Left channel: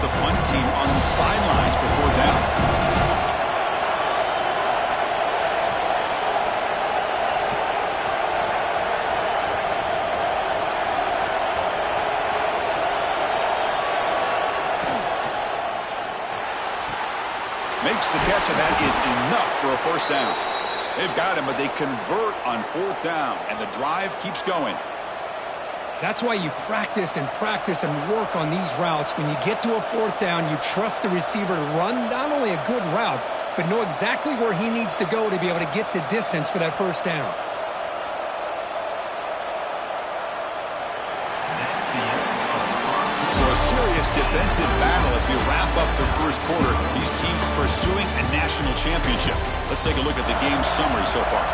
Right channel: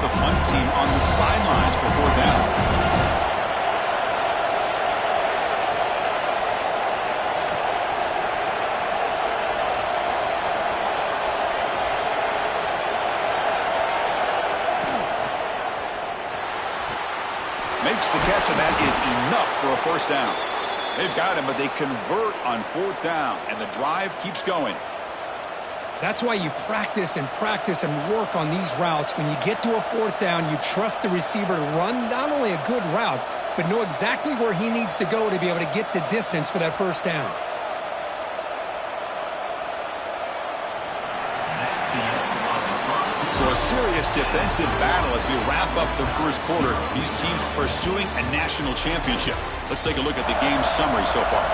the punt team on the sidelines for 4th down. Makes the catch, and that is enough for a 1st down. They've got him, but they convert on 4th down, and the drive keeps going. That's why you practice and work on these routes. When you get to a 4th down, you trust the receiver to run not only a good route, but know exactly where he needs to go to be able to get the distance for that 1st down. So a serious defensive battle as we wrap up the 1st quarter. These teams pursuing a national championship. Let's take a look at the game summary so far.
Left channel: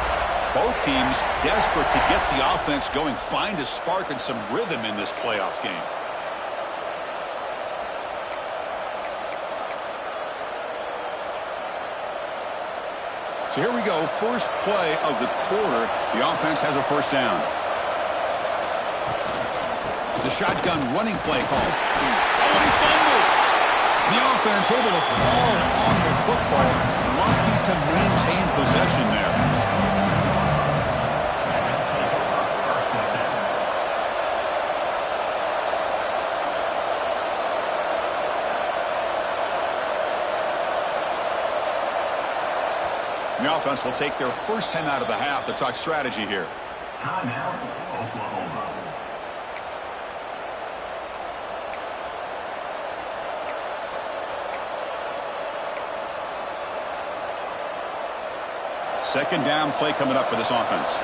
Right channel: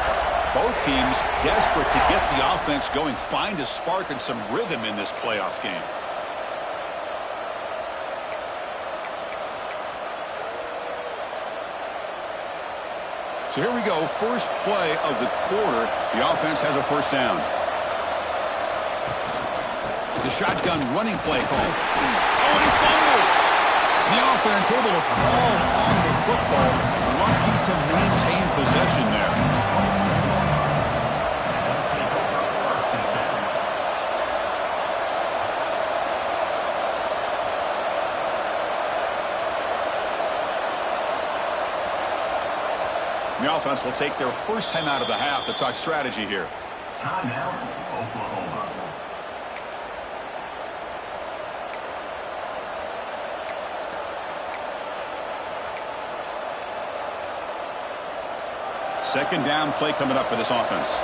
Both teams desperate to get the offense going, find a spark and some rhythm in this playoff game. So here we go, first play of the quarter. The offense has a 1st down. The shotgun running play call. Oh, and he fumbles. The offense able to fall on the football. Lucky to maintain possession there. The offense will take their first time out of the half to talk strategy here. Timeout, Oklahoma. Second down play coming up for this offense.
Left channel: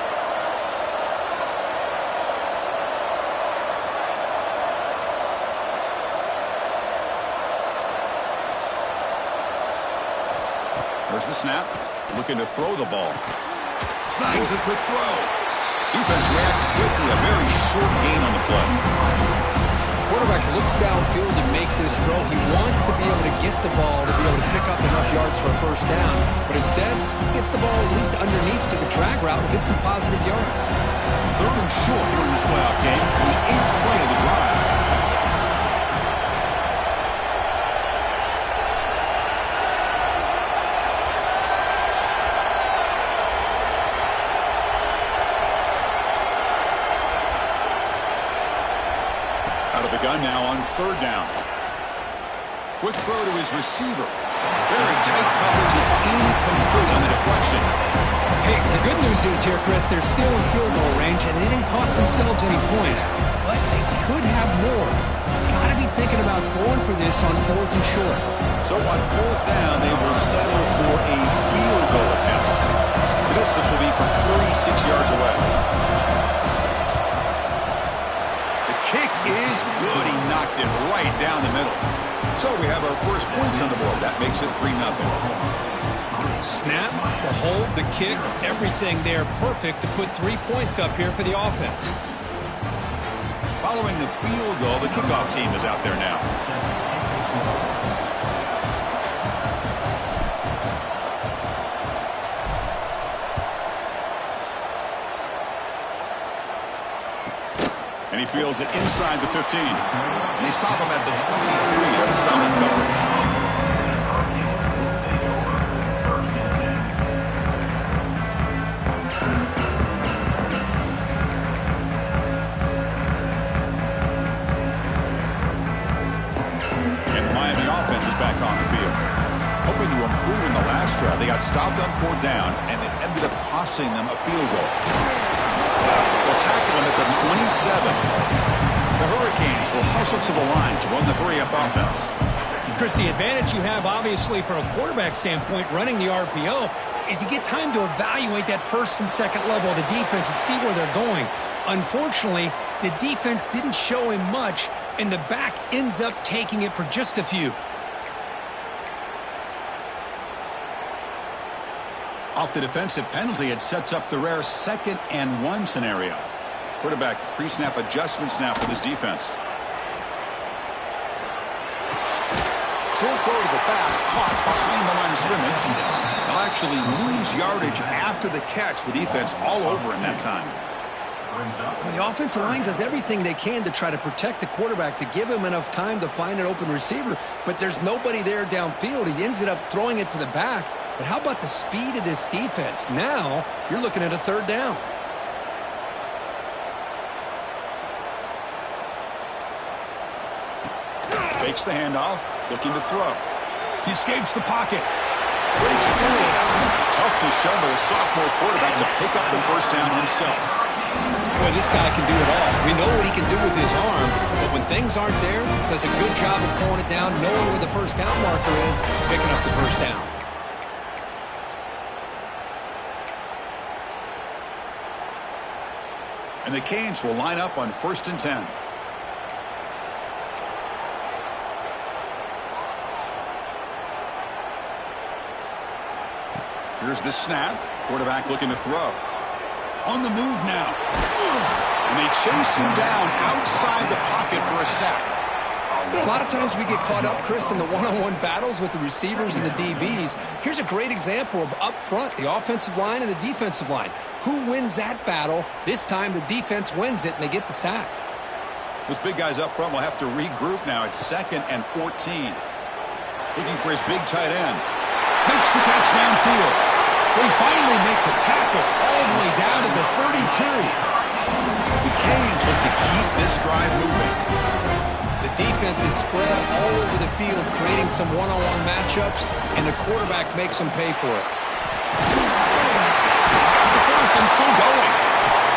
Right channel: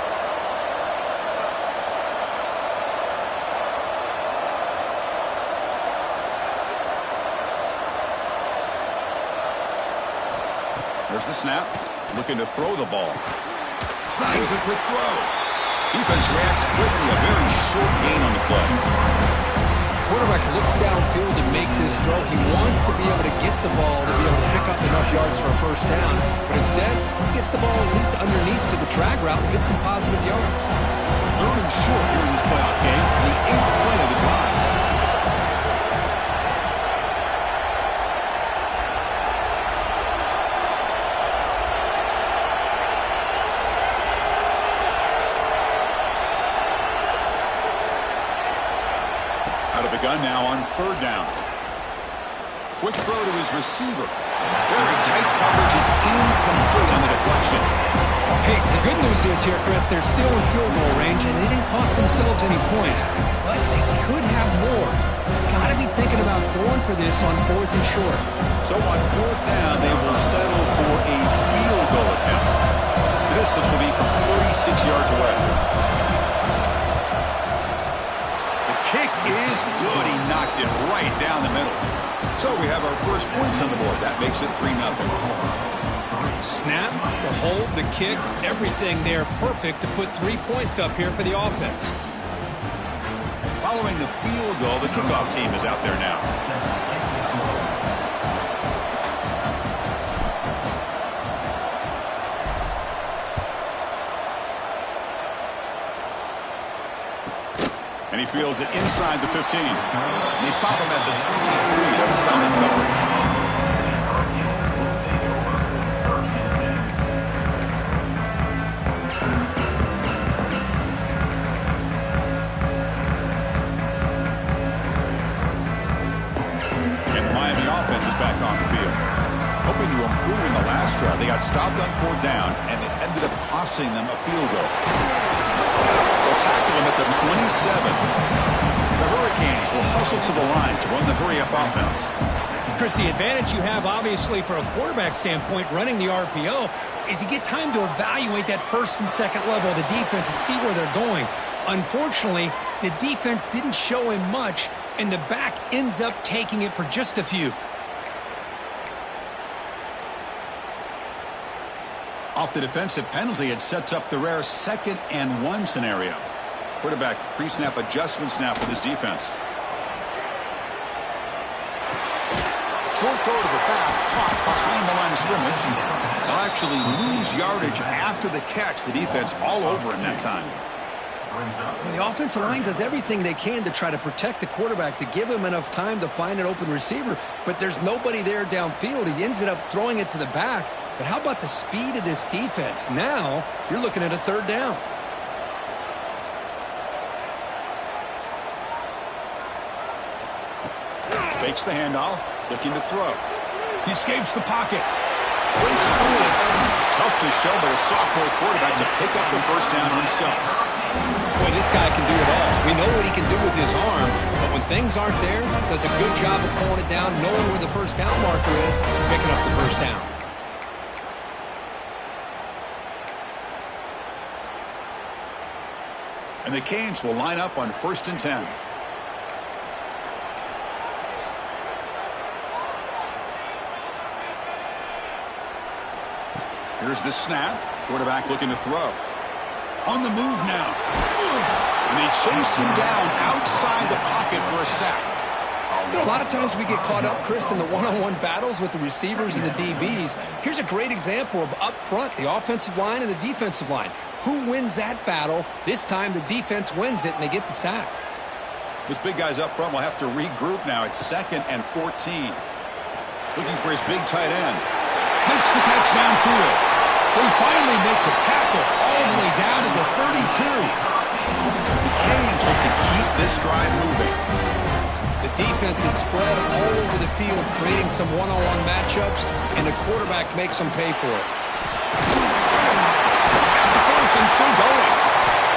There's the snap. Looking to throw the ball. Snags a quick throw. Defense reacts quickly. A very short gain on the play. Quarterback looks downfield to make this throw. He wants to be able to get the ball to be able to pick up enough yards for a 1st down. But instead, he gets the ball at least underneath to the drag route and gets some positive yards. 3rd and short here in this playoff game. The 8th play of the drive. Out of the gun now on 3rd down. Quick throw to his receiver. Very tight coverage. It's incomplete on the deflection. Hey, the good news is here, Chris, they're still in field goal range, and they didn't cost themselves any points. But they could have more. Got to be thinking about going for this on 4th and short. So on 4th down, they will settle for a field goal attempt. The distance will be from 36 yards away. Kick is good. He knocked it right down the middle. So we have our first points on the board. That makes it 3-0. Snap, the hold, the kick, everything there perfect to put 3 points up here for the offense. Following the field goal, the kickoff team is out there now. And he fields it inside the 15. And they stop him at the 23 on solid coverage. And the Miami offense is back on the field. Hoping to improve in the last drive. They got stopped on 4th down, and it ended up costing them a field goal. They'll tackle him at the 27. The Hurricanes will hustle to the line to run the hurry-up offense. Chris, the advantage you have, obviously, from a quarterback standpoint, running the RPO, is you get time to evaluate that 1st and 2nd level of the defense and see where they're going. Unfortunately, the defense didn't show him much, and the back ends up taking it for just a few. Off the defensive penalty, it sets up the rare 2nd and 1 scenario. Quarterback pre-snap adjustments now for this defense. Short throw to the back, caught behind the line of scrimmage. They'll actually lose yardage after the catch. The defense all over him that time. brings up. Well, the offensive line does everything they can to try to protect the quarterback, to give him enough time to find an open receiver, but there's nobody there downfield. He ends up throwing it to the back. But how about the speed of this defense? Now you're looking at a third down. Fakes the handoff, looking to throw. He escapes the pocket. Breaks through. Tough to show by the sophomore quarterback to pick up the first down himself. Boy, this guy can do it all. We know what he can do with his arm, but when things aren't there, does a good job of pulling it down, knowing where the first down marker is, picking up the first down. And the Canes will line up on 1st and 10. Here's the snap. Quarterback looking to throw. On the move now. And they chase him down outside the pocket for a sack. You know, a lot of times we get caught up, Chris, in the one-on-one battles with the receivers and the DBs. Here's a great example of up front, the offensive line and the defensive line. Who wins that battle? This time the defense wins it, and they get the sack. Those big guys up front will have to regroup now. It's 2nd and 14. Looking for his big tight end. Makes the catch downfield. They finally make the tackle all the way down to the 32. The Canes look to keep this drive moving. The defense is spread all over the field, creating some one-on-one matchups, and the quarterback makes them pay for it. He's got the first and still going.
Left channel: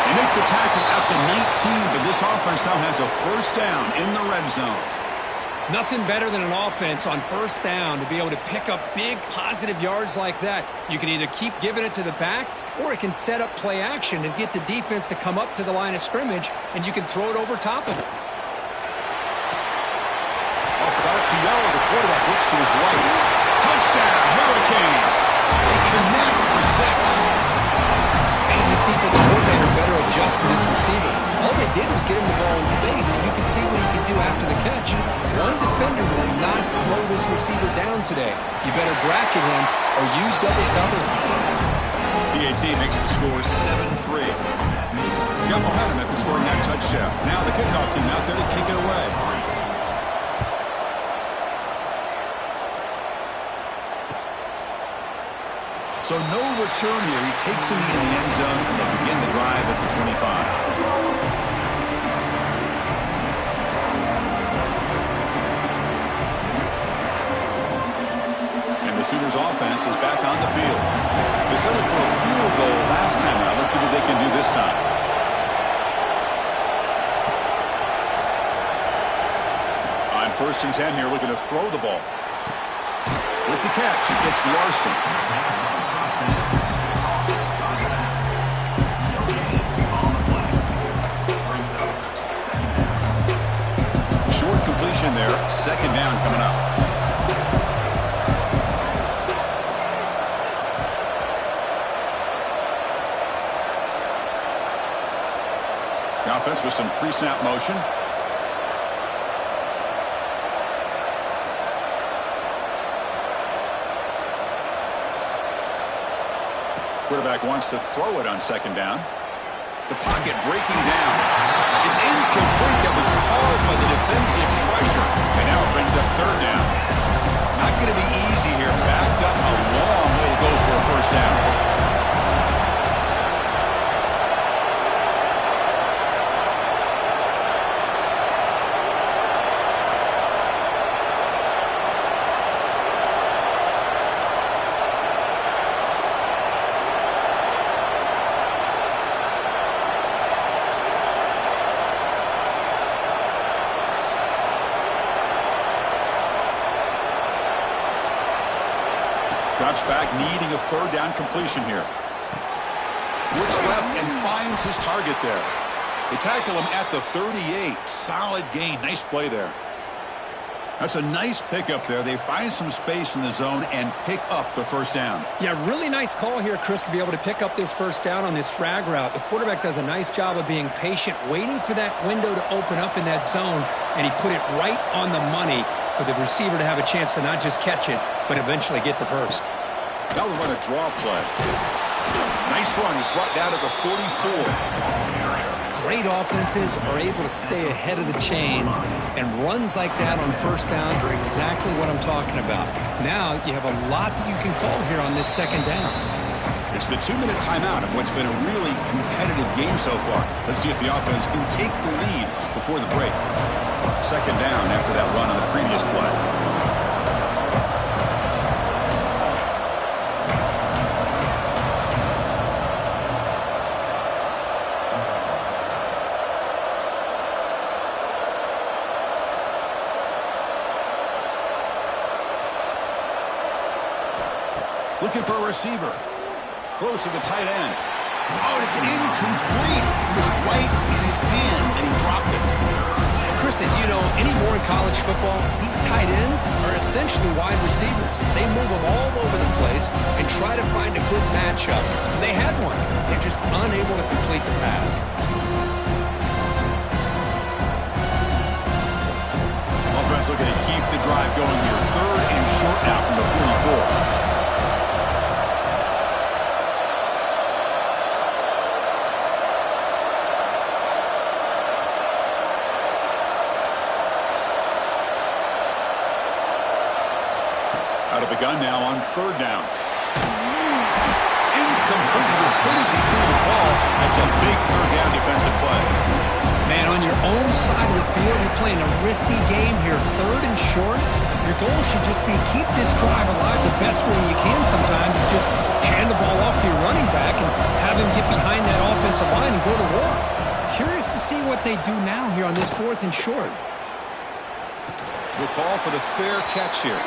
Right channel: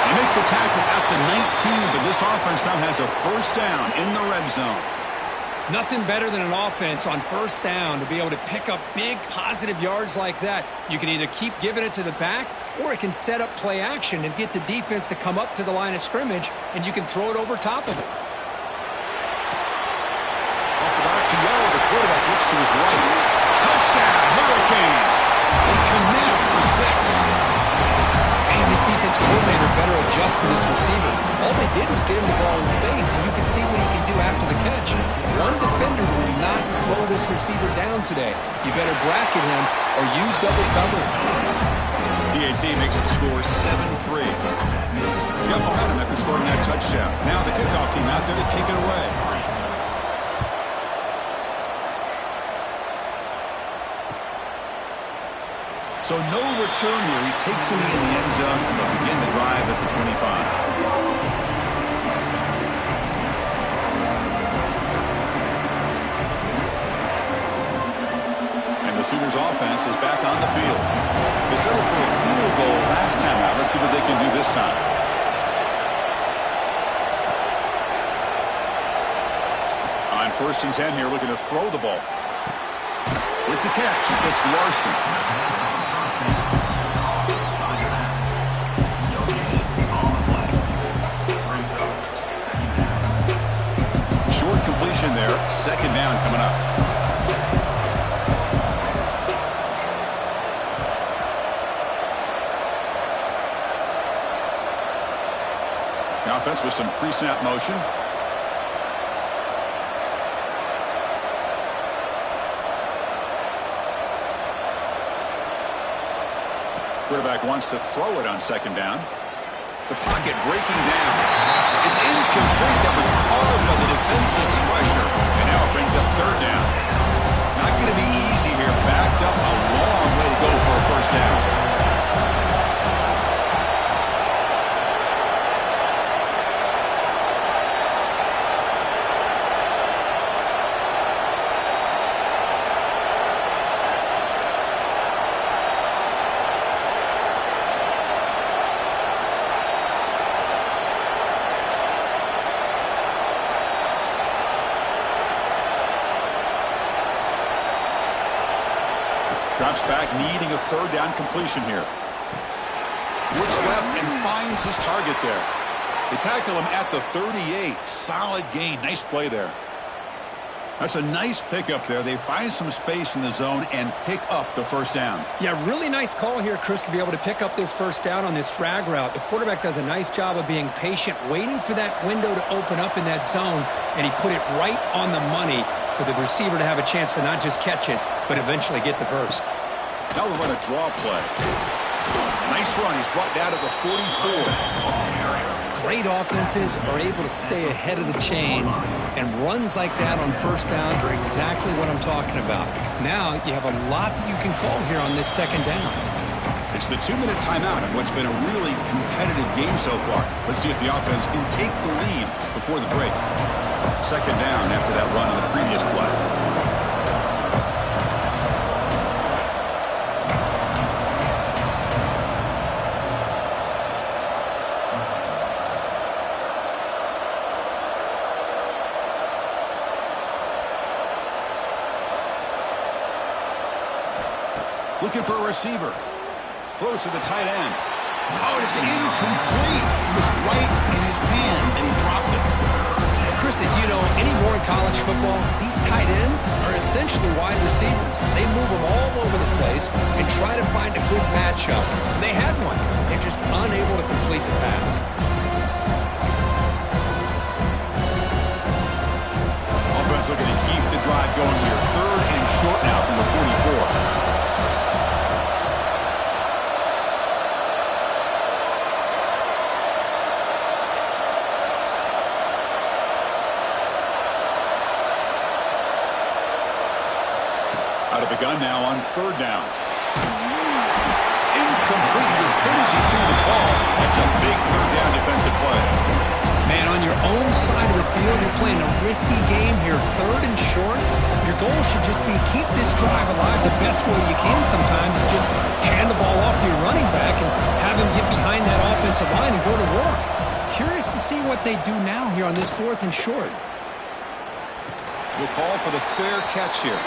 They make the tackle at the 19, but this offense now has a first down in the red zone. Nothing better than an offense on first down to be able to pick up big positive yards like that. You can either keep giving it to the back, or it can set up play action and get the defense to come up to the line of scrimmage, and you can throw it over top of it. Off of RPO, the quarterback looks to his right. Touchdown, Hurricanes. They connect for 6. Man, this defensive coordinator better adjust to this receiver. All they did was get him the ball in space, and you can see what he can do after the catch. One defender will not slow this receiver down today. You better bracket him or use double cover. PAT makes the score 7-3. Got momentum after scoring that touchdown. Now the kickoff team out there to kick it away. So no return here. He takes him in the end zone, and they'll begin the drive at the 25. And the Sooners offense is back on the field. They settled for a field goal last time out. Let's see what they can do this time. On 1st and 10 here, looking to throw the ball. With the catch, it's Larson. Short completion there. 2nd down coming up. The offense with some pre-snap motion. Quarterback wants to throw it on 2nd down. The pocket breaking down. It's incomplete. That was caused by the defensive pressure. And now it brings up 3rd down. Not going to be easy here. Backed up a long way to go for a first down. Drops back, needing a 3rd down completion here. Looks left and finds his target there. They tackle him at the 38. Solid gain. Nice play there. That's a nice pickup there. They find some space in the zone and pick up the first down. Yeah, really nice call here, Chris, to be able to pick up this first down on this drag route. The quarterback does a nice job of being patient, waiting for that window to open up in that zone, and he put it right on the money for the receiver to have a chance to not just catch it, but eventually get the first. Now we'll run a draw play. Nice Nice run. He's brought down to the 44. Great offenses are able to stay ahead of the chains, and runs like that on first down are exactly what I'm talking about. Now you have a lot that you can call here on this second down. It's the 2-minute timeout of what's been a really competitive game so far. Let's see if the offense can take the lead before the break. Second down after that run on the previous play. Looking for a receiver. Close to the tight end. Oh, it's incomplete. It was right in his hands, and he dropped it. Chris, as you know, anymore in college football, these tight ends are essentially wide receivers. They move them all over the place and try to find a good matchup. And they had one. They're just unable to complete the pass. Offense looking to keep the drive going here. 3rd and short now from the 44. Out of the gun now on 3rd down. Incomplete. He was hit as he threw the ball. That's a big 3rd down defensive play. Man, on your own side of the field, you're playing a risky game here. 3rd and short. Your goal should just be keep this drive alive the best way you can sometimes. Just hand the ball off to your running back and have him get behind that offensive line and go to work. Curious to see what they do now here on this 4th and short. We'll call for the fair catch here.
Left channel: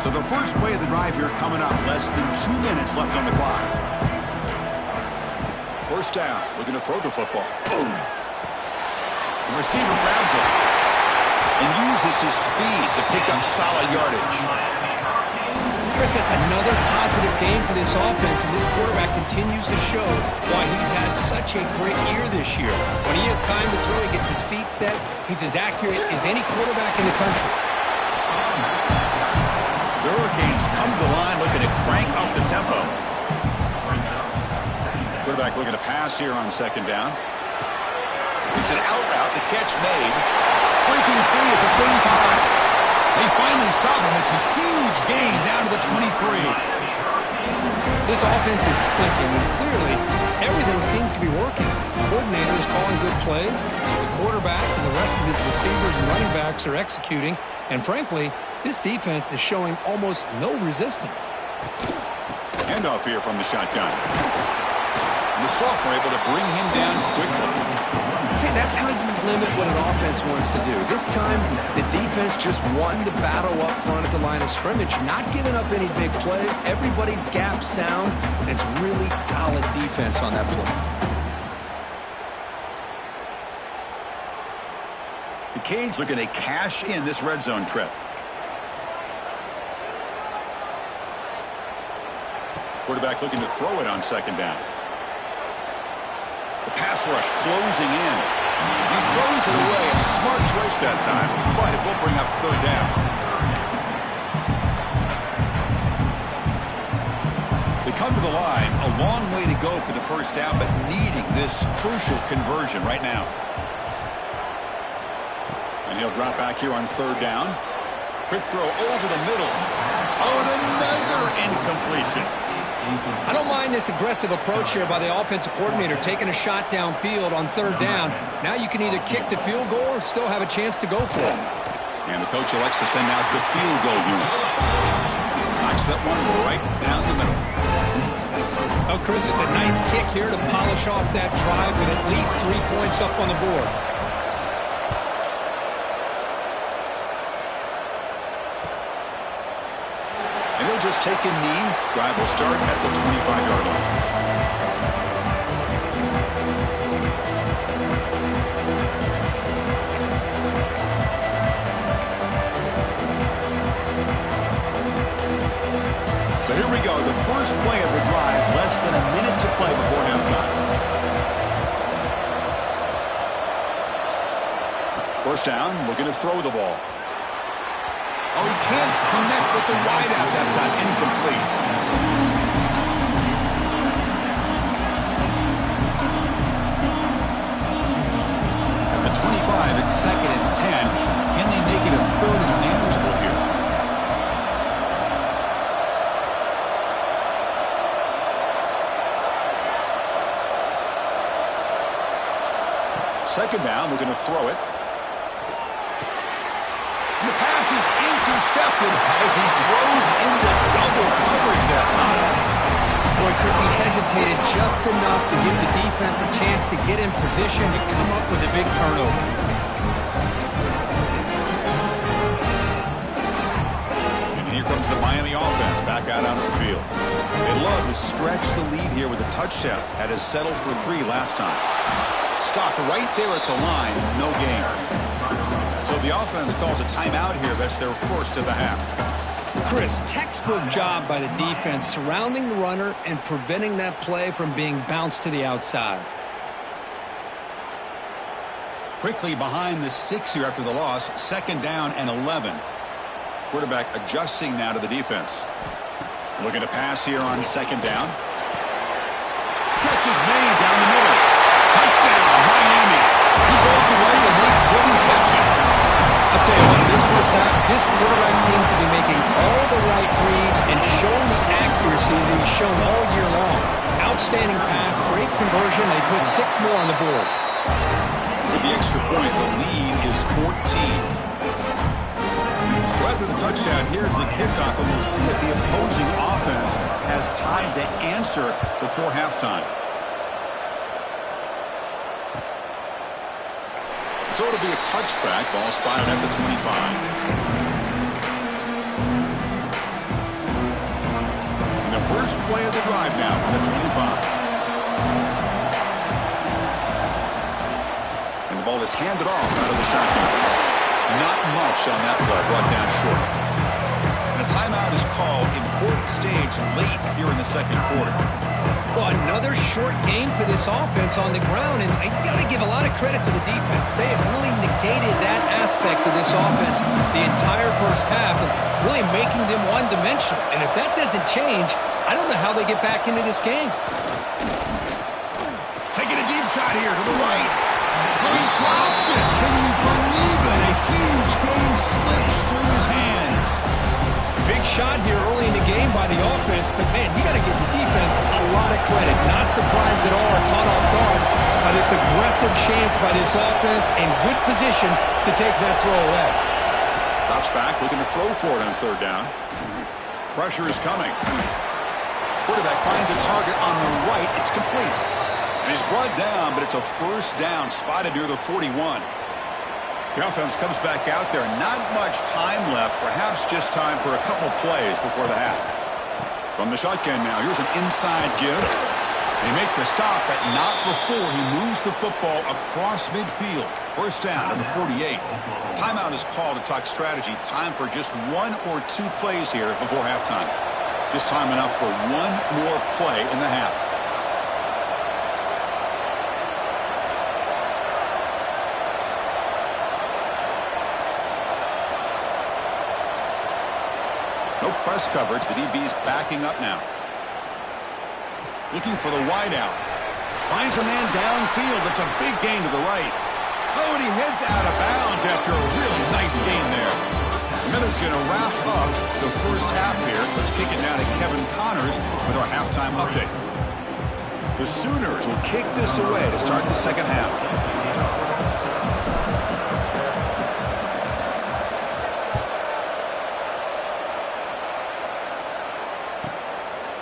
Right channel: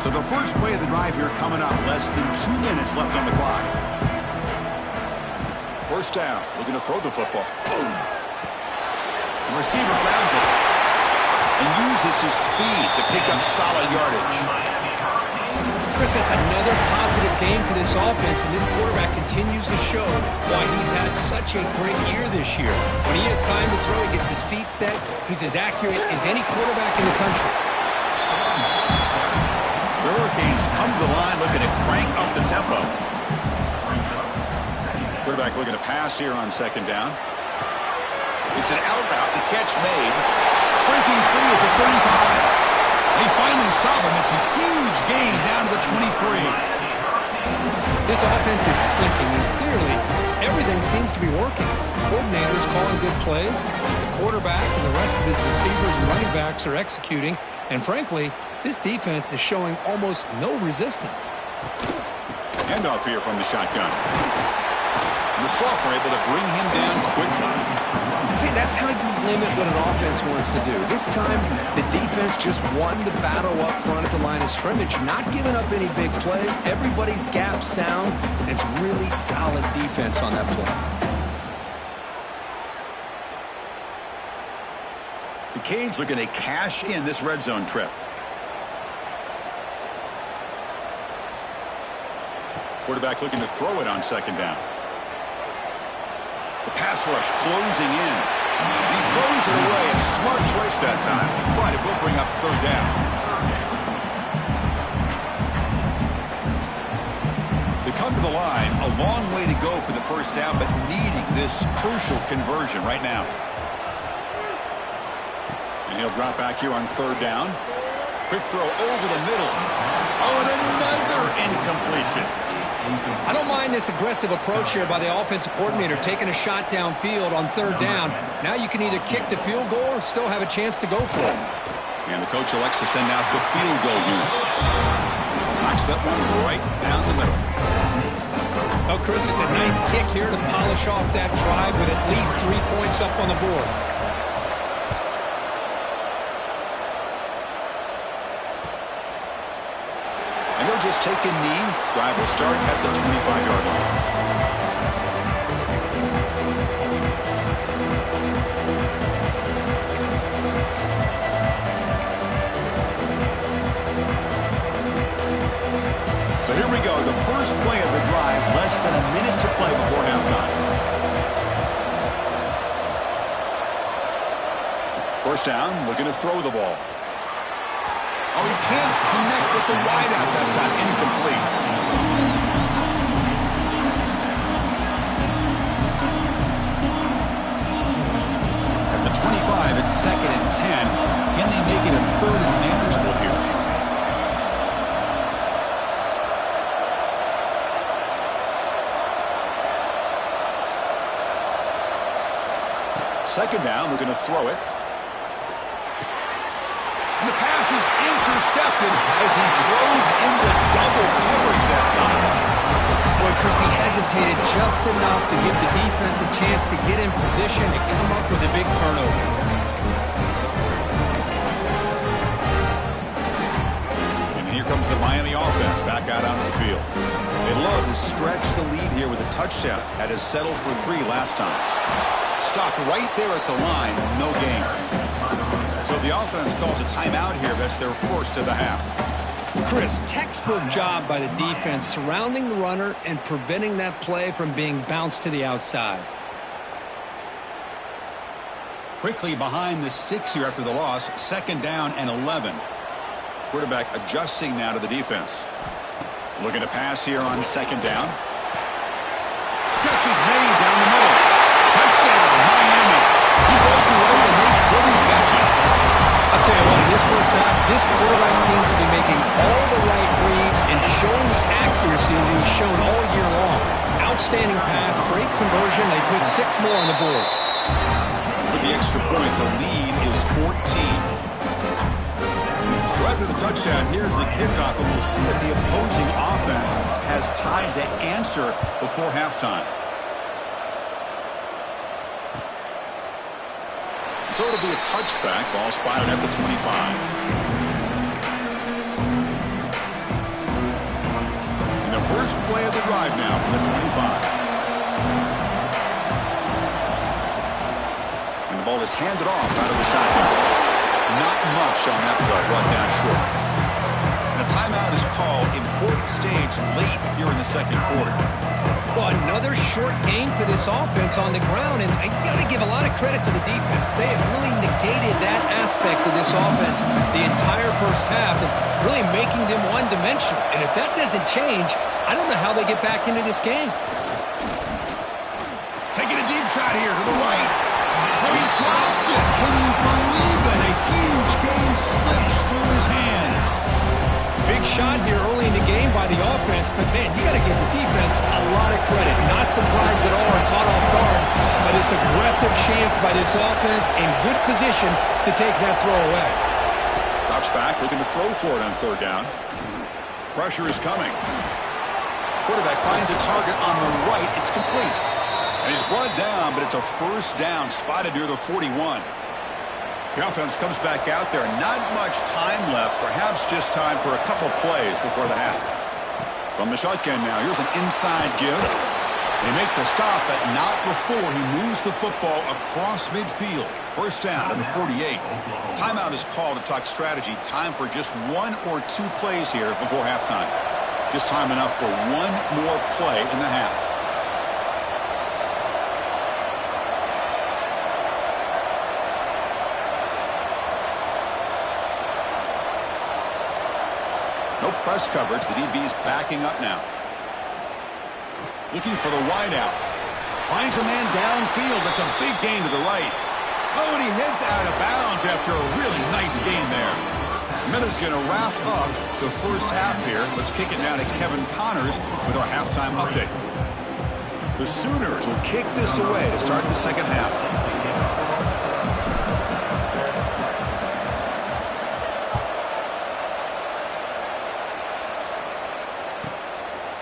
So the first play of the drive here coming up. Less than 2 minutes left on the clock. First down. Looking to throw the football. Boom. The receiver grabs it and uses his speed to pick up solid yardage. Chris, that's another positive game for this offense, and this quarterback continues to show why he's had such a great year this year. When he has time to throw, he gets his feet set. He's as accurate as any quarterback in the country. The Hurricanes come to the line looking to crank up the tempo. Quarterback looking to pass here on 2nd down. It's an out route. The catch made. Breaking free at the 35. They finally stop him. It's a huge gain down to the 23. This offense is clicking, and clearly everything seems to be working. The coordinator is calling good plays. The quarterback and the rest of his receivers and running backs are executing. And frankly, this defense is showing almost no resistance. Handoff here from the shotgun. The sophomore able to bring him down quickly. See, that's how you limit what an offense wants to do. This time, the defense just won the battle up front at the line of scrimmage, not giving up any big plays. Everybody's gap sound. It's really solid defense on that play. The Canes looking to cash in this red zone trip. Quarterback looking to throw it on 2nd down. The pass rush closing in. He throws it away. A smart choice that time, but it will bring up 3rd down. They come to the line. A long way to go for the first down, but needing this crucial conversion right now. And he'll drop back here on 3rd down. Quick throw over the middle. Oh, and another incompletion. I don't mind this aggressive approach here by the offensive coordinator, taking a shot downfield on 3rd down. Now you can either kick the field goal or still have a chance to go for it. And the coach elects to send out the field goal unit. Knocks that one right down the middle. Oh, Chris, it's a nice kick here to polish off that drive with at least 3 points up on the board. And he'll just take a knee. Drive will start at the 25-yard line. So here we go. The first play of the drive. Less than a minute to play before halftime. First down, looking to throw the ball. Oh, he can't connect with the wideout that time. Incomplete. At the 25, it's 2nd and 10. Can they make it a 3rd and manageable here? Second down, looking to throw it. And the pass is intercepted as he throws into double coverage that time. Boy, Chris, he hesitated just enough to give the defense a chance to get in position to come up with a big turnover. And here comes the Miami offense back out onto the field. They love to stretch the lead here with a touchdown. Had us settled for 3 last time. Stopped right there at the line, no gain. So the offense calls a timeout here. That's their first of the half. Chris, textbook job by the defense surrounding the runner and preventing that play from being bounced to the outside. Quickly behind the sticks here after the loss. 2nd down and 11. Quarterback adjusting now to the defense. Looking to pass here on 2nd down. Catch is made down the middle. Touchdown, Miami. He broke away and they couldn't catch him. I'll tell you what, in this first half, this quarterback seems to be making all the right reads and showing the accuracy that he's shown all year long. Outstanding pass, great conversion. They put 6 more on the board. With the extra point, the lead is 14. So after the touchdown, here's the kickoff, and we'll see if the opposing offense has time to answer before halftime. So it'll be a touchback. Ball spotted at the 25. And the first play of the drive now from the 25. And the ball is handed off out of the shotgun. Not much on that play, brought down short. And a timeout is called. Important stage late here in the 2nd quarter. Well, another short game for this offense on the ground, and I got to give a lot of credit to the defense. They have really negated that aspect of this offense the entire first half and really making them one-dimensional. And if that doesn't change, I don't know how they get back into this game. Taking a deep shot here to the right. Oh, he dropped it. Can you believe it? A huge game slips through his hands. Big shot here early in the game by the offense, but man, you got to give the defense a lot of credit. Not surprised at all or caught off guard by this aggressive chance by this offense and good position to take that throw away. Drops back, looking to throw for it on 3rd down. Pressure is coming. Quarterback finds a target on the right. It's complete. And he's brought down, but it's a first down spotted near the 41. The offense comes back out there. Not much time left. Perhaps just time for a couple plays before the half. From the shotgun now, here's an inside give. They make the stop, but not before he moves the football across midfield. First down to the 48. Timeout is called to talk strategy. Time for just 1 or 2 plays here before halftime. Just time enough for 1 more play in the half. No press coverage. The DB's backing up now. Looking for the wideout. Finds a man downfield. That's a big gain to the right. Oh, and he heads out of bounds after a really nice gain there. Miller's going to wrap up the first half here. Let's kick it now to Kevin Connors with our halftime update. The Sooners will kick this away to start the 2nd half.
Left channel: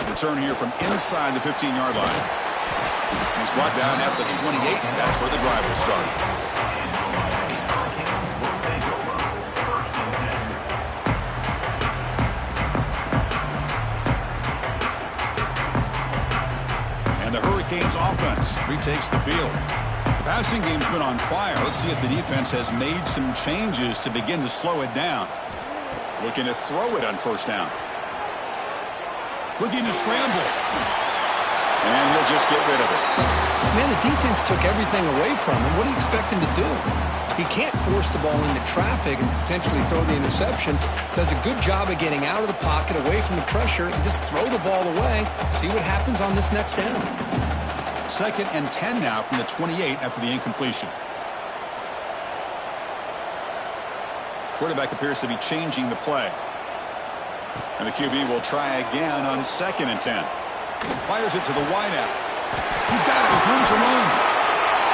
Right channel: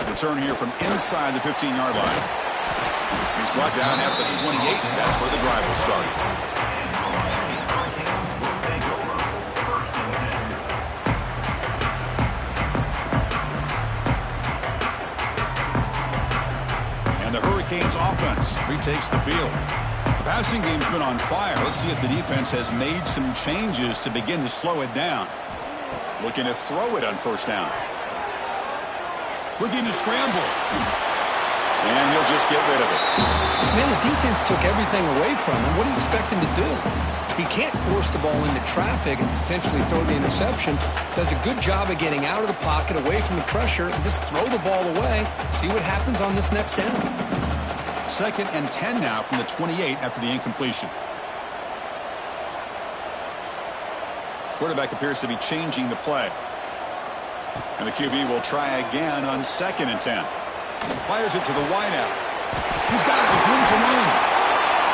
Return here from inside the 15-yard line. He's brought down at the 28. That's where the drive will start. And the Hurricanes offense retakes the field. The passing game's been on fire. Let's see if the defense has made some changes to begin to slow it down. Looking to throw it on first down. Looking to scramble. And he'll just get rid of it. Man, the defense took everything away from him. What do you expect him to do? He can't force the ball into traffic and potentially throw the interception. Does a good job of getting out of the pocket, away from the pressure, and just throw the ball away. See what happens on this next down. 2nd and 10 now from the 28 after the incompletion. Quarterback appears to be changing the play. And the QB will try again on 2nd and 10. Fires it to the wideout. He's got it with room to run.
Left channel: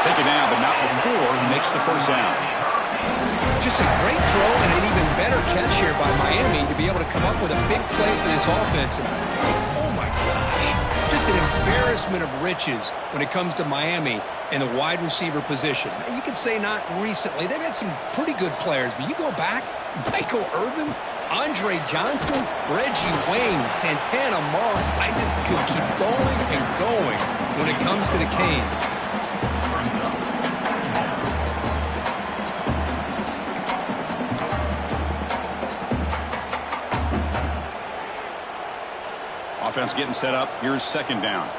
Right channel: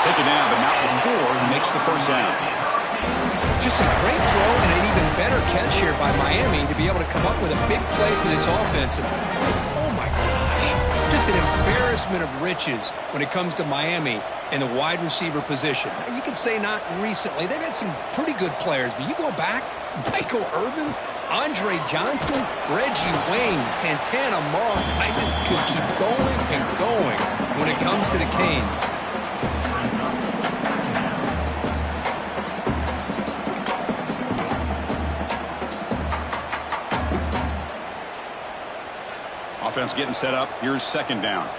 Take it down, but not before he makes the first down. Just a great throw and an even better catch here by Miami to be able to come up with a big play for this offense. And oh my gosh, just an embarrassment of riches when it comes to Miami in the wide receiver position. Now, you could say not recently. They've had some pretty good players, but you go back, Michael Irvin, Andre Johnson, Reggie Wayne, Santana Moss. I just could keep going and going when it comes to the Canes. Offense getting set up. Here's 2nd down.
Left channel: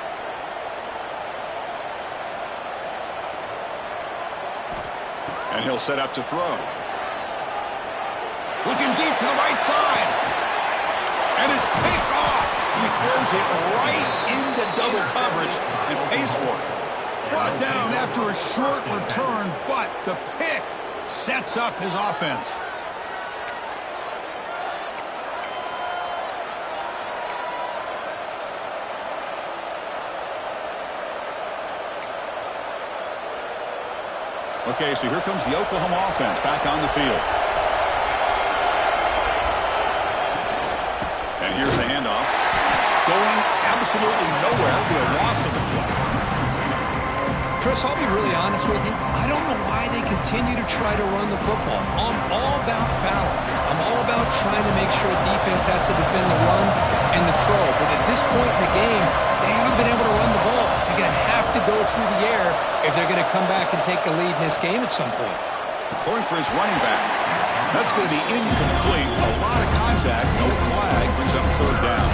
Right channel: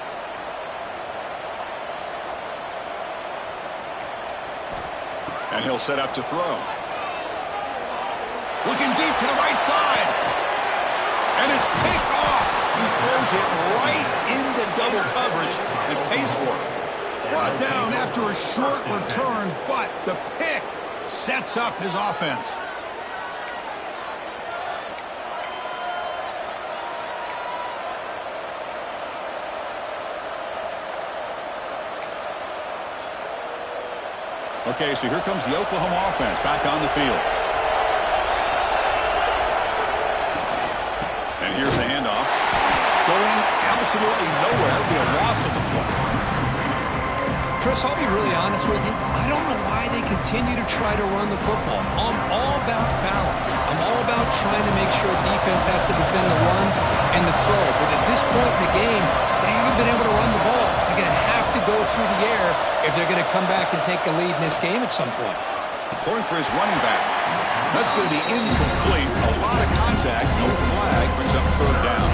And he'll set up to throw. Looking deep to the right side. And it's picked off. He throws it right into double coverage and pays for it. Brought down after a short return, but the pick sets up his offense. Okay, so here comes the Oklahoma offense back on the field. And here's the handoff. Going absolutely nowhere. It'll be a loss of the play. Chris, I'll be really honest with you. I don't know why they continue to try to run the football. I'm all about balance. I'm all about trying to make sure defense has to defend the run and the throw. But at this point in the game, they haven't been able to run the ball. They're going to have to go through the air if they're going to come back and take a lead in this game at some point. Throwing for his running back. That's going to be incomplete. A lot of contact. No flag. Brings up 3rd down.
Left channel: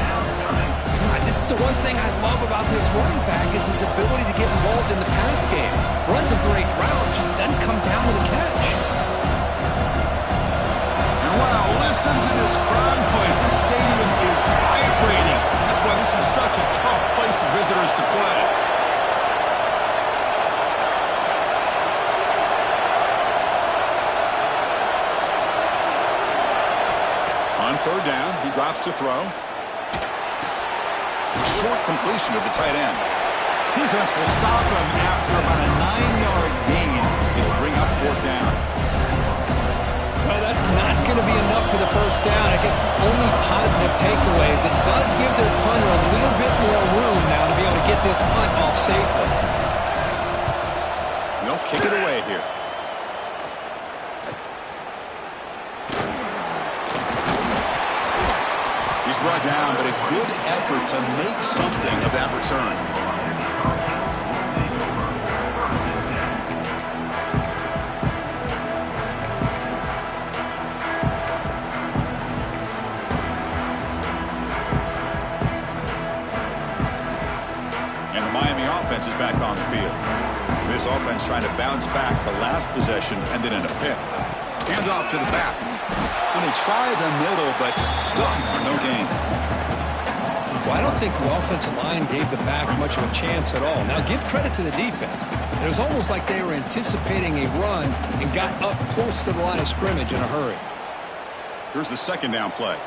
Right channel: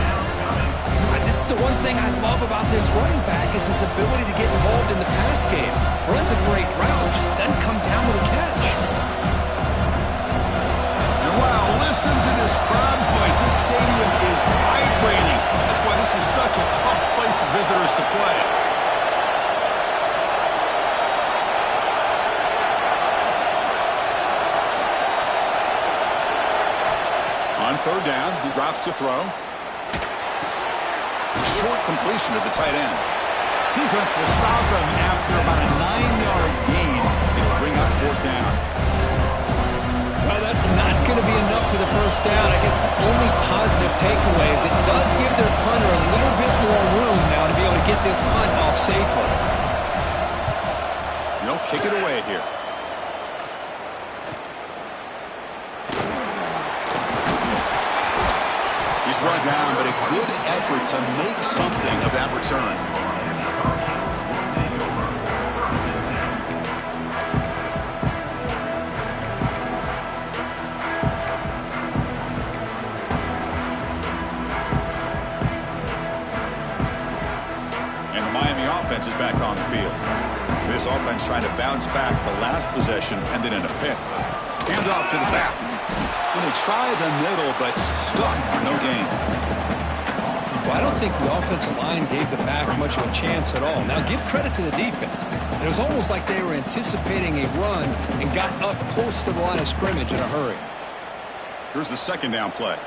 God, this is the one thing I love about this running back is his ability to get involved in the pass game. Runs a great route, just doesn't come down with a catch. And wow, listen to this crowd noise. This stadium is vibrating. That's why this is such a tough place for visitors to play. On 3rd down, he drops to throw. Short completion to the tight end. Defense will stop him after about a 9-yard gain. It'll bring up 4th down. Well, that's not going to be enough for the first down. I guess the only positive takeaway is it does give their punter a little bit more room now to be able to get this punt off safely. They'll kick it away here. He's brought down, but a good effort to make something of that return. And the Miami offense is back on the field. This offense trying to bounce back the last possession and then in a pick. Hand off to the back. When they try the middle, but stuck for no gain. Well, I don't think the offensive line gave the back much of a chance at all. Now, give credit to the defense. It was almost like they were anticipating a run and got up close to the line of scrimmage in a hurry. Here's the 2nd down play.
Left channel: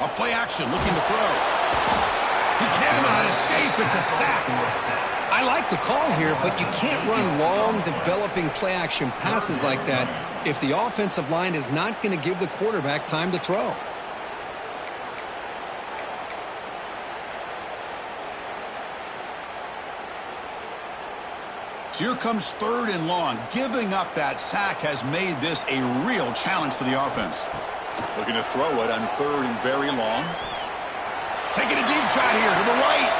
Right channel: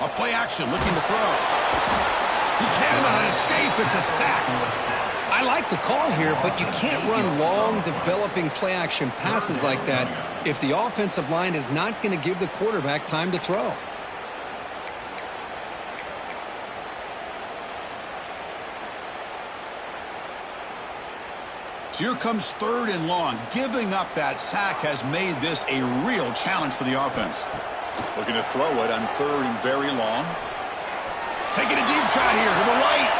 A play action, looking to throw. He cannot escape. It's a sack. I like the call here, but you can't run long, developing play-action passes like that if the offensive line is not going to give the quarterback time to throw. So here comes 3rd and long. Giving up that sack has made this a real challenge for the offense. Looking to throw it on 3rd and very long. Taking a deep shot here to the right.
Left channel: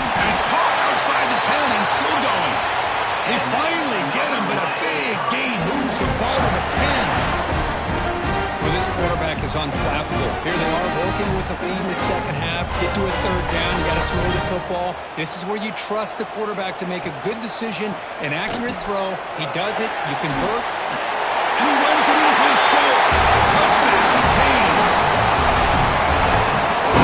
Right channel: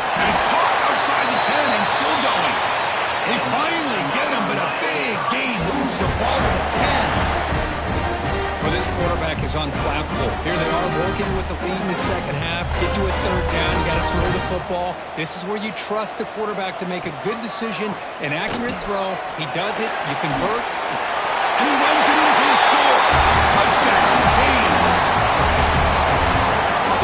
And it's caught outside the 10 and still going. They finally get him, but a big gain moves the ball to the 10. Well, this quarterback is unflappable. Here they are working with the lead in the second half. Get to a third down. You got to throw the football. This is where you trust the quarterback to make a good decision, an accurate throw. He does it. You convert. And he runs it in for the score. Touchdown, Canes.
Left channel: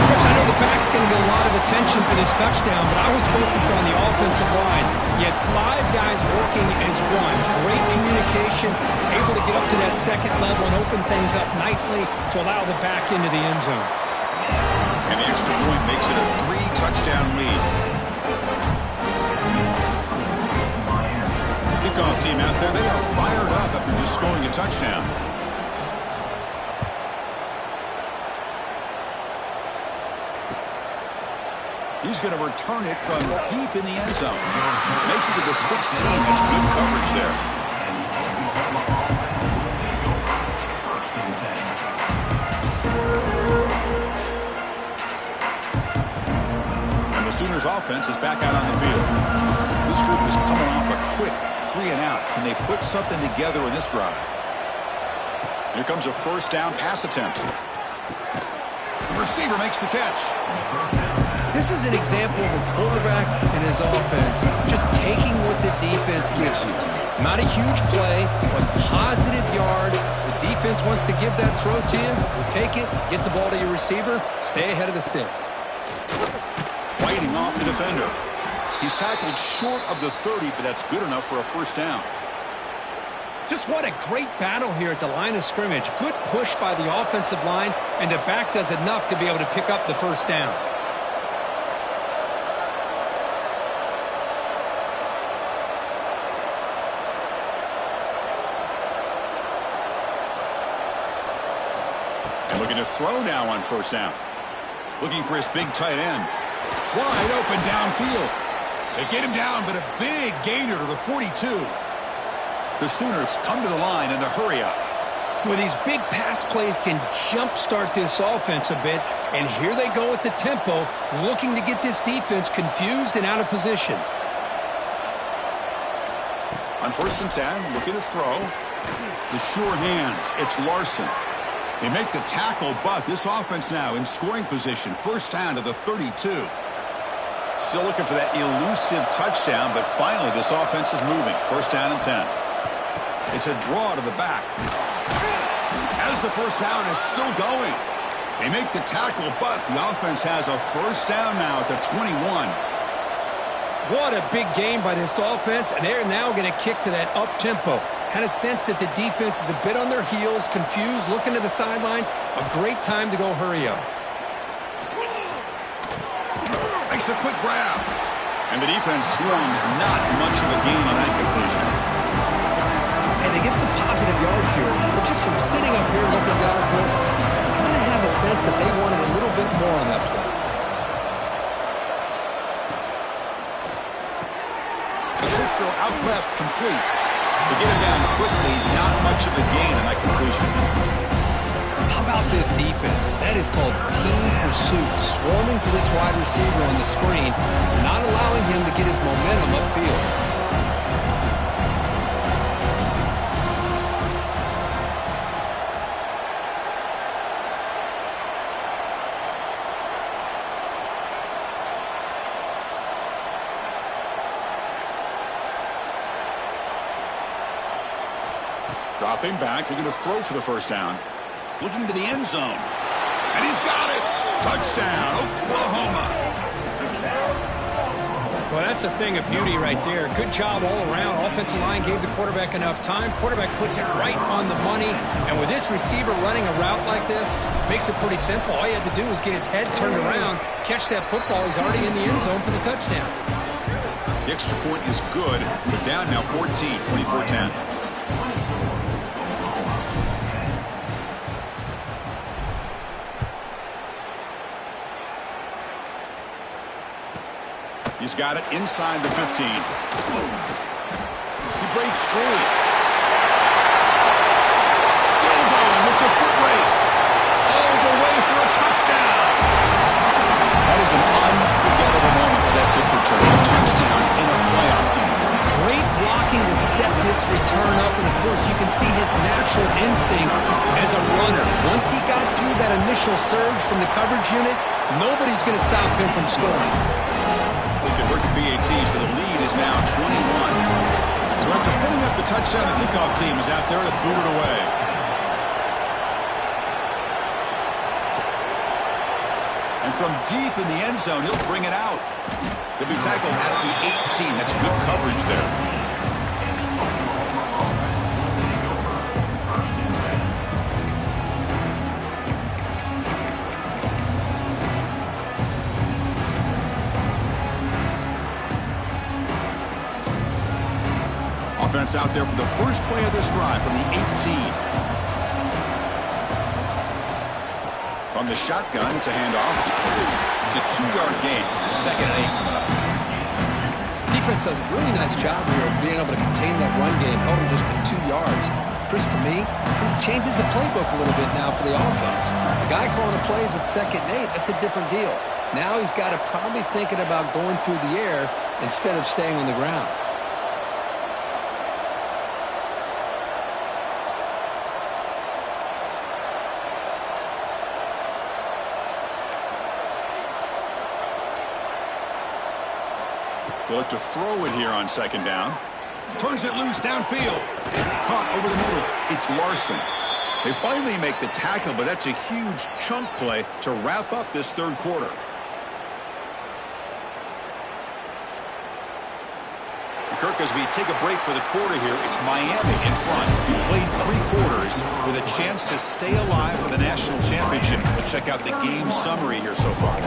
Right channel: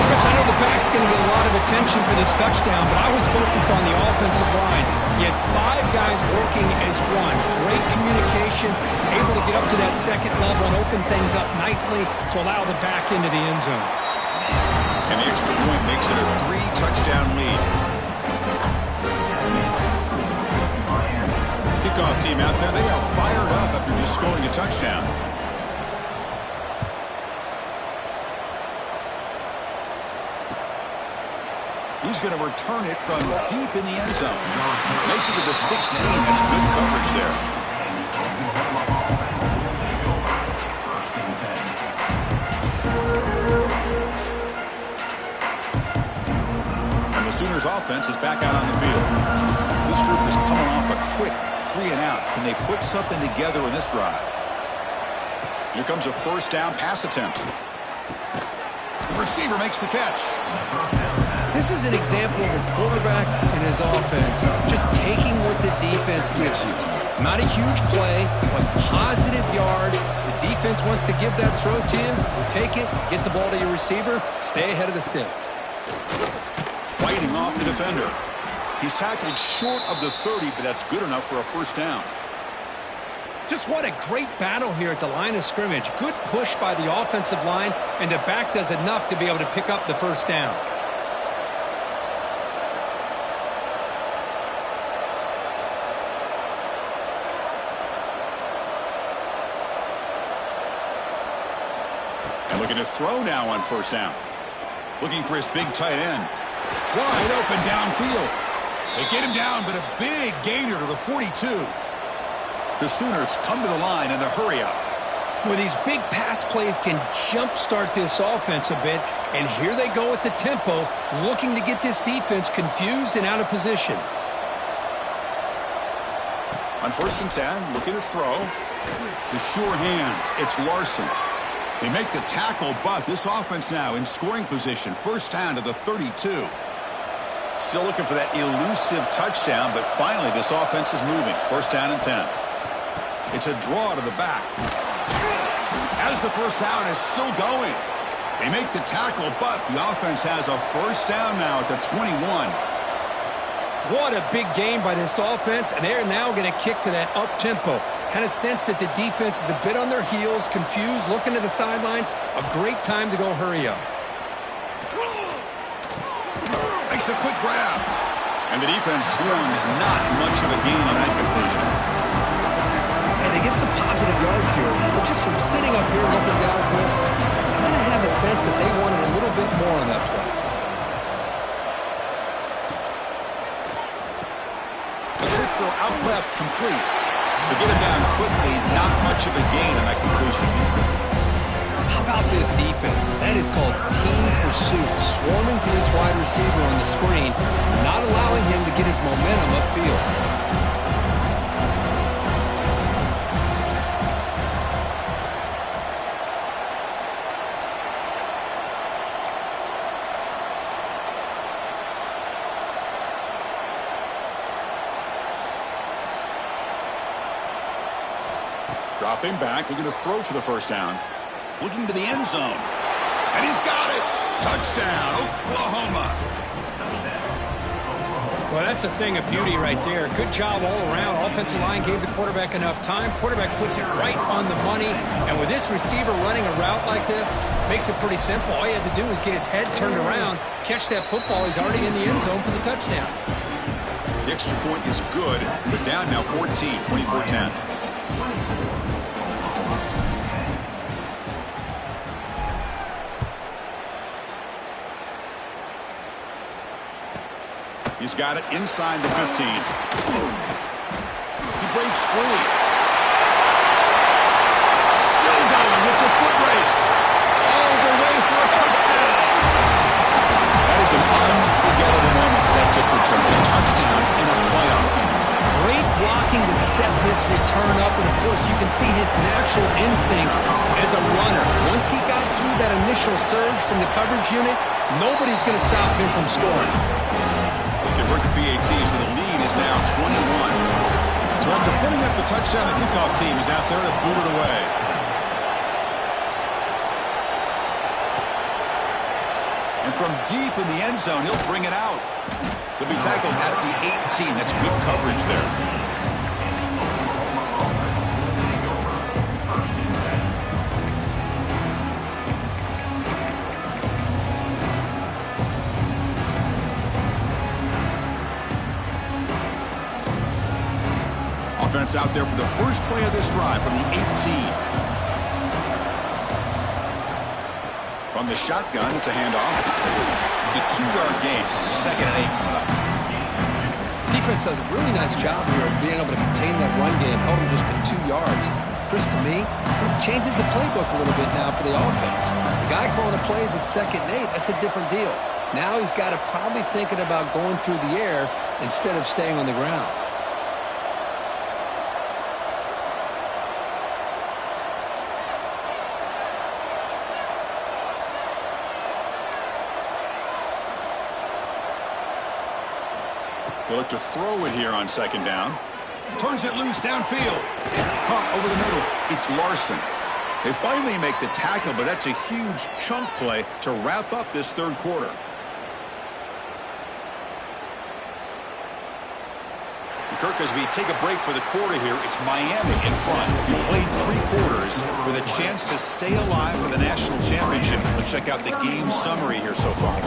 Chris, I know the back's going to get a lot of attention for this touchdown, but I was focused on the offensive line. You had 5 guys working as one. Great communication, able to get up to that second level and open things up nicely to allow the back into the end zone. And the extra point makes it a 3-touchdown lead. Kickoff team out there, they are fired up after just scoring a touchdown. He's going to return it from deep in the end zone. Makes it to the 16. That's good coverage there. And the Sooners offense is back out on the field. This group is coming off a quick 3-and-out. Can they put something together in this drive? Here comes a first down pass attempt. The receiver makes the catch. This is an example of a quarterback and his offense just taking what the defense gives you. Not a huge play, but positive yards. The defense wants to give that throw to you. You take it, get the ball to your receiver, stay ahead of the sticks. Fighting off the defender. He's tackled short of the 30, but that's good enough for a first down. Just what a great battle here at the line of scrimmage. Good push by the offensive line, and the back does enough to be able to pick up the first down. And looking to throw now on first down. Looking for his big tight end. Wide open downfield. They get him down, but a big gainer to the 42. The Sooners come to the line in the hurry up. Well, these big pass plays can jumpstart this offense a bit, and here they go with the tempo, looking to get this defense confused and out of position. On first and 10, looking to throw. The sure hands. It's Larson. They make the tackle, but this offense now in scoring position. First down to the 32. Still looking for that elusive touchdown, but finally this offense is moving. First down and 10. It's a draw to the back. As the first down is still going. They make the tackle, but the offense has a first down now at the 21. What a big game by this offense, and they're now going to kick to that up-tempo. Kind of sense that the defense is a bit on their heels, confused, looking to the sidelines. A great time to go hurry up. Makes a quick grab. And the defense swarms, not much of a gain on that completion. And they get some positive yards here, but just from sitting up here looking down, Chris, you kind of have a sense that they wanted a little bit more on that play. The quick throw out left, complete. They get him down quickly, not much of a gain on that completion. How about this defense? That is called team pursuit. Swarming to this wide receiver on the screen, not allowing him to get his momentum upfield. Dropping back, looking to throw for the first down. Looking to the end zone. And he's got it. Touchdown, Oklahoma. Well, that's a thing of beauty right there. Good job all around. Offensive line gave the quarterback enough time. Quarterback puts it right on the money. And with this receiver running a route like this, makes it pretty simple. All you had to do was get his head turned around, catch that football. He's already in the end zone for the touchdown. The extra point is good, but down now 14, 24-10. He's got it inside the 15. He breaks free. Still going. It's a foot race. All the way for a touchdown. That is an unforgettable moment for that kick return. A touchdown in a playoff game. Great block looking to set this return up, and of course you can see his natural instincts as a runner. Once he got through that initial surge from the coverage unit, nobody's going to stop him from scoring. They convert the BAT, so the lead is now 21. So after putting up the touchdown, the kickoff team is out there to boot it away. And from deep in the end zone, he'll bring it out. He'll be tackled at the 18. That's good coverage there. Offense out there for the first play of this drive from the 18. From the shotgun, it's a handoff. It's a 2-yard gain. 2nd and 8 coming up. Defense does a really nice job here of being able to contain that run game, held him just to 2 yards. Chris, to me, this changes the playbook a little bit now for the offense. The guy calling the plays at 2nd and 8, that's a different deal. Now he's got to probably thinking about going through the air instead of staying on the ground. They look to throw it here on 2nd down. Turns it loose downfield. Caught over the middle. It's Larson. They finally make the tackle, but that's a huge chunk play to wrap up this 3rd quarter. Kirk, as we take a break for the quarter here, it's Miami in front. You played 3 quarters with a chance to stay alive for the national championship. Let's check out the game summary here so far.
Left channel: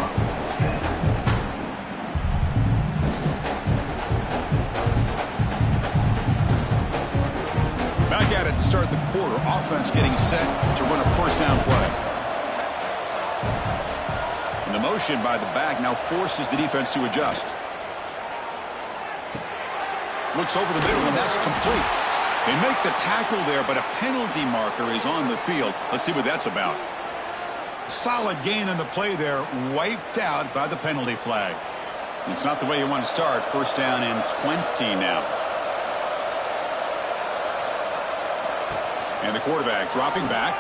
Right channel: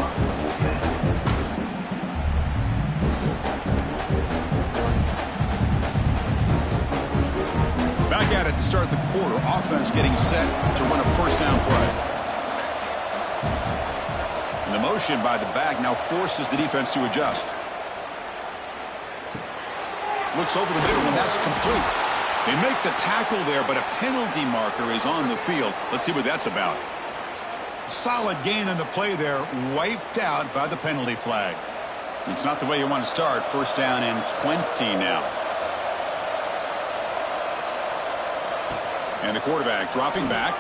Back at it to start the quarter. Offense getting set to run a 1st down play. And the motion by the back now forces the defense to adjust. Looks over the middle, and that's complete. They make the tackle there, but a penalty marker is on the field. Let's see what that's about. Solid gain on the play there, wiped out by the penalty flag. It's not the way you want to start. 1st down and 20 now. And the quarterback dropping back.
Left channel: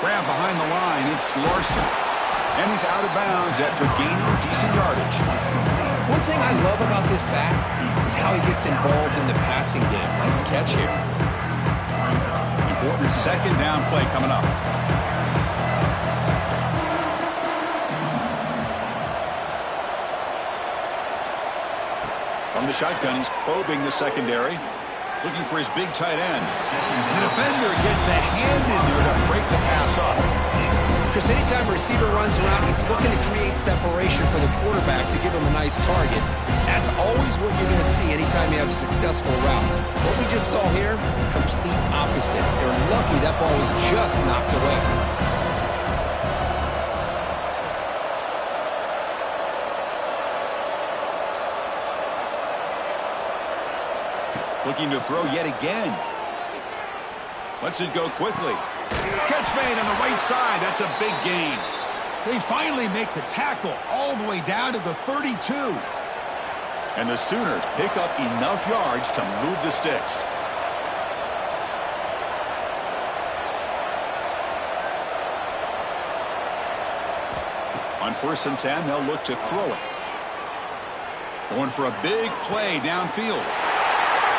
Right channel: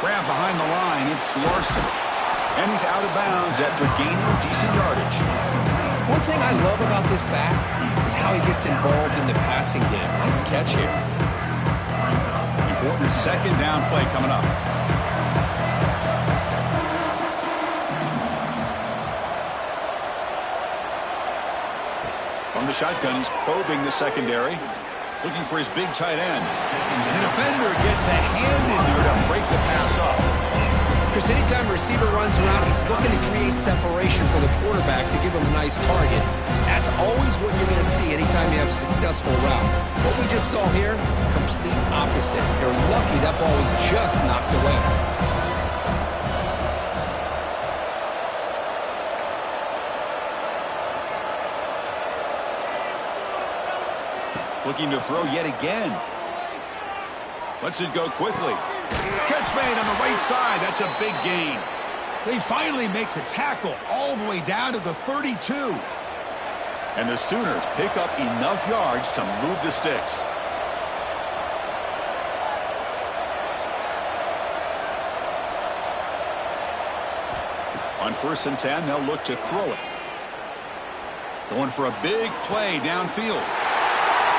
Grab behind the line. It's Larson. And he's out of bounds after gaining decent yardage. One thing I love about this back is how he gets involved in the passing game. Nice catch here. Important 2nd down play coming up. From the shotgun, he's probing the secondary. Looking for his big tight end. The defender gets a hand in there to break the pass off. Chris, anytime a receiver runs around, he's looking to create separation for the quarterback to give him a nice target. That's always what you're going to see anytime you have a successful route. What we just saw here, complete opposite. They're lucky that ball was just knocked away. Looking to throw yet again. Lets it go quickly. Catch made on the right side. That's a big gain. They finally make the tackle all the way down to the 32. And the Sooners pick up enough yards to move the sticks. On 1st and 10, they'll look to throw it. Going for a big play downfield.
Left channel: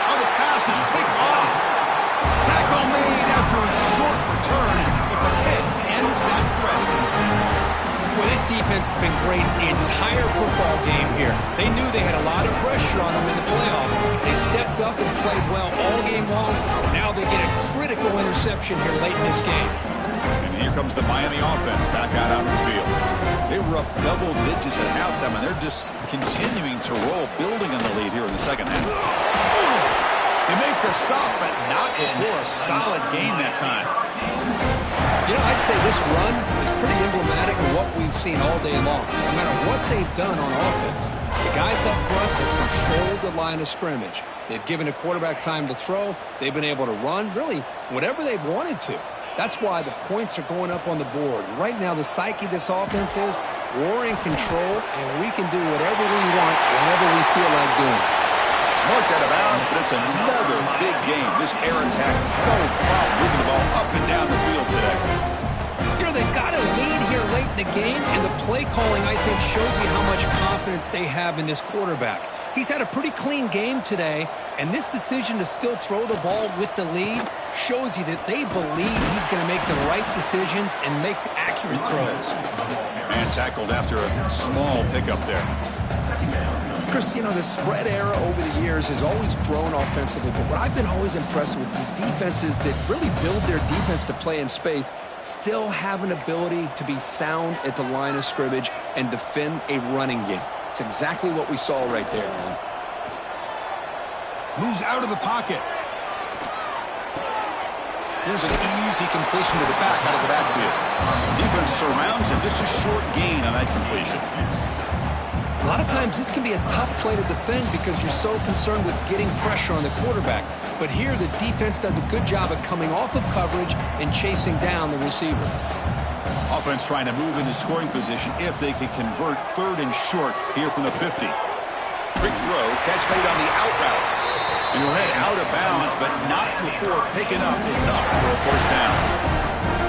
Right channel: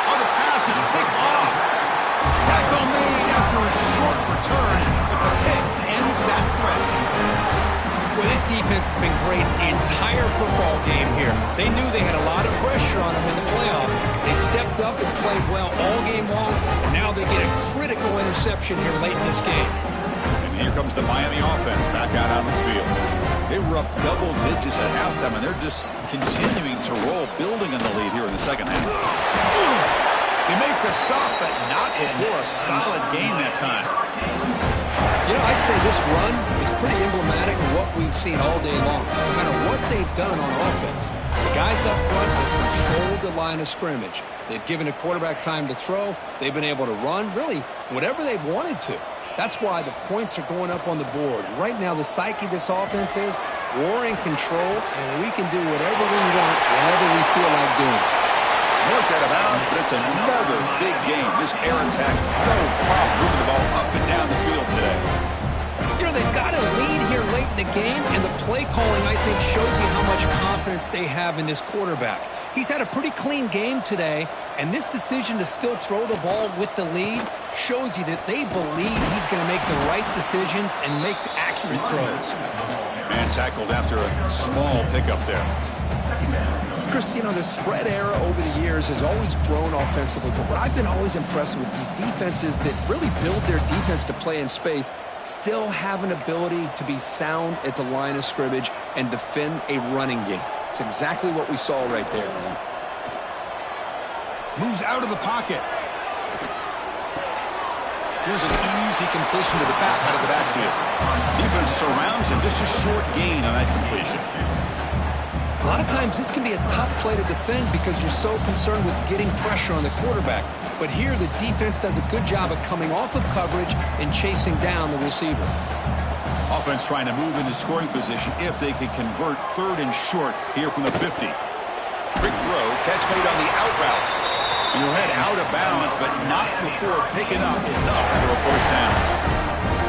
Oh, the pass is picked off. Tackle made after a short return, but the pick ends that threat. Well, this defense has been great the entire football game here. They knew they had a lot of pressure on them in the playoff. They stepped up and played well all game long, and now they get a critical interception here late in this game. And here comes the Miami offense back out on the field. They were up double digits at halftime, and they're just continuing to roll, building on the lead here in the 2nd half. They make the stop, but not before a solid gain that time. You know, I'd say this run is pretty emblematic of what we've seen all day long. No matter what they've done on offense, the guys up front have controlled the line of scrimmage. They've given the quarterback time to throw. They've been able to run, really, whatever they've wanted to. That's why the points are going up on the board. Right now, the psyche of this offense is we're in control, and we can do whatever we want whenever we feel like doing it. Marked out of bounds, but it's another big game. This air attack, no problem moving the ball up and down the field today. You know, they've got a lead here late in the game, and the play calling, I think, shows you how much confidence they have in this quarterback. He's had a pretty clean game today, and this decision to still throw the ball with the lead shows you that they believe he's going to make the right decisions and make accurate throws. And tackled after a small pickup there. Chris, you know, the spread era over the years has always grown offensively, but what I've been always impressed with the defenses that really build their defense to play in space still have an ability to be sound at the line of scrimmage and defend a running game. It's exactly what we saw right there. Moves out of the pocket. Here's an easy completion to the back out of the backfield. Defense surrounds him. Just a short gain on that completion. A lot of times this can be a tough play to defend because you're so concerned with getting pressure on the quarterback. But here the defense does a good job of coming off of coverage and chasing down the receiver. Offense trying to move into scoring position if they can convert 3rd and short here from the 50. Quick throw, catch made on the out route. And he'll head out of bounds, but not before picking up enough for a first down.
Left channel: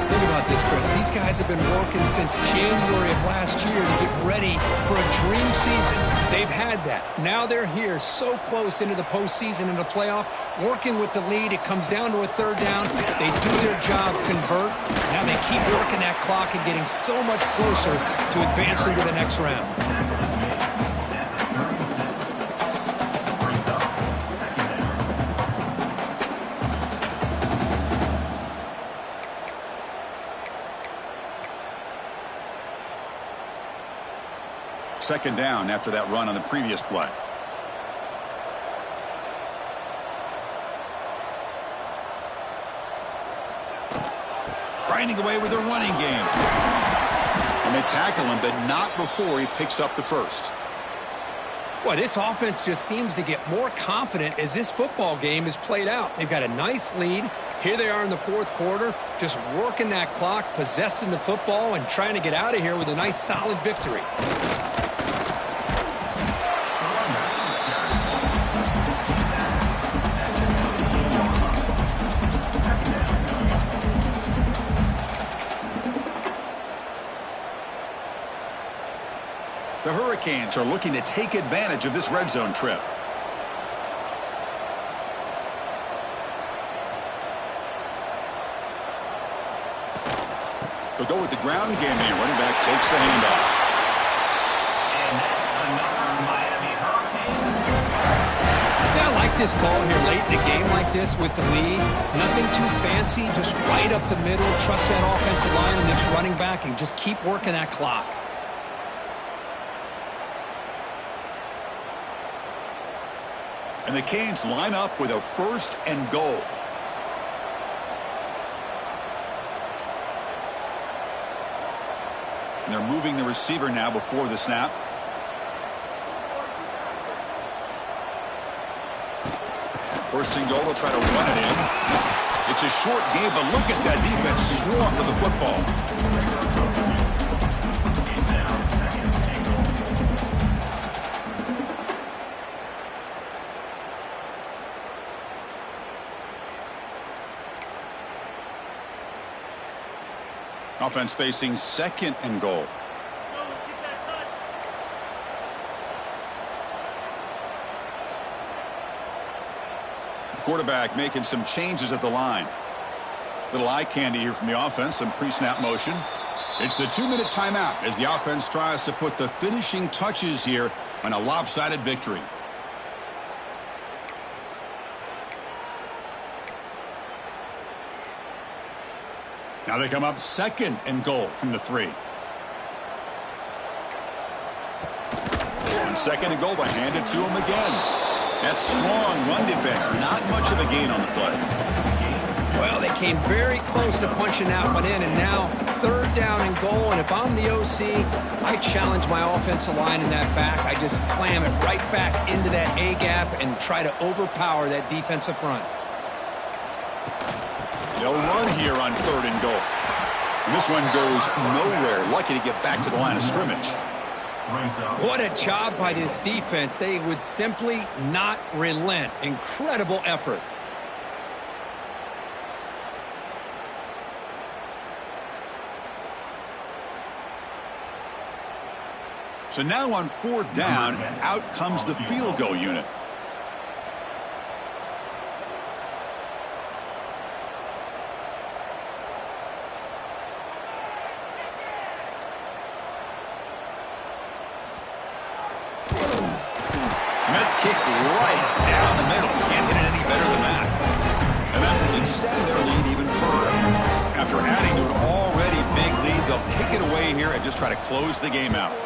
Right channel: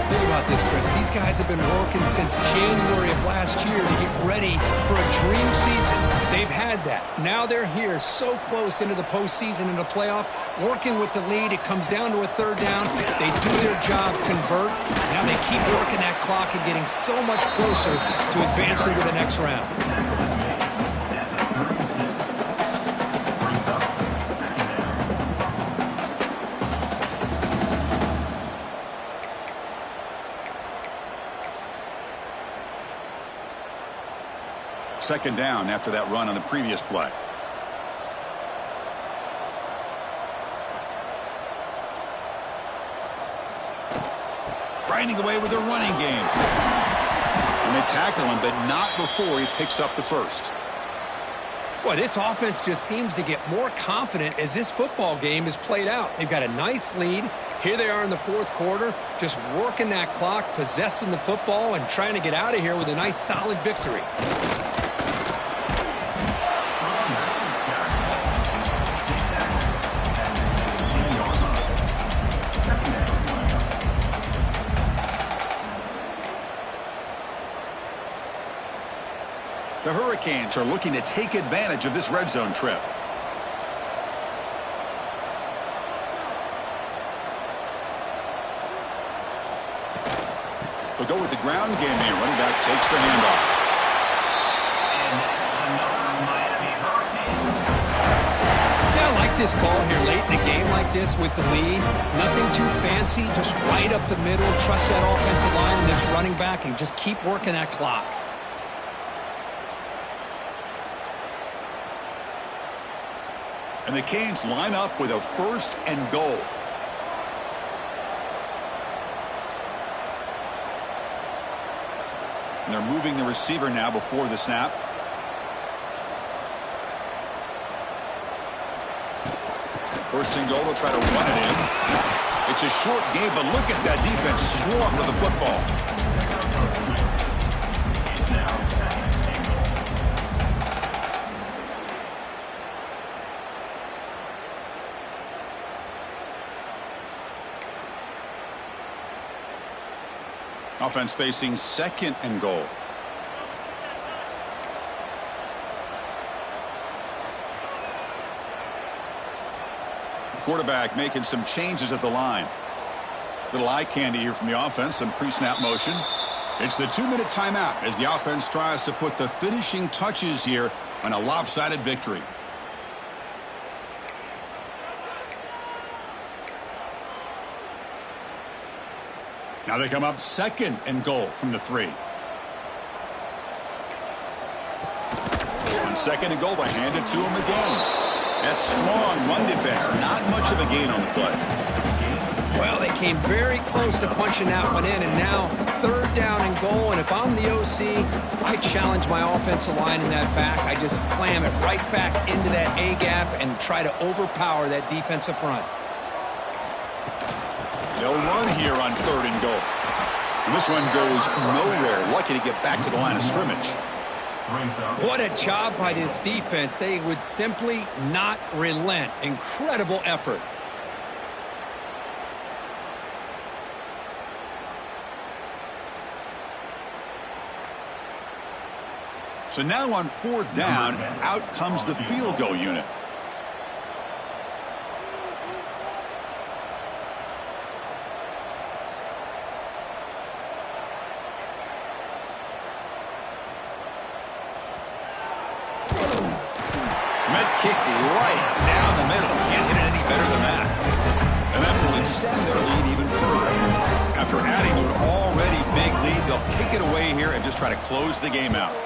Think about this, Chris. These guys have been working since January of last year to get ready for a dream season. They've had that. Now they're here so close into the postseason and the playoff, working with the lead. It comes down to a 3rd down. They do their job, convert. Now they keep working that clock and getting so much closer to advancing to the next round. Second down after that run on the previous play. Grinding away with their running game. And they tackle him, but not before he picks up the first. Boy, this offense just seems to get more confident as this football game is played out. They've got a nice lead. Here they are in the 4th quarter, just working that clock, possessing the football, and trying to get out of here with a nice, solid victory. The Hurricanes are looking to take advantage of this red zone trip. They'll go with the ground game here. Running back takes the handoff. And that's another Miami Hurricanes. Yeah, I like this call here late in the game like this with the lead. Nothing too fancy, just right up the middle. Trust that offensive line and this running back and just keep working that clock. And the Canes line up with a 1st and goal. And they're moving the receiver now before the snap. First and goal, they'll try to run it in. It's a short game, but look at that defense swarm with the football. It's now 2nd and goal. Offense facing 2nd and goal. The quarterback making some changes at the line. Little eye candy here from the offense, some pre-snap motion. It's the 2-minute timeout as the offense tries to put the finishing touches here on a lopsided victory. Now they come up 2nd and goal from the 3. On 2nd and goal, they hand it to him again. That strong run defense, not much of a gain on the play. Well, they came very close to punching that one in, and now 3rd down and goal. And if I'm the OC, I challenge my offensive line in that back. I just slam it right back into that A-gap and try to overpower that defensive front. They'll run here on 3rd and goal. And this one goes nowhere. Lucky to get back to the line of scrimmage. brings up. What a job by this defense. They would simply not relent. Incredible effort. So now on 4th down, out comes the field goal unit. Med kick right down the middle. Can't hit it any better than that. And that will extend their lead even further. After adding to an already big lead, they'll kick it away here and just try to close the game out.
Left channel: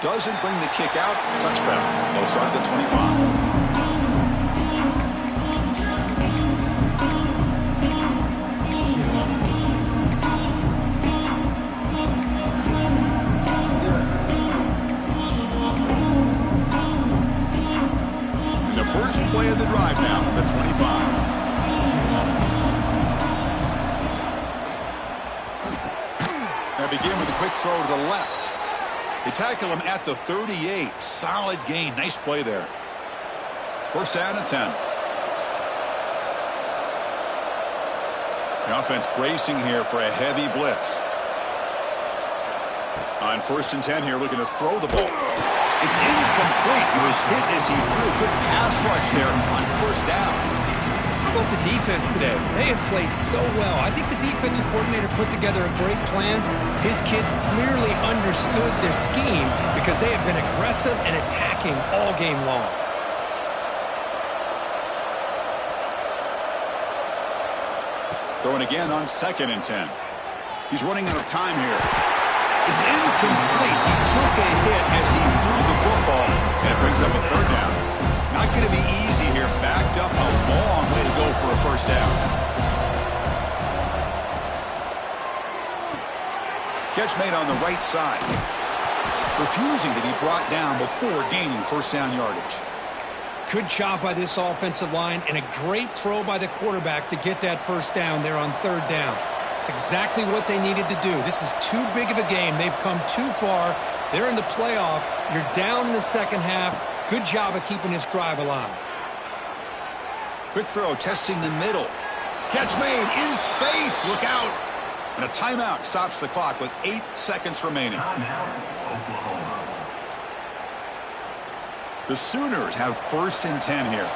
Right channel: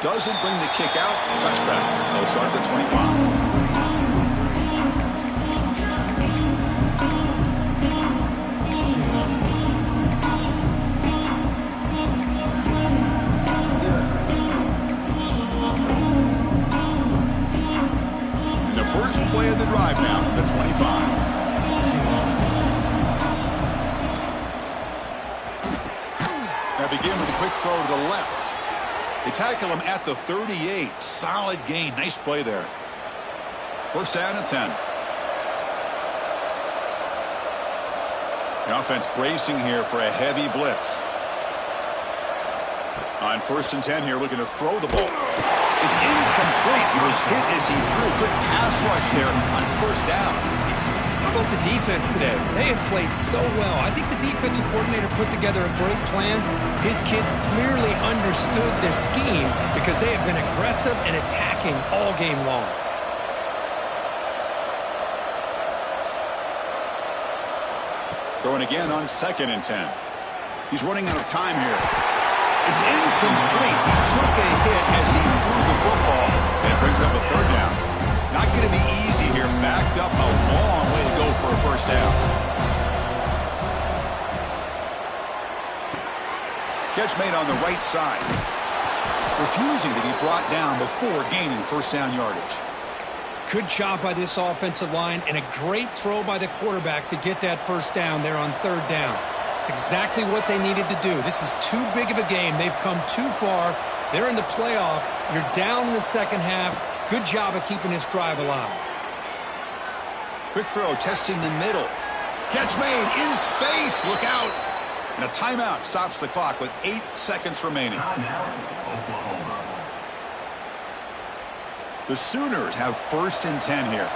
Doesn't bring the kick out. Touchback. They'll start at the 25. First play of the drive now from the 25. Now begin with a quick throw to the left. They tackle him at the 38. Solid gain. Nice play there. First down and 10. The offense bracing here for a heavy blitz. On 1st and 10 here, looking to throw the ball. It's incomplete. He was hit as he threw. Good pass rush there on 1st down. How about the defense today? They have played so well. I think the defensive coordinator put together a great plan. His kids clearly understood their scheme because they have been aggressive and attacking all game long. Throwing again on 2nd and 10. He's running out of time here. It's incomplete. He took a hit as he threw the football, and it brings up a 3rd down. Not going to be easy here. Backed up a long way to go for a 1st down. Catch made on the right side. Refusing to be brought down before gaining 1st down yardage. Good job by this offensive line and a great throw by the quarterback to get that 1st down there on 3rd down. It's exactly what they needed to do. This is too big of a game. They've come too far. They're in the playoff. You're down in the second half. Good job of keeping this drive alive. Quick throw, testing the middle. Catch made in space. Look out. And a timeout stops the clock with 8 seconds remaining. Timeout, Oklahoma. The Sooners have 1st and 10 here.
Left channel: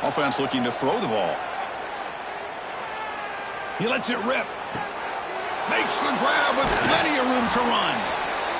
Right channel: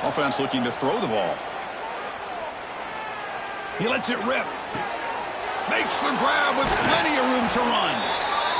Offense looking to throw the ball. He lets it rip. Makes the grab with plenty of room to run.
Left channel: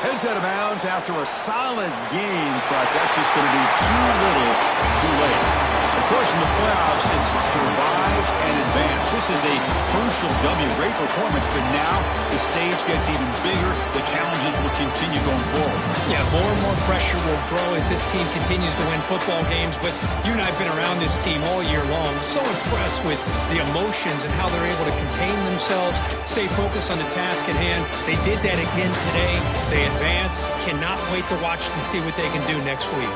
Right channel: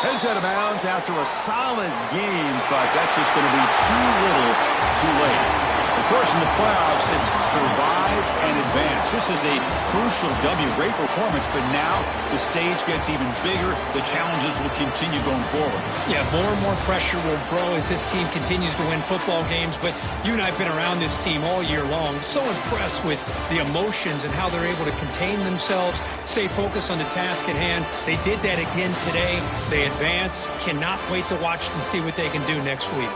Heads out of bounds after a solid game, but that's just going to be too little, too late. Of course, in the playoffs, it's survive and advance. This is a crucial W. Great performance, but now the stage gets even bigger. The challenges will continue going forward. Yeah, more and more pressure will grow as this team continues to win football games, but you and I have been around this team all year long. So impressed with the emotions and how they're able to contain themselves, stay focused on the task at hand. They did that again today. They advance. Cannot wait to watch and see what they can do next week.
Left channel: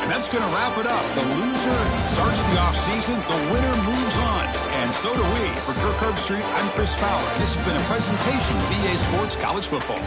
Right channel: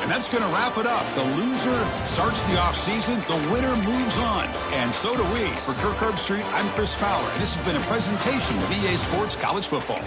And that's going to wrap it up. The loser starts the offseason. The winner moves on. And so do we. For Kirk Herbstreit, I'm Chris Fowler. And this has been a presentation of EA Sports College Football.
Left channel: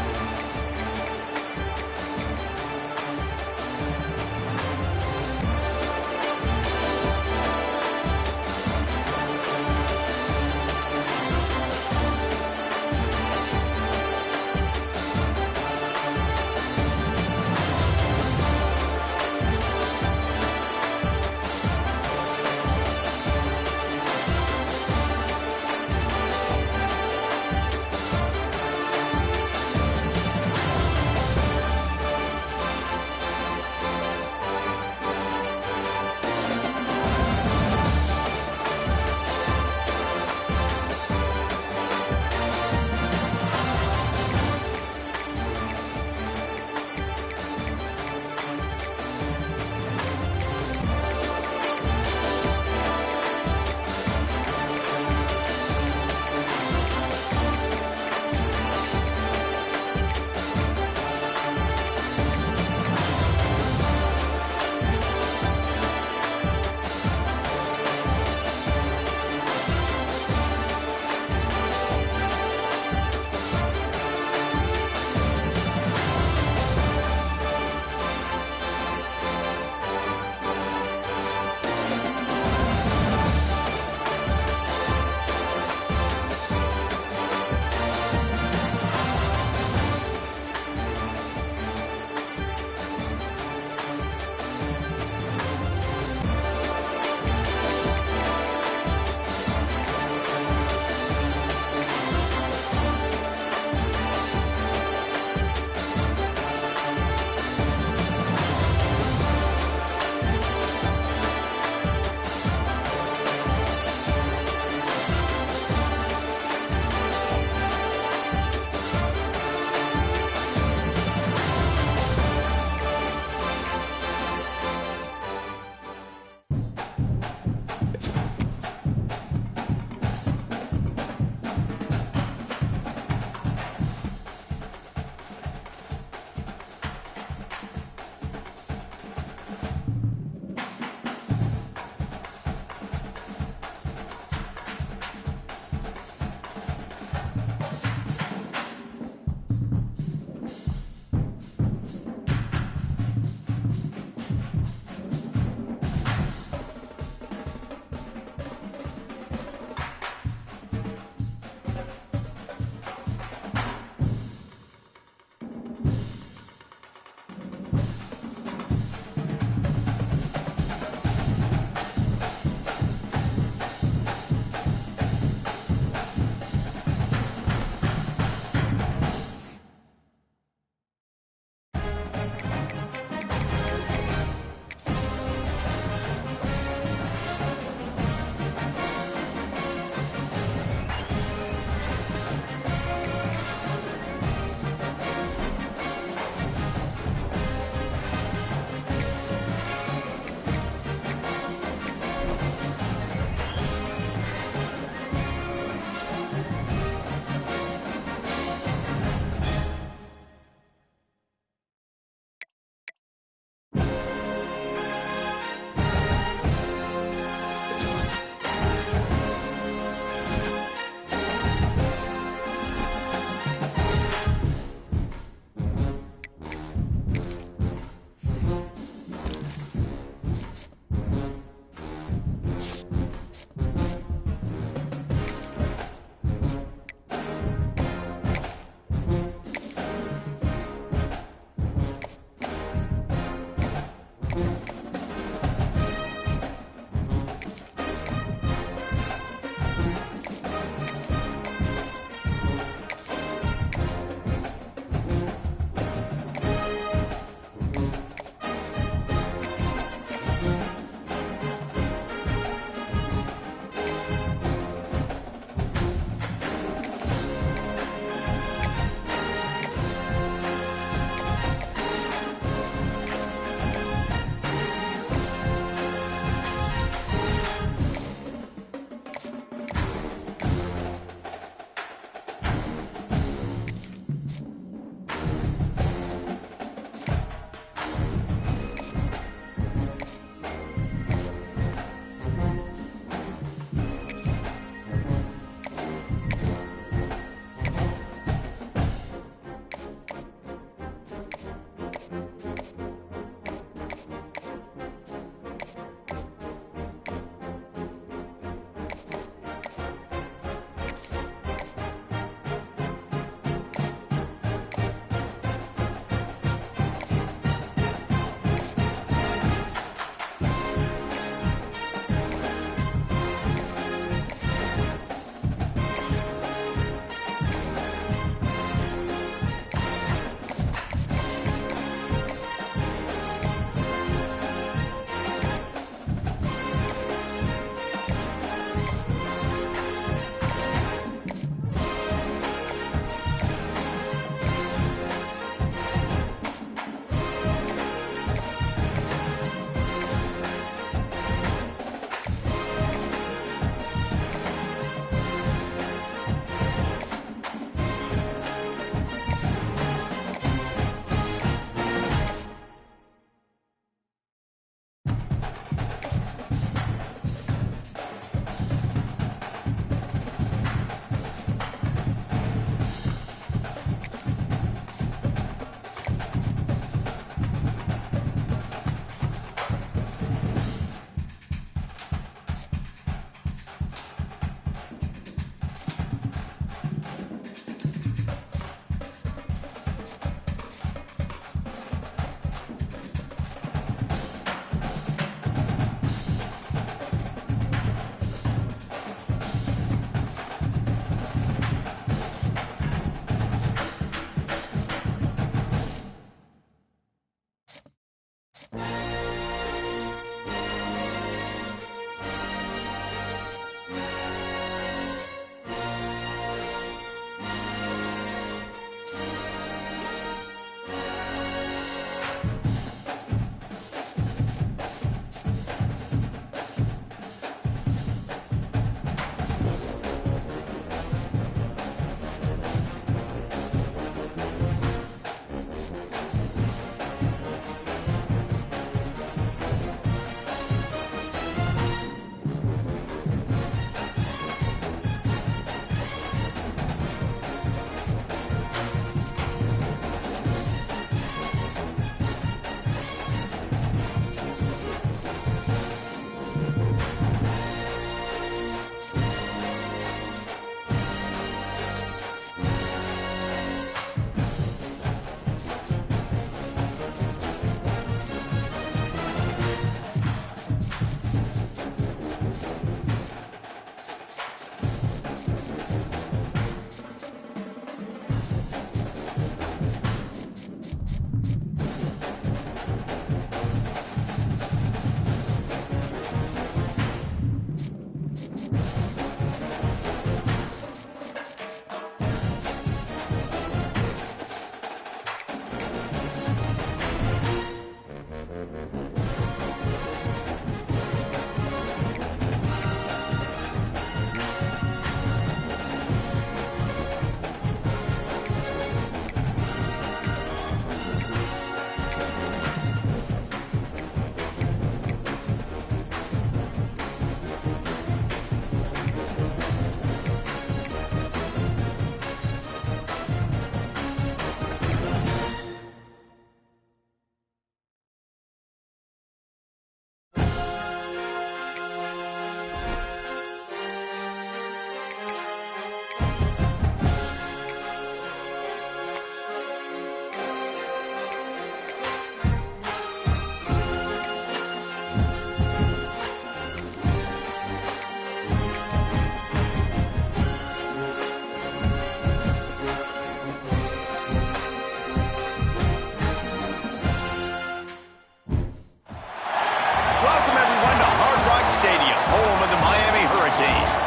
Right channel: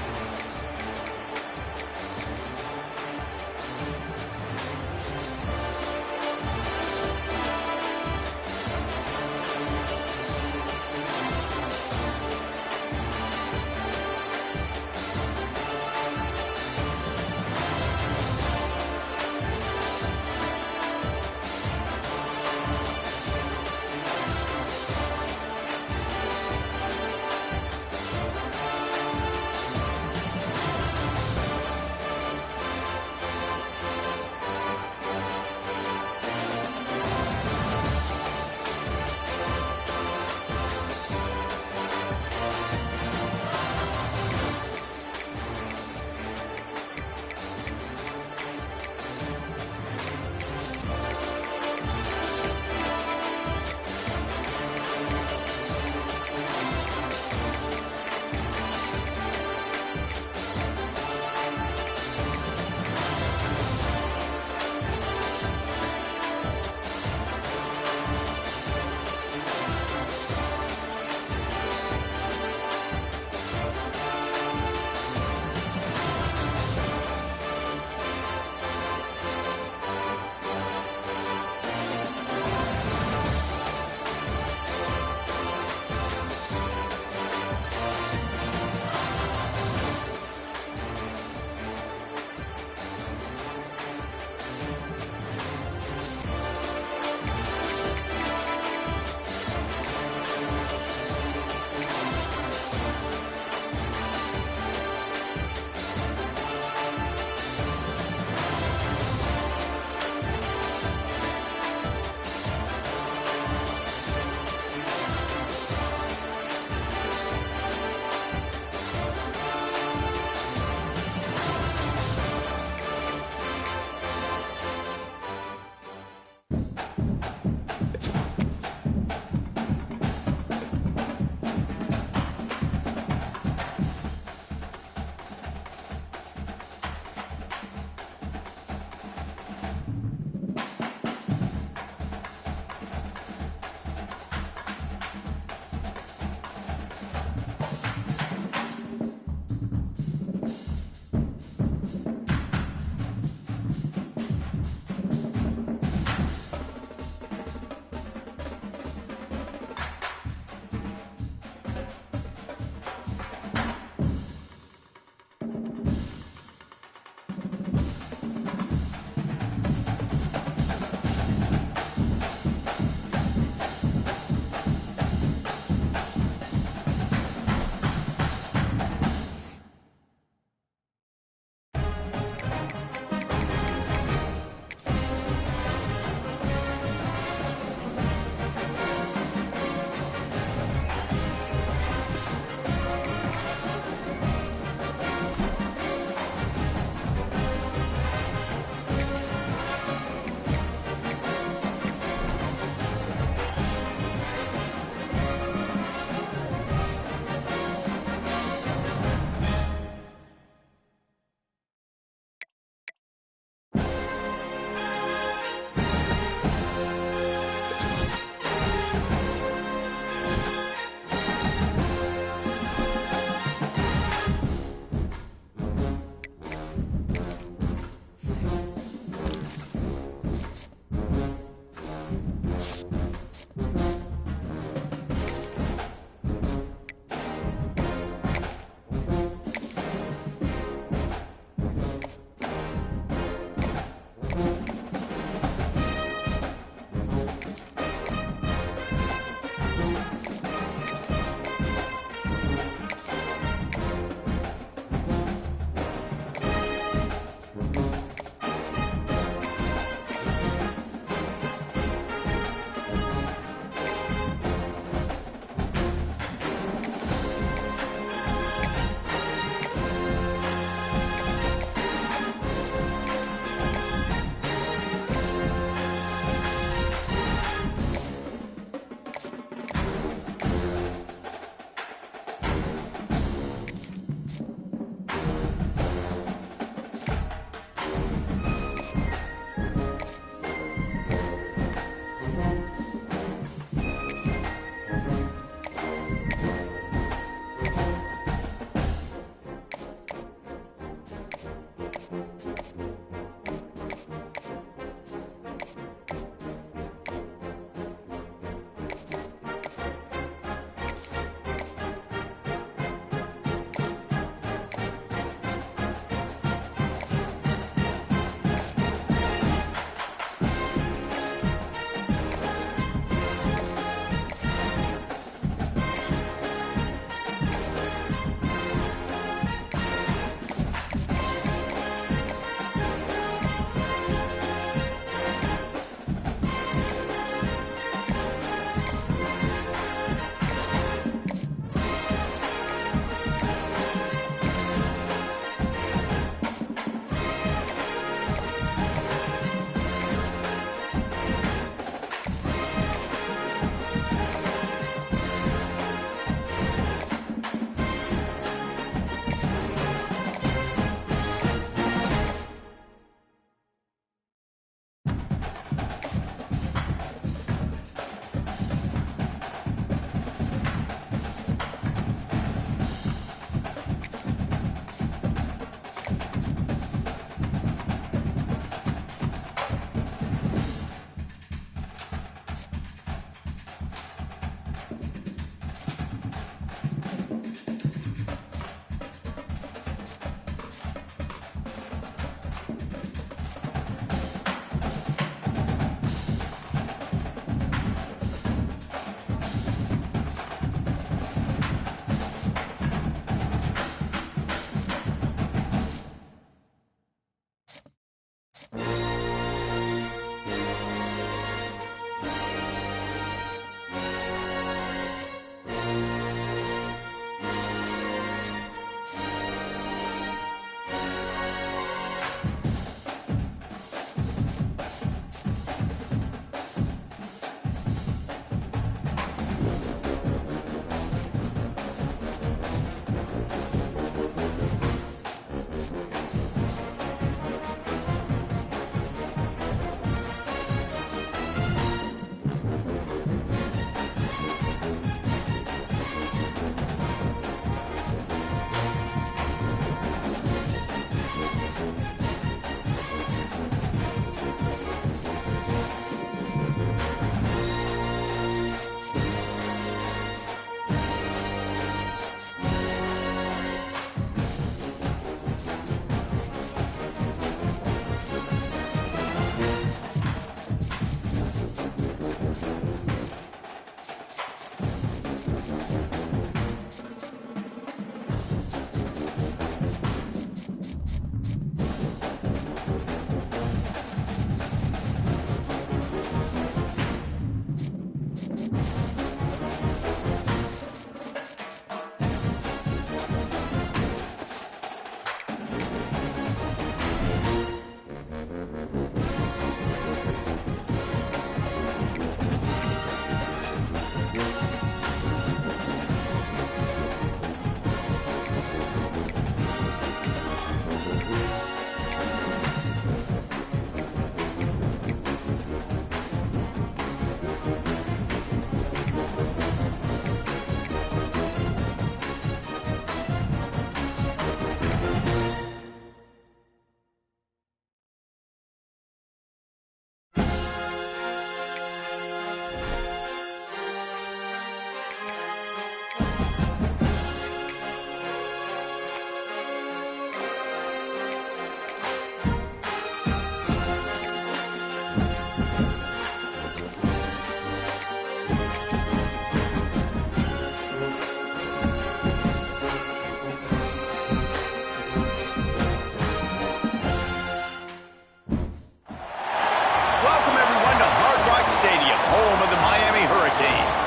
welcome everyone to Hard Rock Stadium, home of the Miami Hurricanes.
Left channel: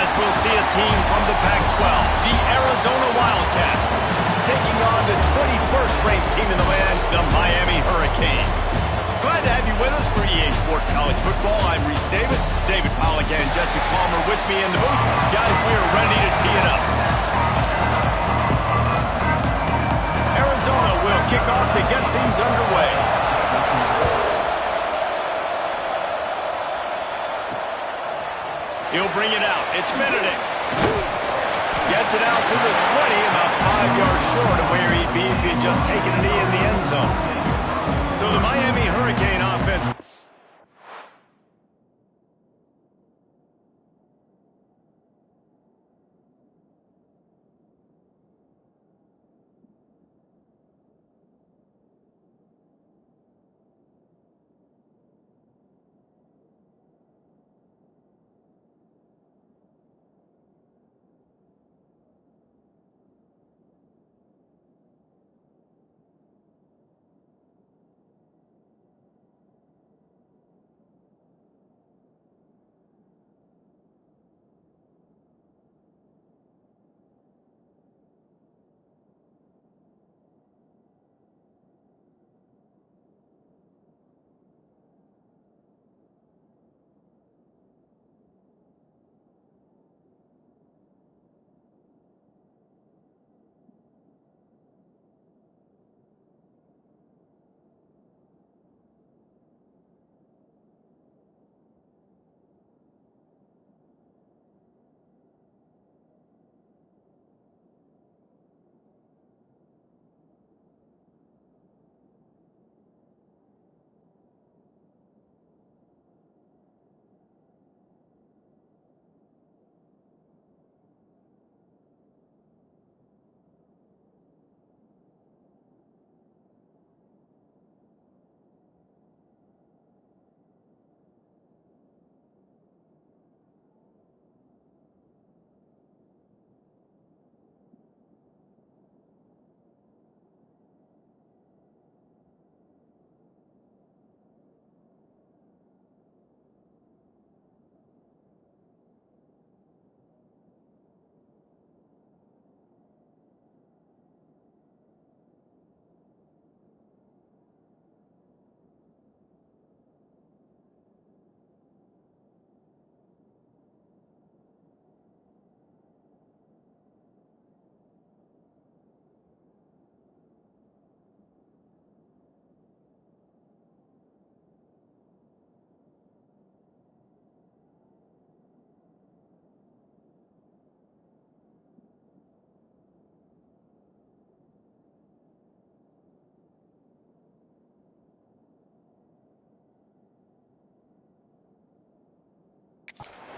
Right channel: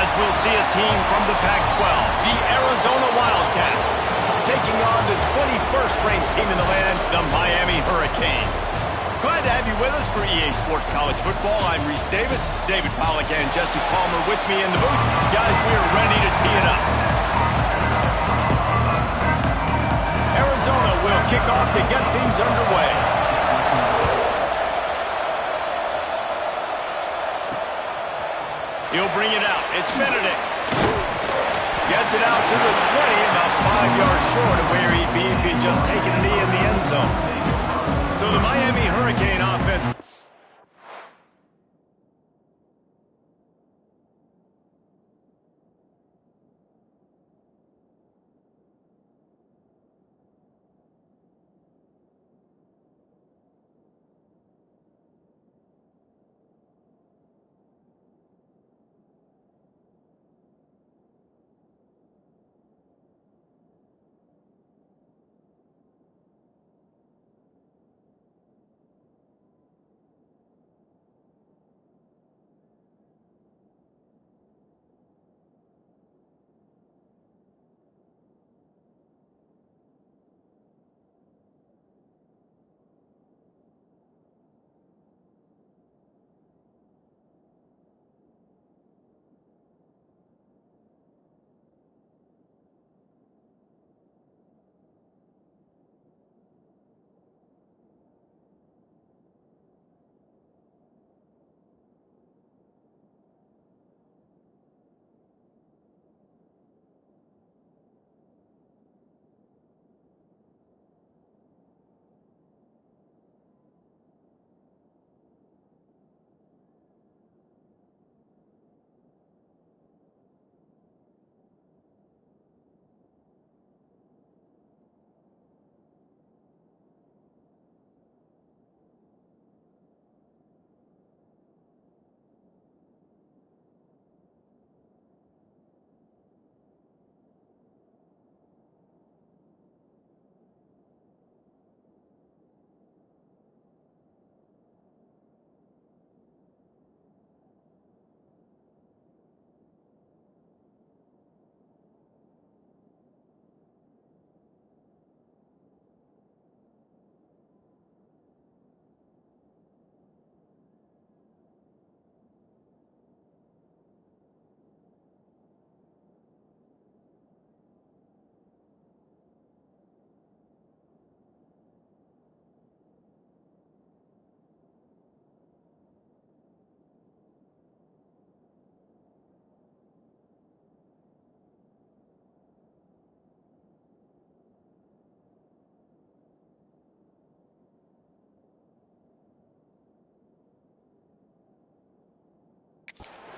As we'll see a team from the Pac-12, the Arizona Wildcats, taking on the 21st ranked team in the land, the Miami Hurricanes. Glad to have you with us for EA Sports College Football. I'm Reese Davis, David Pollack and Jesse Palmer with me in the booth. Guys, we are ready to tee it up. Arizona will kick off to get things underway. He'll bring it out. It's Benedict. Gets it out to the 20, about 5 yards short of where he'd be if he'd just taken a knee in the end zone. So the Miami Hurricane offense.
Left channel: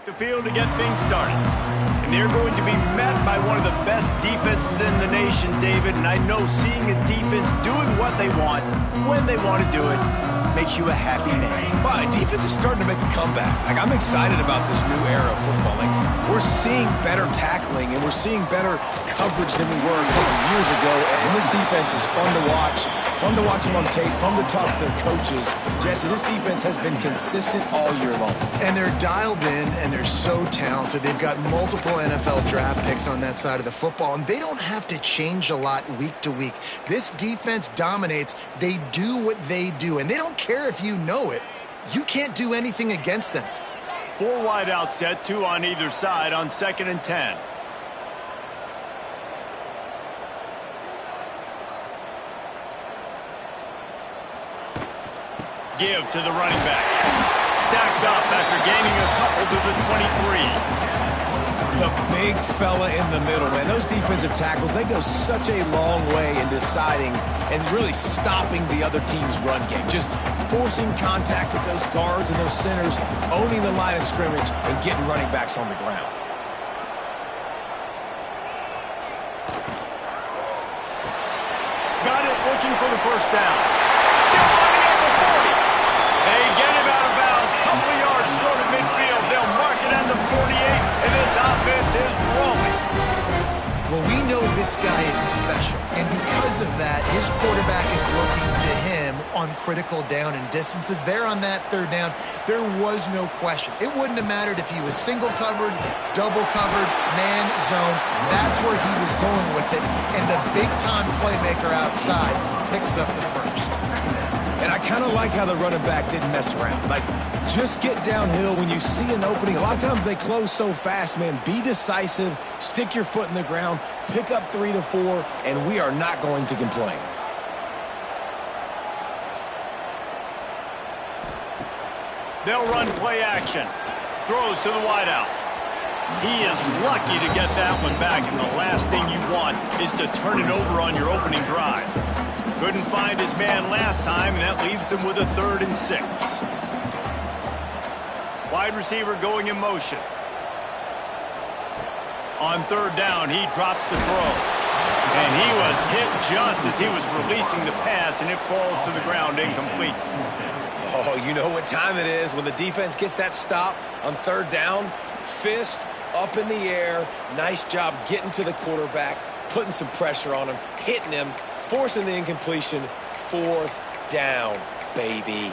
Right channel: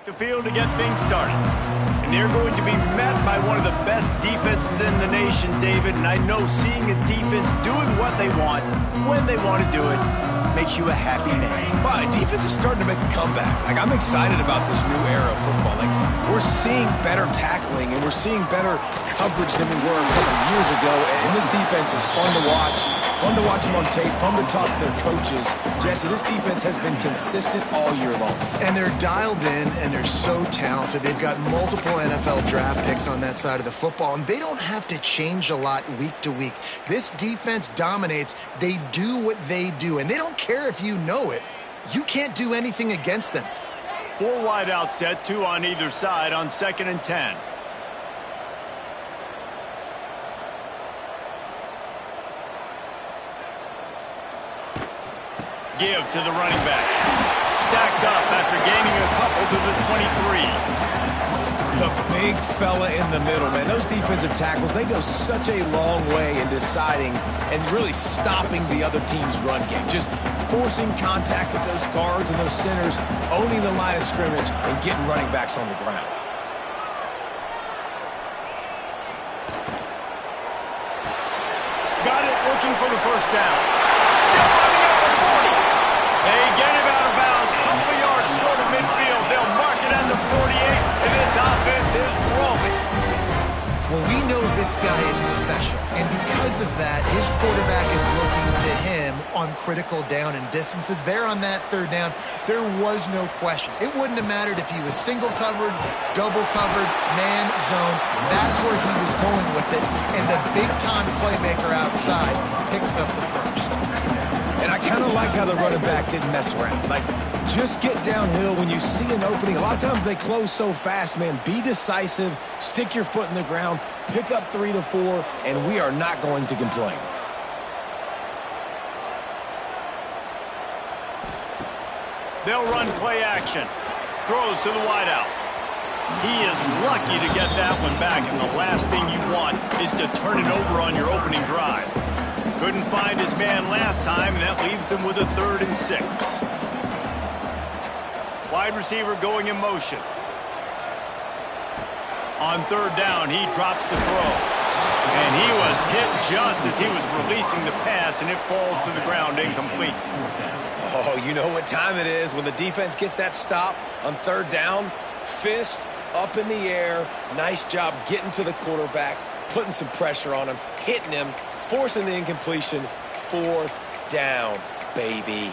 The field to get things started. And they're going to be met by one of the best defenses in the nation, David. And I know seeing a defense doing what they want, when they want to do it, makes you a happy man. Well, defense is starting to make a comeback. Like, I'm excited about this new era of football. Like, we're seeing better tackling and we're seeing better coverage than we were a couple of years ago. And this defense is fun to watch. Fun to watch them on tape, fun to talk to their coaches. Jesse, this defense has been consistent all year long. And they're dialed in, and they're so talented. They've got multiple NFL draft picks on that side of the football, and they don't have to change a lot week to week. This defense dominates. They do what they do, and they don't care if you know it. You can't do anything against them. 4 wide out set, 2 on either side on 2nd and 10. Give to the running back. Stacked up after gaining a couple to the 23. The big fella in the middle, man. Those defensive tackles, they go such a long way in deciding and really stopping the other team's run game. Just forcing contact with those guards and those centers, owning the line of scrimmage, and getting running backs on the ground. Got it, looking for the first down. Still running at the 40. They get him out of bounds, couple of yards short of midfield. They'll mark it at the 48, and this offense is rolling. Well, we know this guy is special, and because of that, his quarterback is looking to him on critical down and distances. There on that third down, there was no question. It wouldn't have mattered if he was single covered, double covered, man, zone. That's where he was going with it, and the big-time playmaker outside picks up the first. And I kind of like how the running back didn't mess around. Like, just get downhill when you see an opening. A lot of times they close so fast, man. Be decisive, stick your foot in the ground, pick up 3 to 4, and we are not going to complain. They'll run play action. Throws to the wideout. He is lucky to get that one back, and the last thing you want is to turn it over on your opening drive. Couldn't find his man last time, and that leaves him with a 3rd and 6. Wide receiver going in motion. On 3rd down, he drops to throw. And he was hit just as he was releasing the pass, and it falls to the ground incomplete. Oh, you know what time it is when the defense gets that stop on 3rd down. Fist up in the air. Nice job getting to the quarterback, putting some pressure on him, hitting him, forcing the incompletion. 4th down, baby.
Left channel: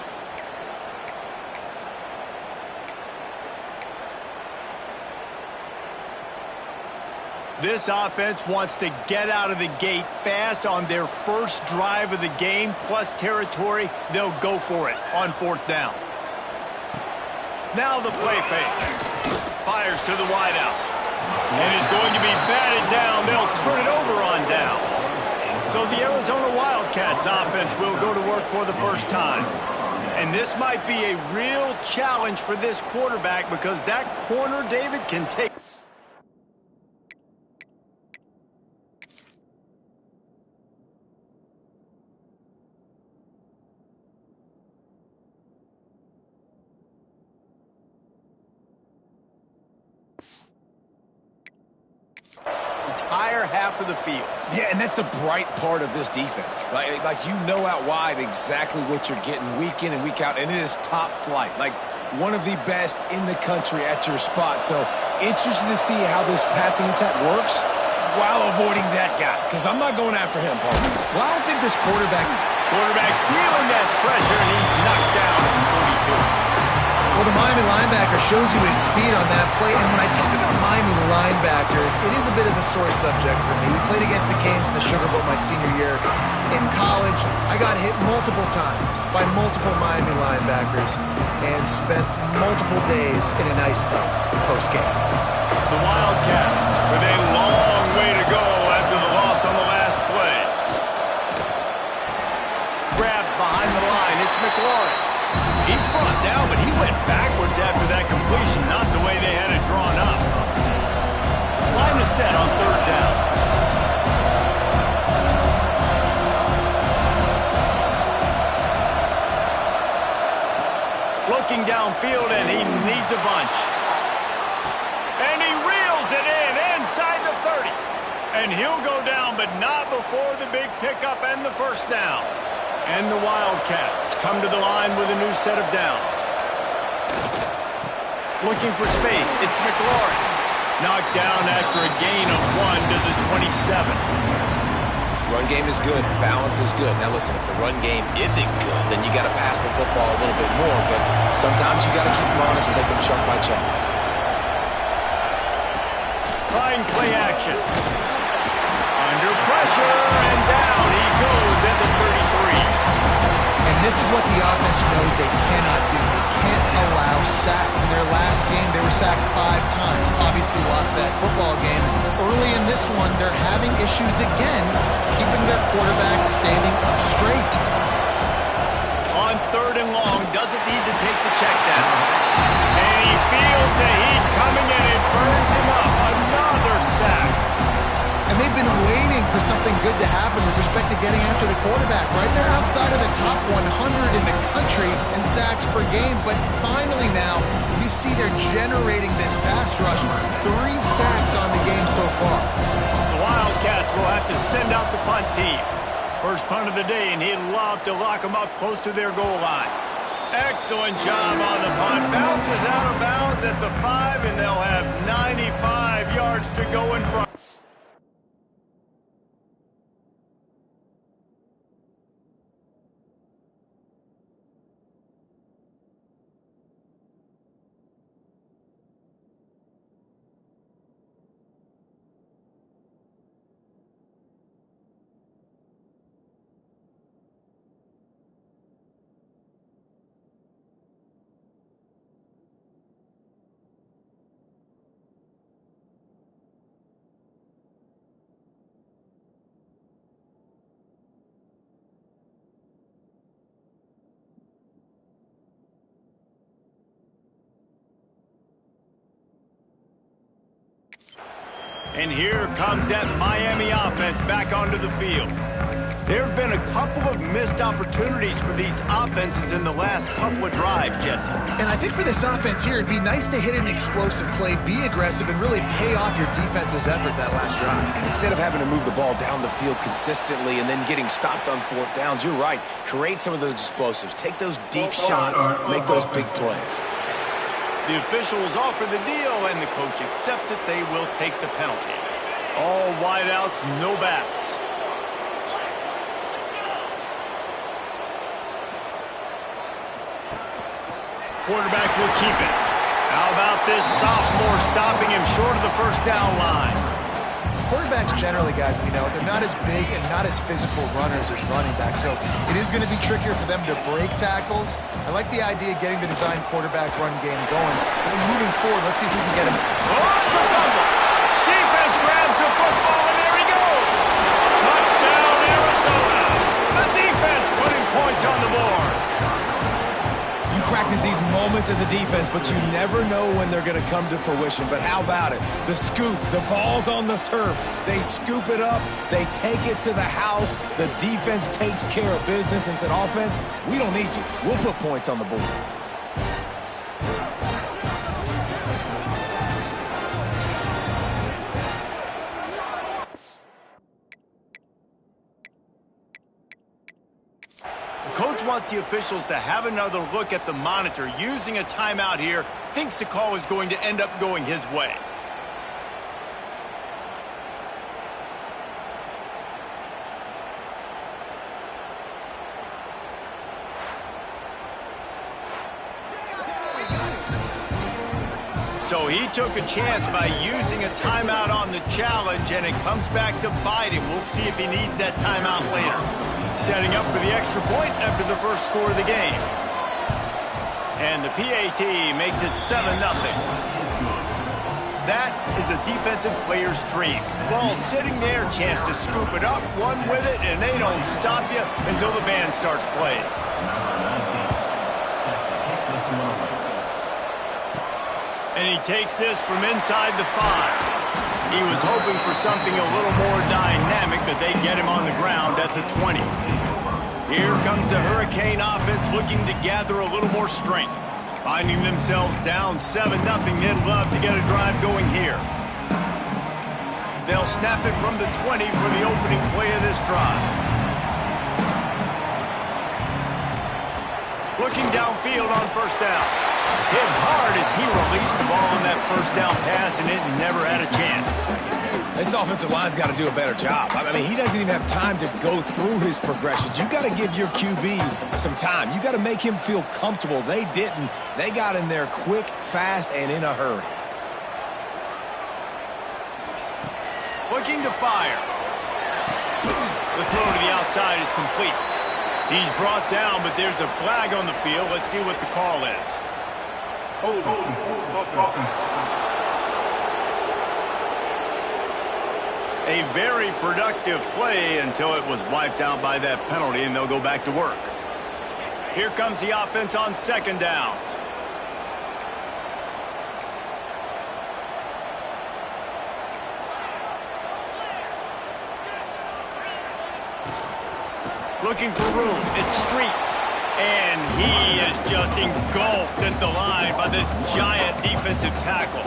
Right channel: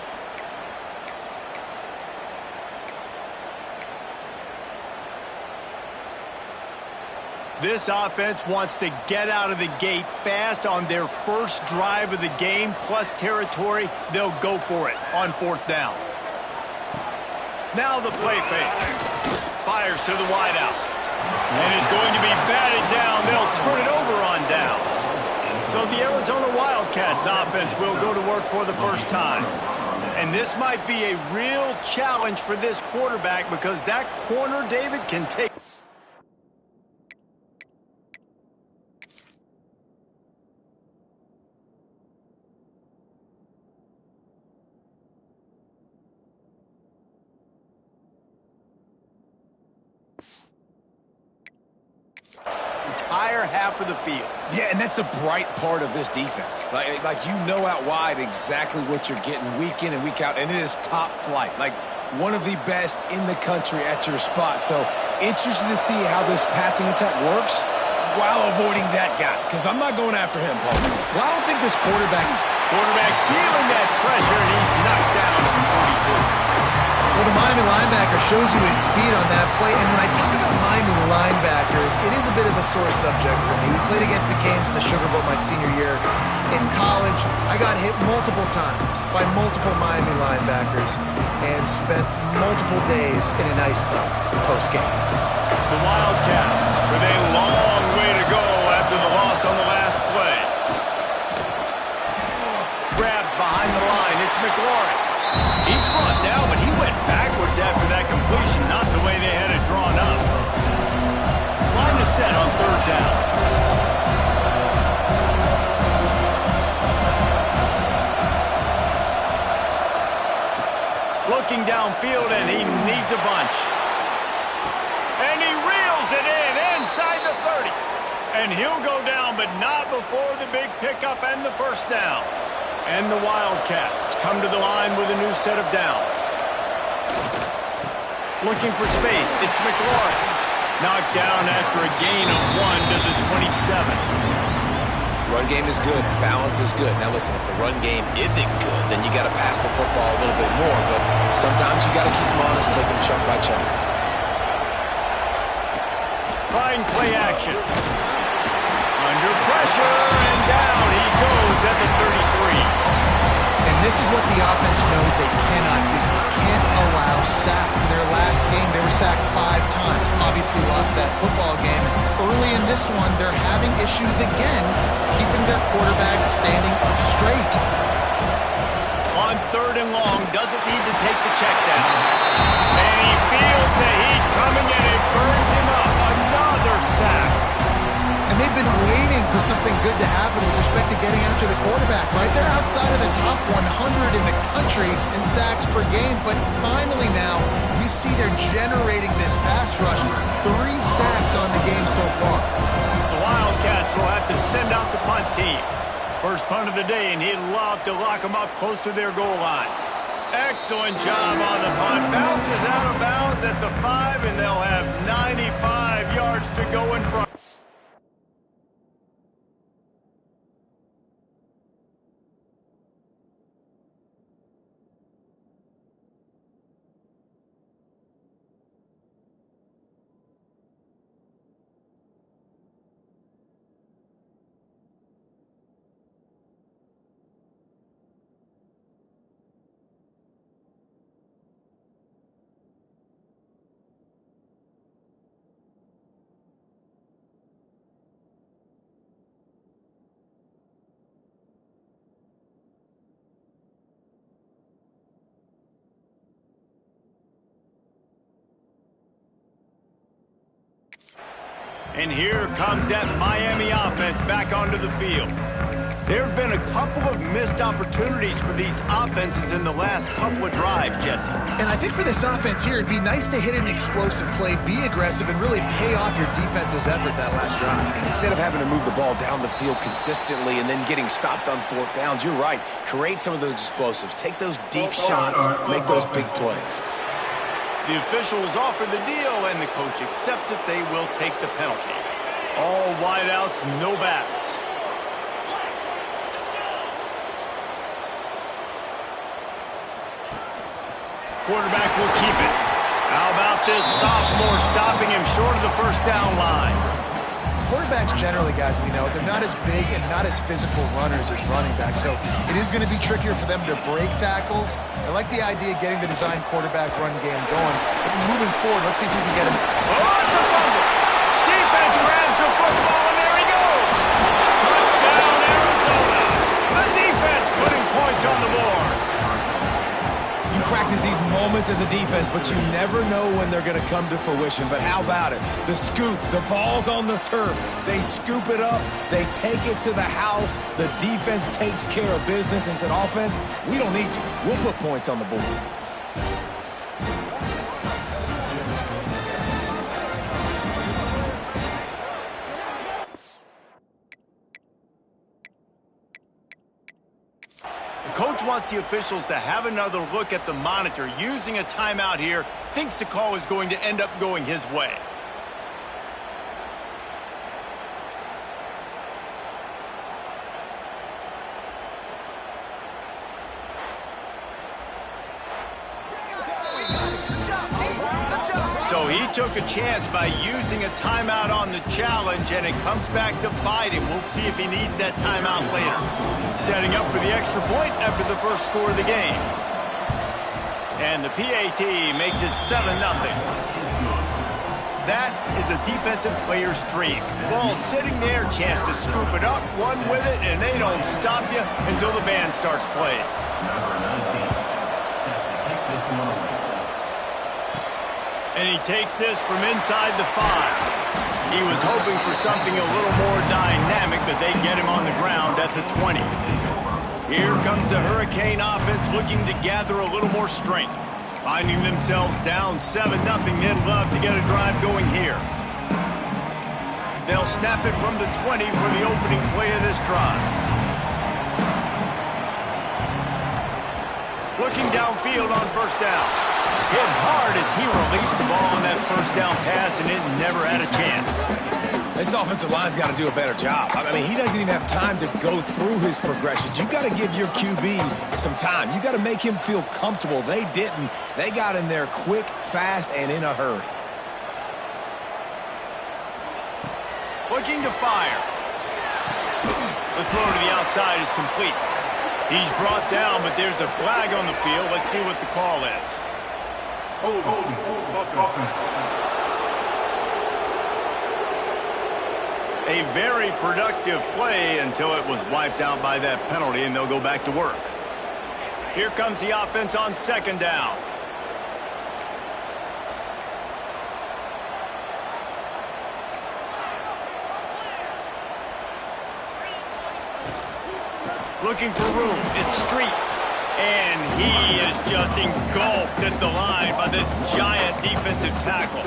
This offense wants to get out of the gate fast on their first drive of the game, plus territory. They'll go for it on 4th down. Now the play fake. Fires to the wideout. And is going to be batted down. They'll turn it over on downs. So the Arizona Wildcats offense will go to work for the first time. And this might be a real challenge for this quarterback because that corner, David, can take... entire half of the field. Yeah, and that's the bright part of this defense. Like you know out wide exactly what you're getting week in and week out, and it is top flight. Like one of the best in the country at your spot. So interested to see how this passing attack works while avoiding that guy, because I'm not going after him, Paul. Well, I don't think this quarterback Feeling that pressure, and he's knocked down at 42. Well, the Miami linebacker shows you his speed on that play. And when I talk about Miami linebackers, it is a bit of a sore subject for me. We played against the Canes in the Sugar Bowl my senior year in college. I got hit multiple times by multiple Miami linebackers and spent multiple days in an ice tub post-game. The Wildcats with a long way to go after the loss on the last play. Grabbed behind the line. It's McLaurin. He's brought down, but he went backwards after that completion, not the way they had it drawn up. Line is set on 3rd down. Looking downfield, and he needs a bunch. And he reels it in inside the 30. And he'll go down, but not before the big pickup and the 1st down. And the Wildcats come to the line with a new set of downs. Looking for space, it's McLaurin. Knocked down after a gain of 1 to the 27. Run game is good. Balance is good. Now listen, if the run game isn't good, then you got to pass the football a little bit more. But sometimes you got to keep them honest, take them chunk by chunk. Trying play action. Under pressure, and down he goes at the 33. And this is what the offense knows they cannot do. They can't allow sacks. In their last game, they were sacked 5 times. Obviously lost that football game. And early in this one, they're having issues again, keeping their quarterback standing up straight. On 3rd and long, doesn't need to take the check down. And he feels the heat coming, and it burns him up. Another sack. And they've been waiting for something good to happen with respect to getting after the quarterback, right? They're outside of the top 100 in the country in sacks per game, but finally now you see they're generating this pass rush. 3 sacks on the game so far. The Wildcats will have to send out the punt team. First punt of the day, and he'd love to lock them up close to their goal line. Excellent job on the punt. Bounces out of bounds at the 5, and they'll have 95 yards to go in front. And here comes that Miami offense back onto the field. There have been a couple of missed opportunities for these offenses in the last couple of drives, Jesse. And I think for this offense here, it'd be nice to hit an explosive play, be aggressive, and really pay off your defense's effort that last drive. And instead of having to move the ball down the field consistently and then getting stopped on fourth downs, you're right. Create some of those explosives. Take those deep shots. Make those big plays. The officials offer the deal, and the coach accepts it. They will take the penalty. All wideouts, no backs. Quarterback will keep it. How about this sophomore stopping him short of the first down line? Quarterbacks generally, guys, we know, they're not as big and not as physical runners as running backs, so it is going to be trickier for them to break tackles. I like the idea of getting the design quarterback run game going. But moving forward, let's see if we can get him. Oh, it's a fumble. Defense grabs the football, and there he goes. Touchdown, Arizona. The defense putting points on the board. You practice these moments as a defense, but you never know when they're going to come to fruition. But how about it? The scoop, the ball's on the turf. They scoop it up. They take it to the house. The defense takes care of business and said, offense, we don't need you. We'll put points on the board. Coach wants the officials to have another look at the monitor. Using a timeout here, thinks the call is going to end up going his way. So he took a chance by using a timeout on the challenge, and it comes back to bite him. We'll see if he needs that timeout later. Setting up for the extra point after the first score of the game. And the PAT makes it 7-0. That is a defensive player's dream. Ball sitting there, chance to scoop it up, run with it, and they don't stop you until the band starts playing. Number 19, set to kick this one away. And he takes this from inside the 5. He was hoping for something a little more dynamic, but they get him on the ground at the 20. Here comes the Hurricane offense looking to gather a little more strength. Finding themselves down 7-0, they'd love to get a drive going here. They'll snap it from the 20 for the opening play of this drive. Looking downfield on first down. Hit hard as he released the ball on that first down pass, and it never had a chance. This offensive line's got to do a better job. I mean, he doesn't even have time to go through his progressions. You got to give your QB some time. You got to make him feel comfortable. They didn't. They got in there quick, fast, and in a hurry. Looking to fire. The throw to the outside is complete. He's brought down, but there's a flag on the field. Let's see what the call is. Hold on. A very productive play until it was wiped out by that penalty, and they'll go back to work. Here comes the offense on second down. Looking for room. It's Street. And he is just engulfed at the line by this giant defensive tackle.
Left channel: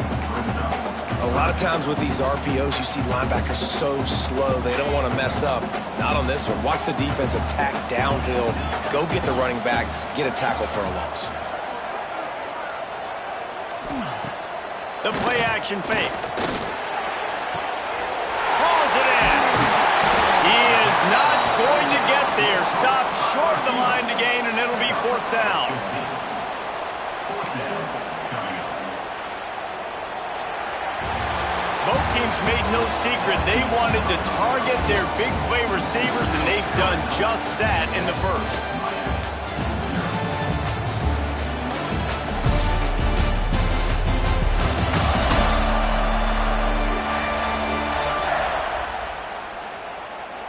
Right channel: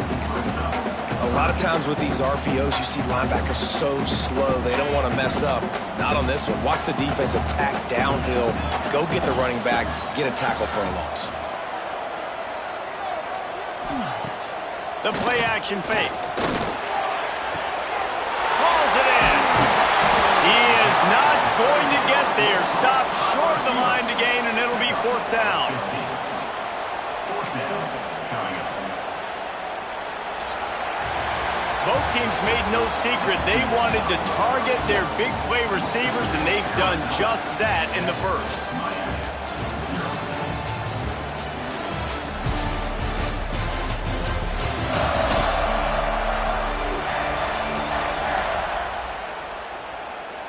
A lot of times with these RPOs, you see linebackers so slow, they don't want to mess up. Not on this one. Watch the defense attack downhill, go get the running back, get a tackle for a loss. The play action fake. Hauls it in. He is not going to get there. Stopped short of the line to gain, and it'll be fourth down. Fourth down coming up. Both teams made no secret. They wanted to target their big play receivers, and they've done just that in the first.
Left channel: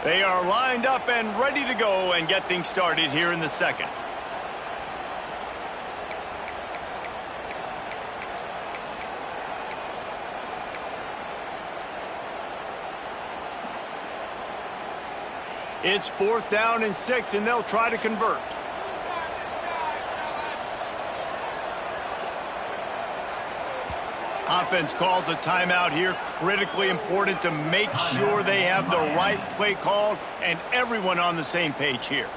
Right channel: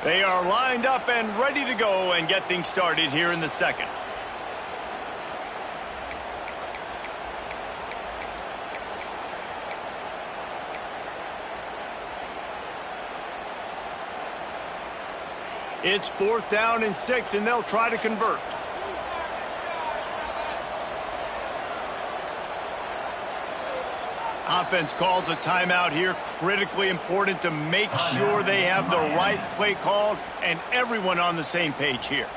They are lined up and ready to go and get things started here in the second. It's 4th down and 6, and they'll try to convert. Offense calls a timeout here. Critically important to make sure they have the right play called and everyone on the same page here.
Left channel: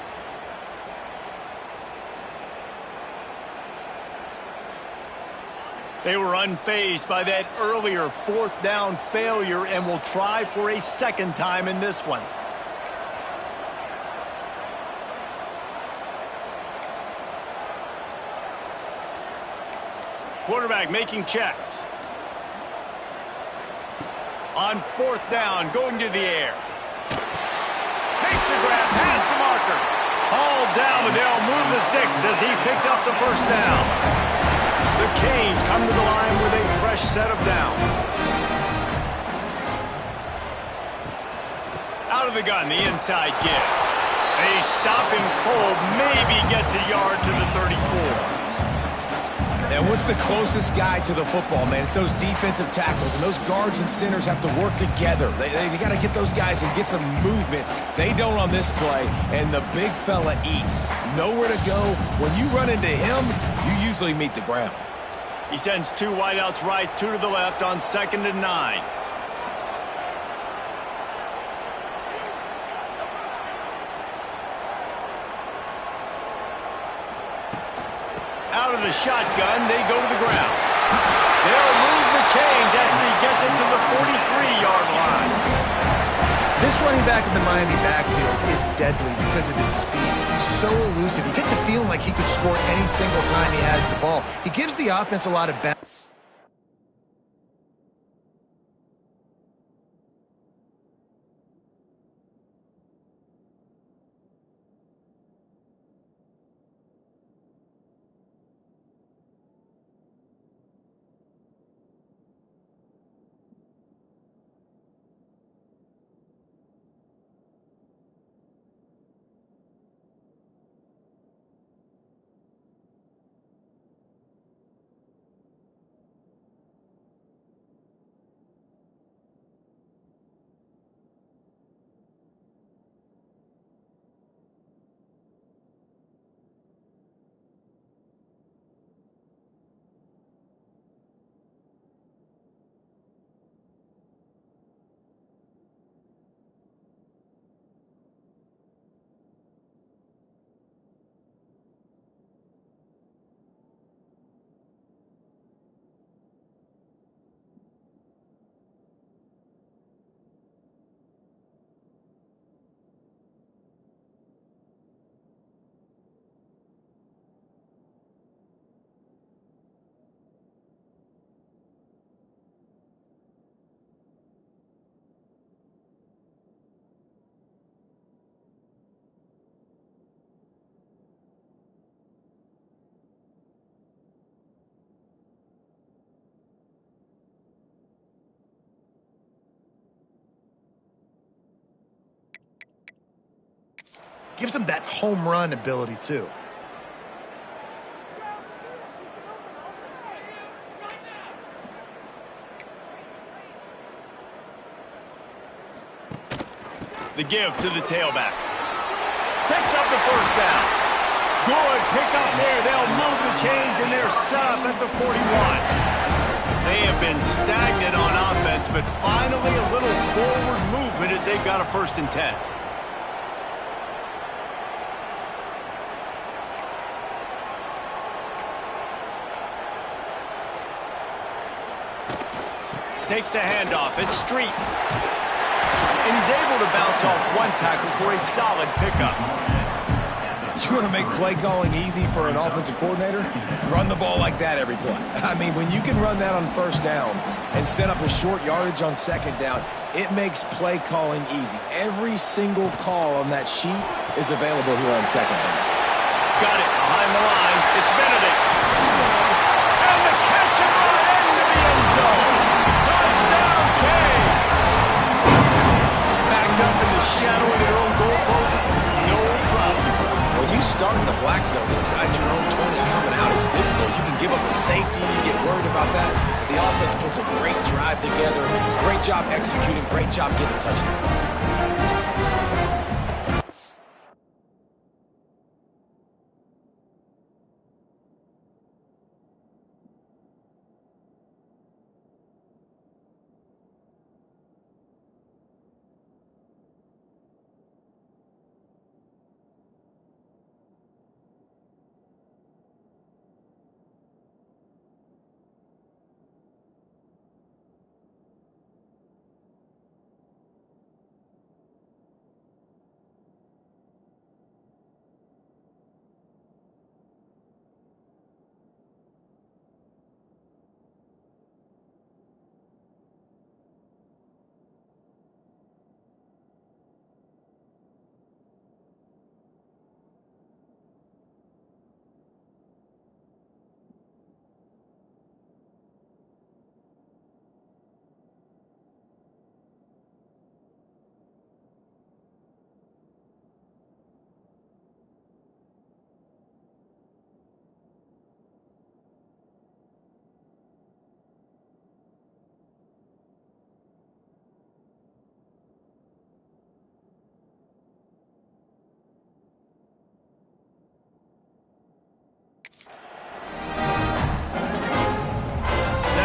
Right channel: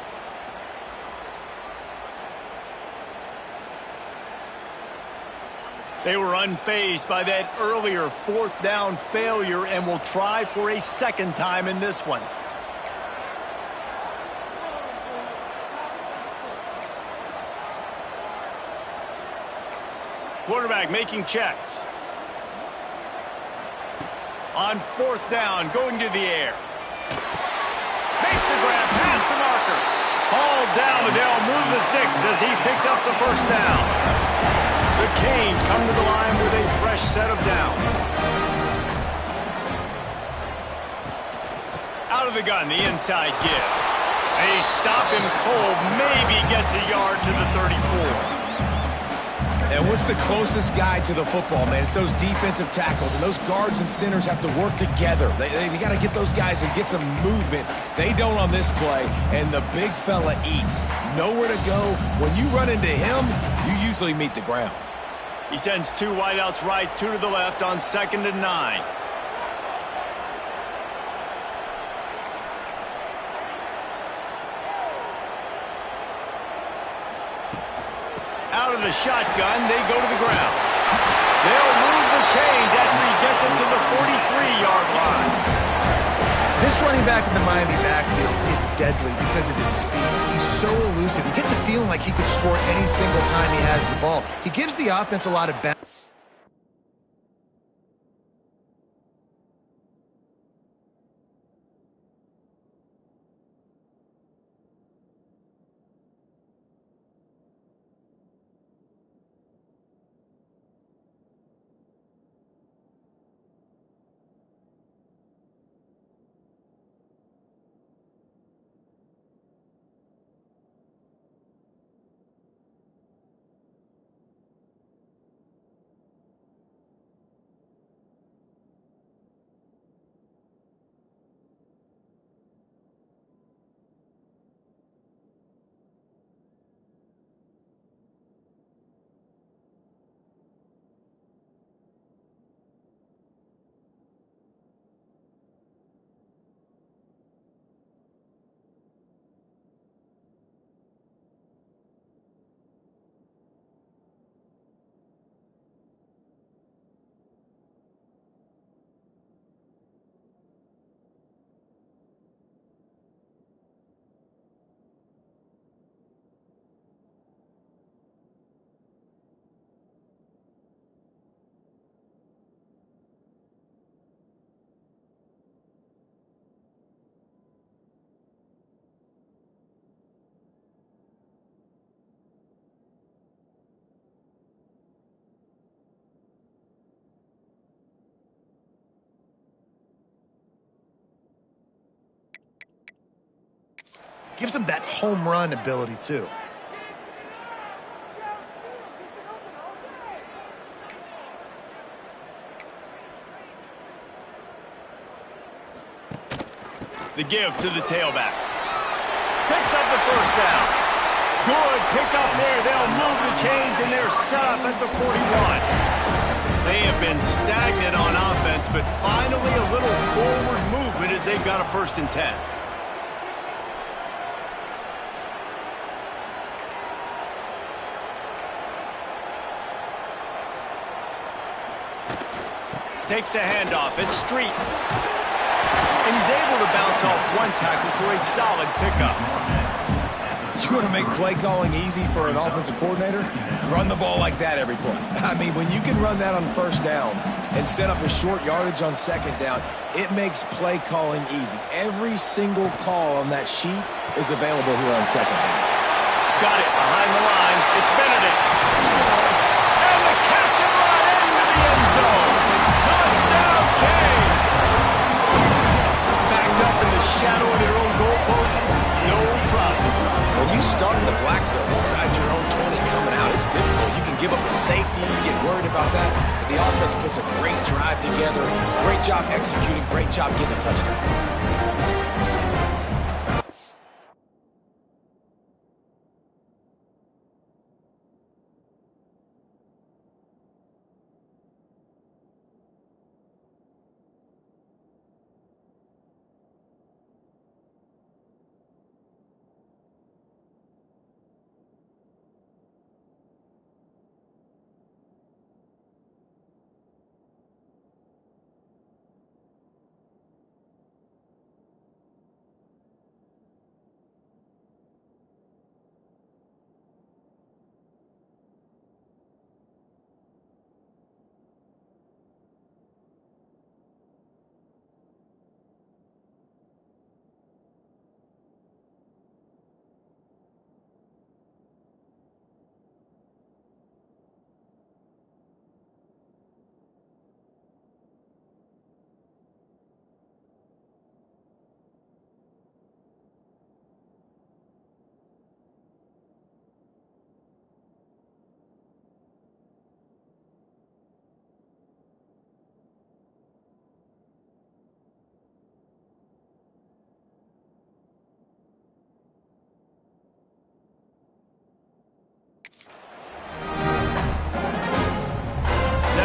They were unfazed by that earlier 4th down failure and will try for a second time in this one. Quarterback making checks. On 4th down, going to the air. Makes the grab past the marker. Hauled down, and they'll move the sticks as he picks up the 1st down. The Canes come to the line with a fresh set of downs. Out of the gun, the inside give. They stop him cold, maybe gets a yard to the 34. And what's the closest guy to the football, man? It's those defensive tackles, and those guards and centers have to work together. They got to get those guys and get some movement. They don't on this play, and the big fella eats. Nowhere to go. When you run into him, you usually meet the ground. He sends 2 wideouts right, 2 to the left on 2nd and 9. Out of the shotgun, they go to the ground. They'll move the chains after he gets it to the 43-yard line. This running back in the Miami backfield is deadly because of his speed. He's so elusive. You get the feeling like he could score any single time he has the ball. He gives the offense a lot of balance. Gives him that home run ability, too. The give to the tailback. Picks up the 1st down. Good pick up there. They'll move the chains, and they're set up at the 41. They have been stagnant on offense, but finally a little forward movement as they've got a 1st and 10. Takes the handoff. It's Street. And he's able to bounce off 1 tackle for a solid pickup. You want to make play calling easy for an offensive coordinator? Run the ball like that every play. I mean, when you can run that on 1st down and set up a short yardage on 2nd down, it makes play calling easy. Every single call on that sheet is available here on 2nd down. Got it behind the line. It's Benedict. And the catch and run into the end zone. Touchdown, Canes! Backed up in the shadow of their own goalpost, no problem. When you start in the black zone inside your own 20 coming out, it's difficult. You can give up a safety, you get worried about that. But the offense puts a great drive together. Great job executing, great job getting a touchdown.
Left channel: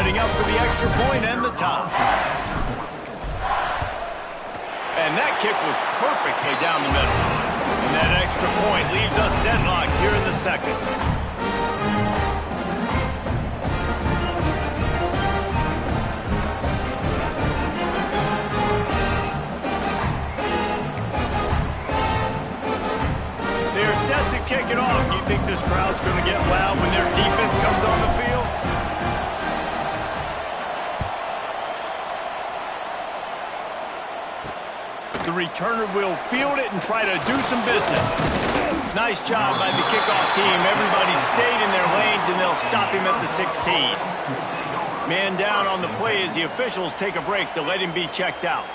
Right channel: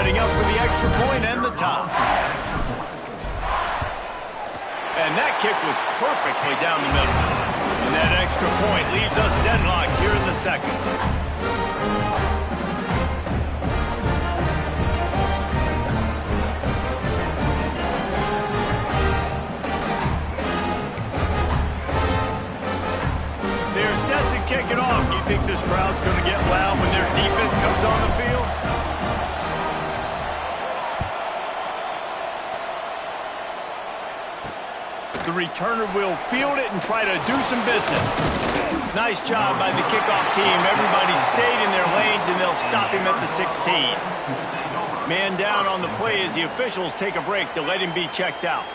setting up for the extra point and the tie. And that kick was perfectly down the middle. And that extra point leaves us deadlocked here in the second. They're set to kick it off. Do you think this crowd's going to get loud when their defense comes on the field? The returner will field it and try to do some business. Nice job by the kickoff team. Everybody stayed in their lanes, and they'll stop him at the 16. Man down on the play as the officials take a break to let him be checked out.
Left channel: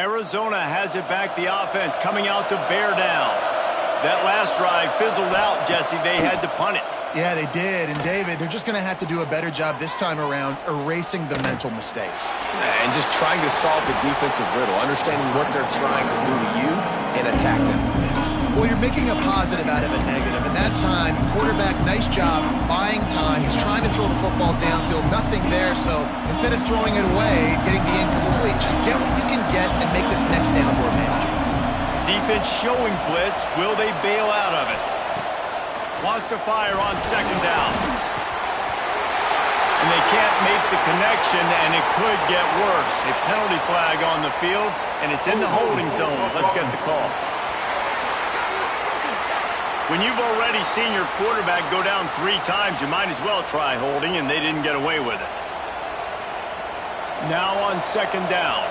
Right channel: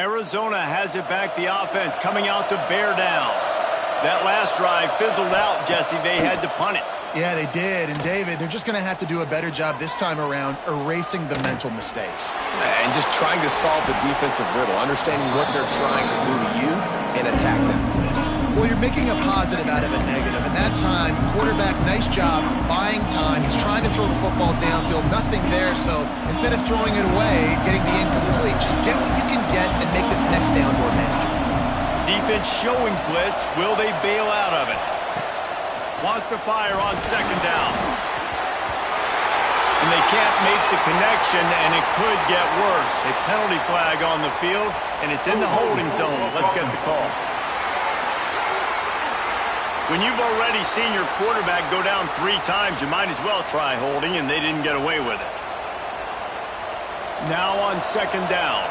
Arizona has it back, the offense coming out to bear down. That last drive fizzled out, Jesse. They had to punt it. Yeah, they did. And, David, they're just going to have to do a better job this time around erasing the mental mistakes. And just trying to solve the defensive riddle, understanding what they're trying to do to you and attack them. Well, you're making a positive out of a negative. And that time, quarterback, nice job, buying time. He's trying to throw the football downfield, nothing there. So instead of throwing it away, getting the incomplete, just get what you can get and make this next down more manageable. Defense showing blitz. Will they bail out of it? Wants to fire on second down. And they can't make the connection, and it could get worse. A penalty flag on the field, and it's in the holding zone. Let's get the call. When you've already seen your quarterback go down 3 times, you might as well try holding, and they didn't get away with it. Now on second down.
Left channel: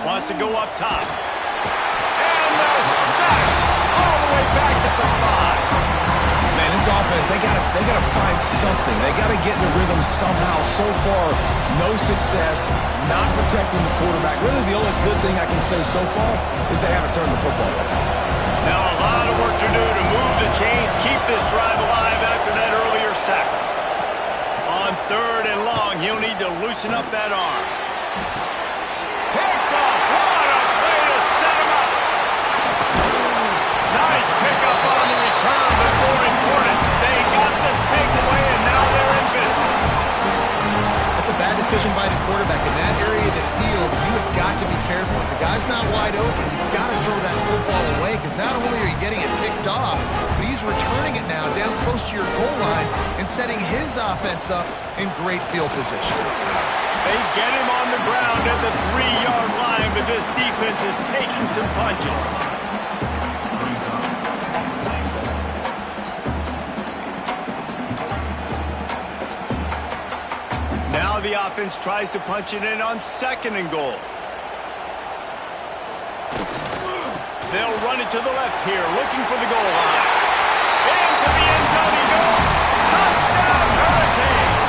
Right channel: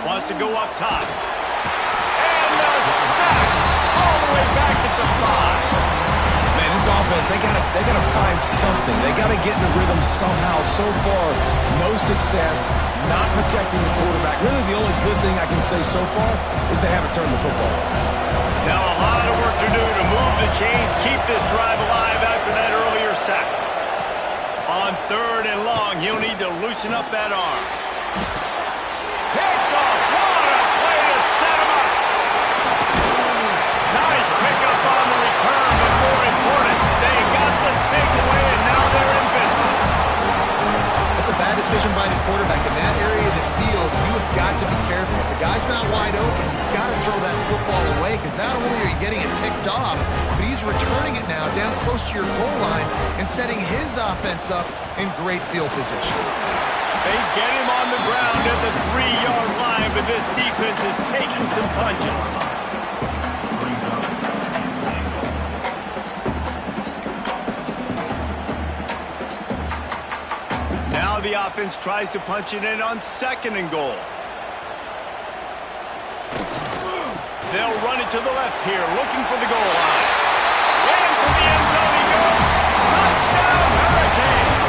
Wants to go up top. And the sack all the way back at the 5. Man, this offense, they gotta find something. They gotta get in the rhythm somehow. So far, no success, not protecting the quarterback. Really, the only good thing I can say so far is they haven't turned the football over. Now a lot of work to do to move the chains, keep this drive alive after that earlier sack. On 3rd and long, he'll need to loosen up that arm. Picked off. What a play to set him up. Nice pickup on the return, but more important, they got the takeaway, and now they're in business. That's a bad decision by the quarterback. In that area of the field, you have got to be careful. If the guy's not wide open, you've got to throw that football away, because not only are you getting it picked off, but he's returning it now down close to your goal line and setting his offense up in great field position. They get him on the ground at the 3-yard line, but this defense is taking some punches. Now the offense tries to punch it in on 2nd and goal. They'll run it to the left here, looking for the goal line. Into the end zone he goes. Touchdown, Hurricanes!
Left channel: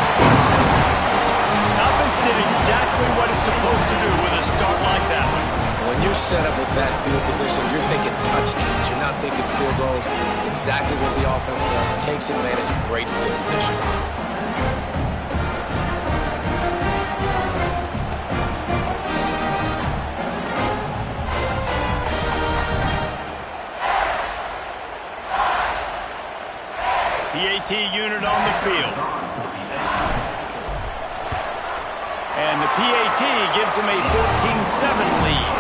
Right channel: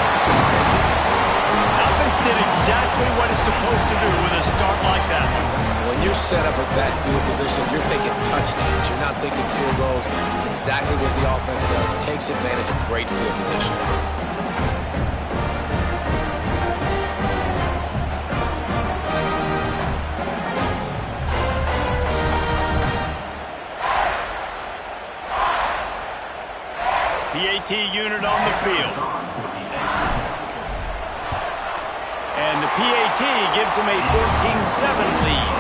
Offense did exactly what it's supposed to do with a start like that. When you're set up with that field position, you're thinking touchdowns. You're not thinking field goals. It's exactly what the offense does. Takes advantage of great field position. PAT unit on the field. And the PAT gives them a 14-7 lead.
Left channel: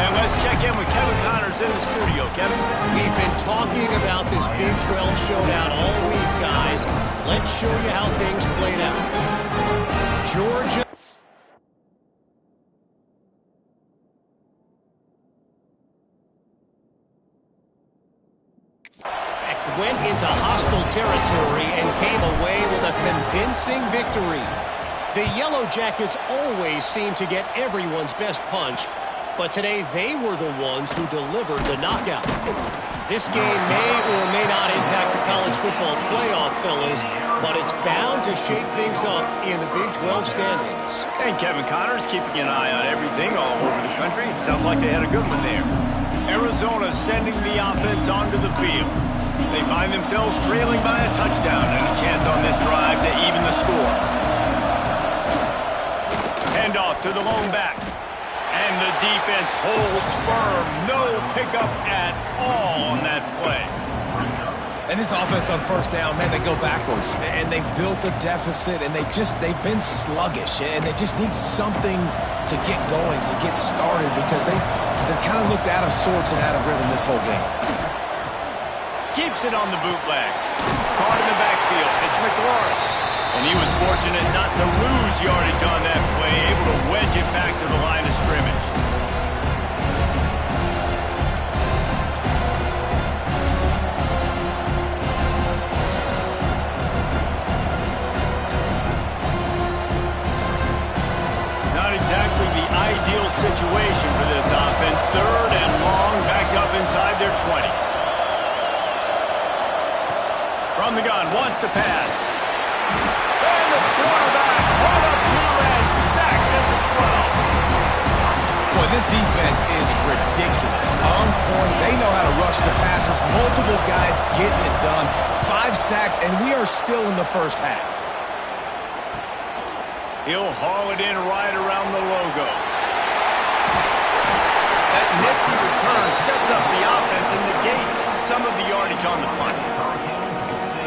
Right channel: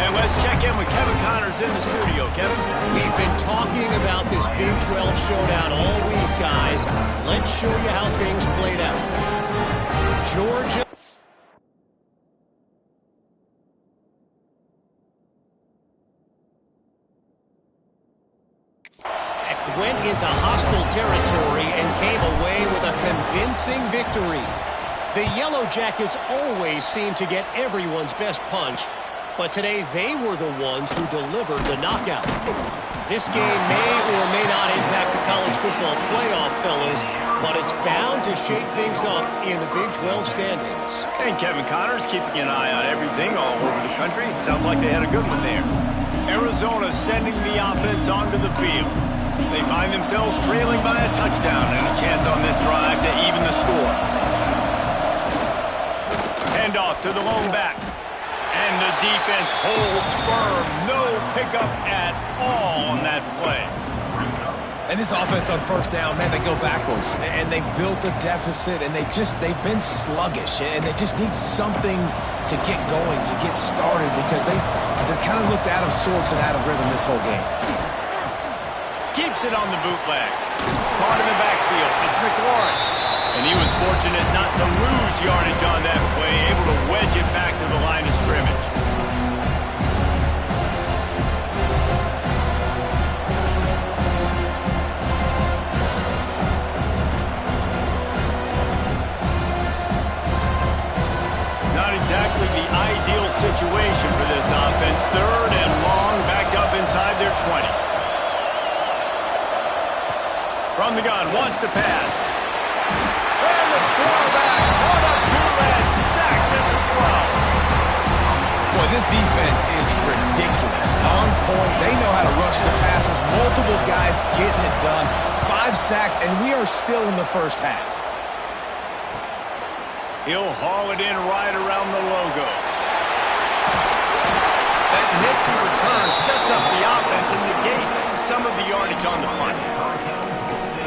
And let's check in with Kevin Connors in the studio. Kevin? We've been talking about this Big 12 showdown all week, guys. Let's show you how things played out. Georgia went into hostile territory and came away with a convincing victory. The Yellow Jackets always seem to get everyone's best punch, but today they were the ones who delivered the knockout. This game may or may not impact the college football playoff, fellas, but it's bound to shake things up in the Big 12 standings. And Kevin Connors keeping an eye on everything all over the country. Sounds like they had a good one there. Arizona sending the offense onto the field. They find themselves trailing by a touchdown and a chance on this drive to even the score. Handoff to the lone back. And the defense holds firm. No pickup at all on that play. And this offense on 1st down, man, they go backwards. And they built a deficit, and they've been sluggish. And they just need something to get going, to get started, because they've kind of looked out of sorts and out of rhythm this whole game. Keeps it on the bootleg. Caught in the backfield. It's McLaurin. And he was fortunate not to lose yardage on that play, able to wedge it back to the line of scrimmage. Not exactly the ideal situation for this offense. 3rd and long, backed up inside their 20. From the gun, wants to pass. And the quarterback caught up to and sacked at the 12. Boy, this defense is ridiculous. On point. They know how to rush the passers. Multiple guys getting it done. 5 sacks, and we are still in the first half. He'll haul it in right around the logo. That nifty return sets up the offense and negates some of the yardage on the punt.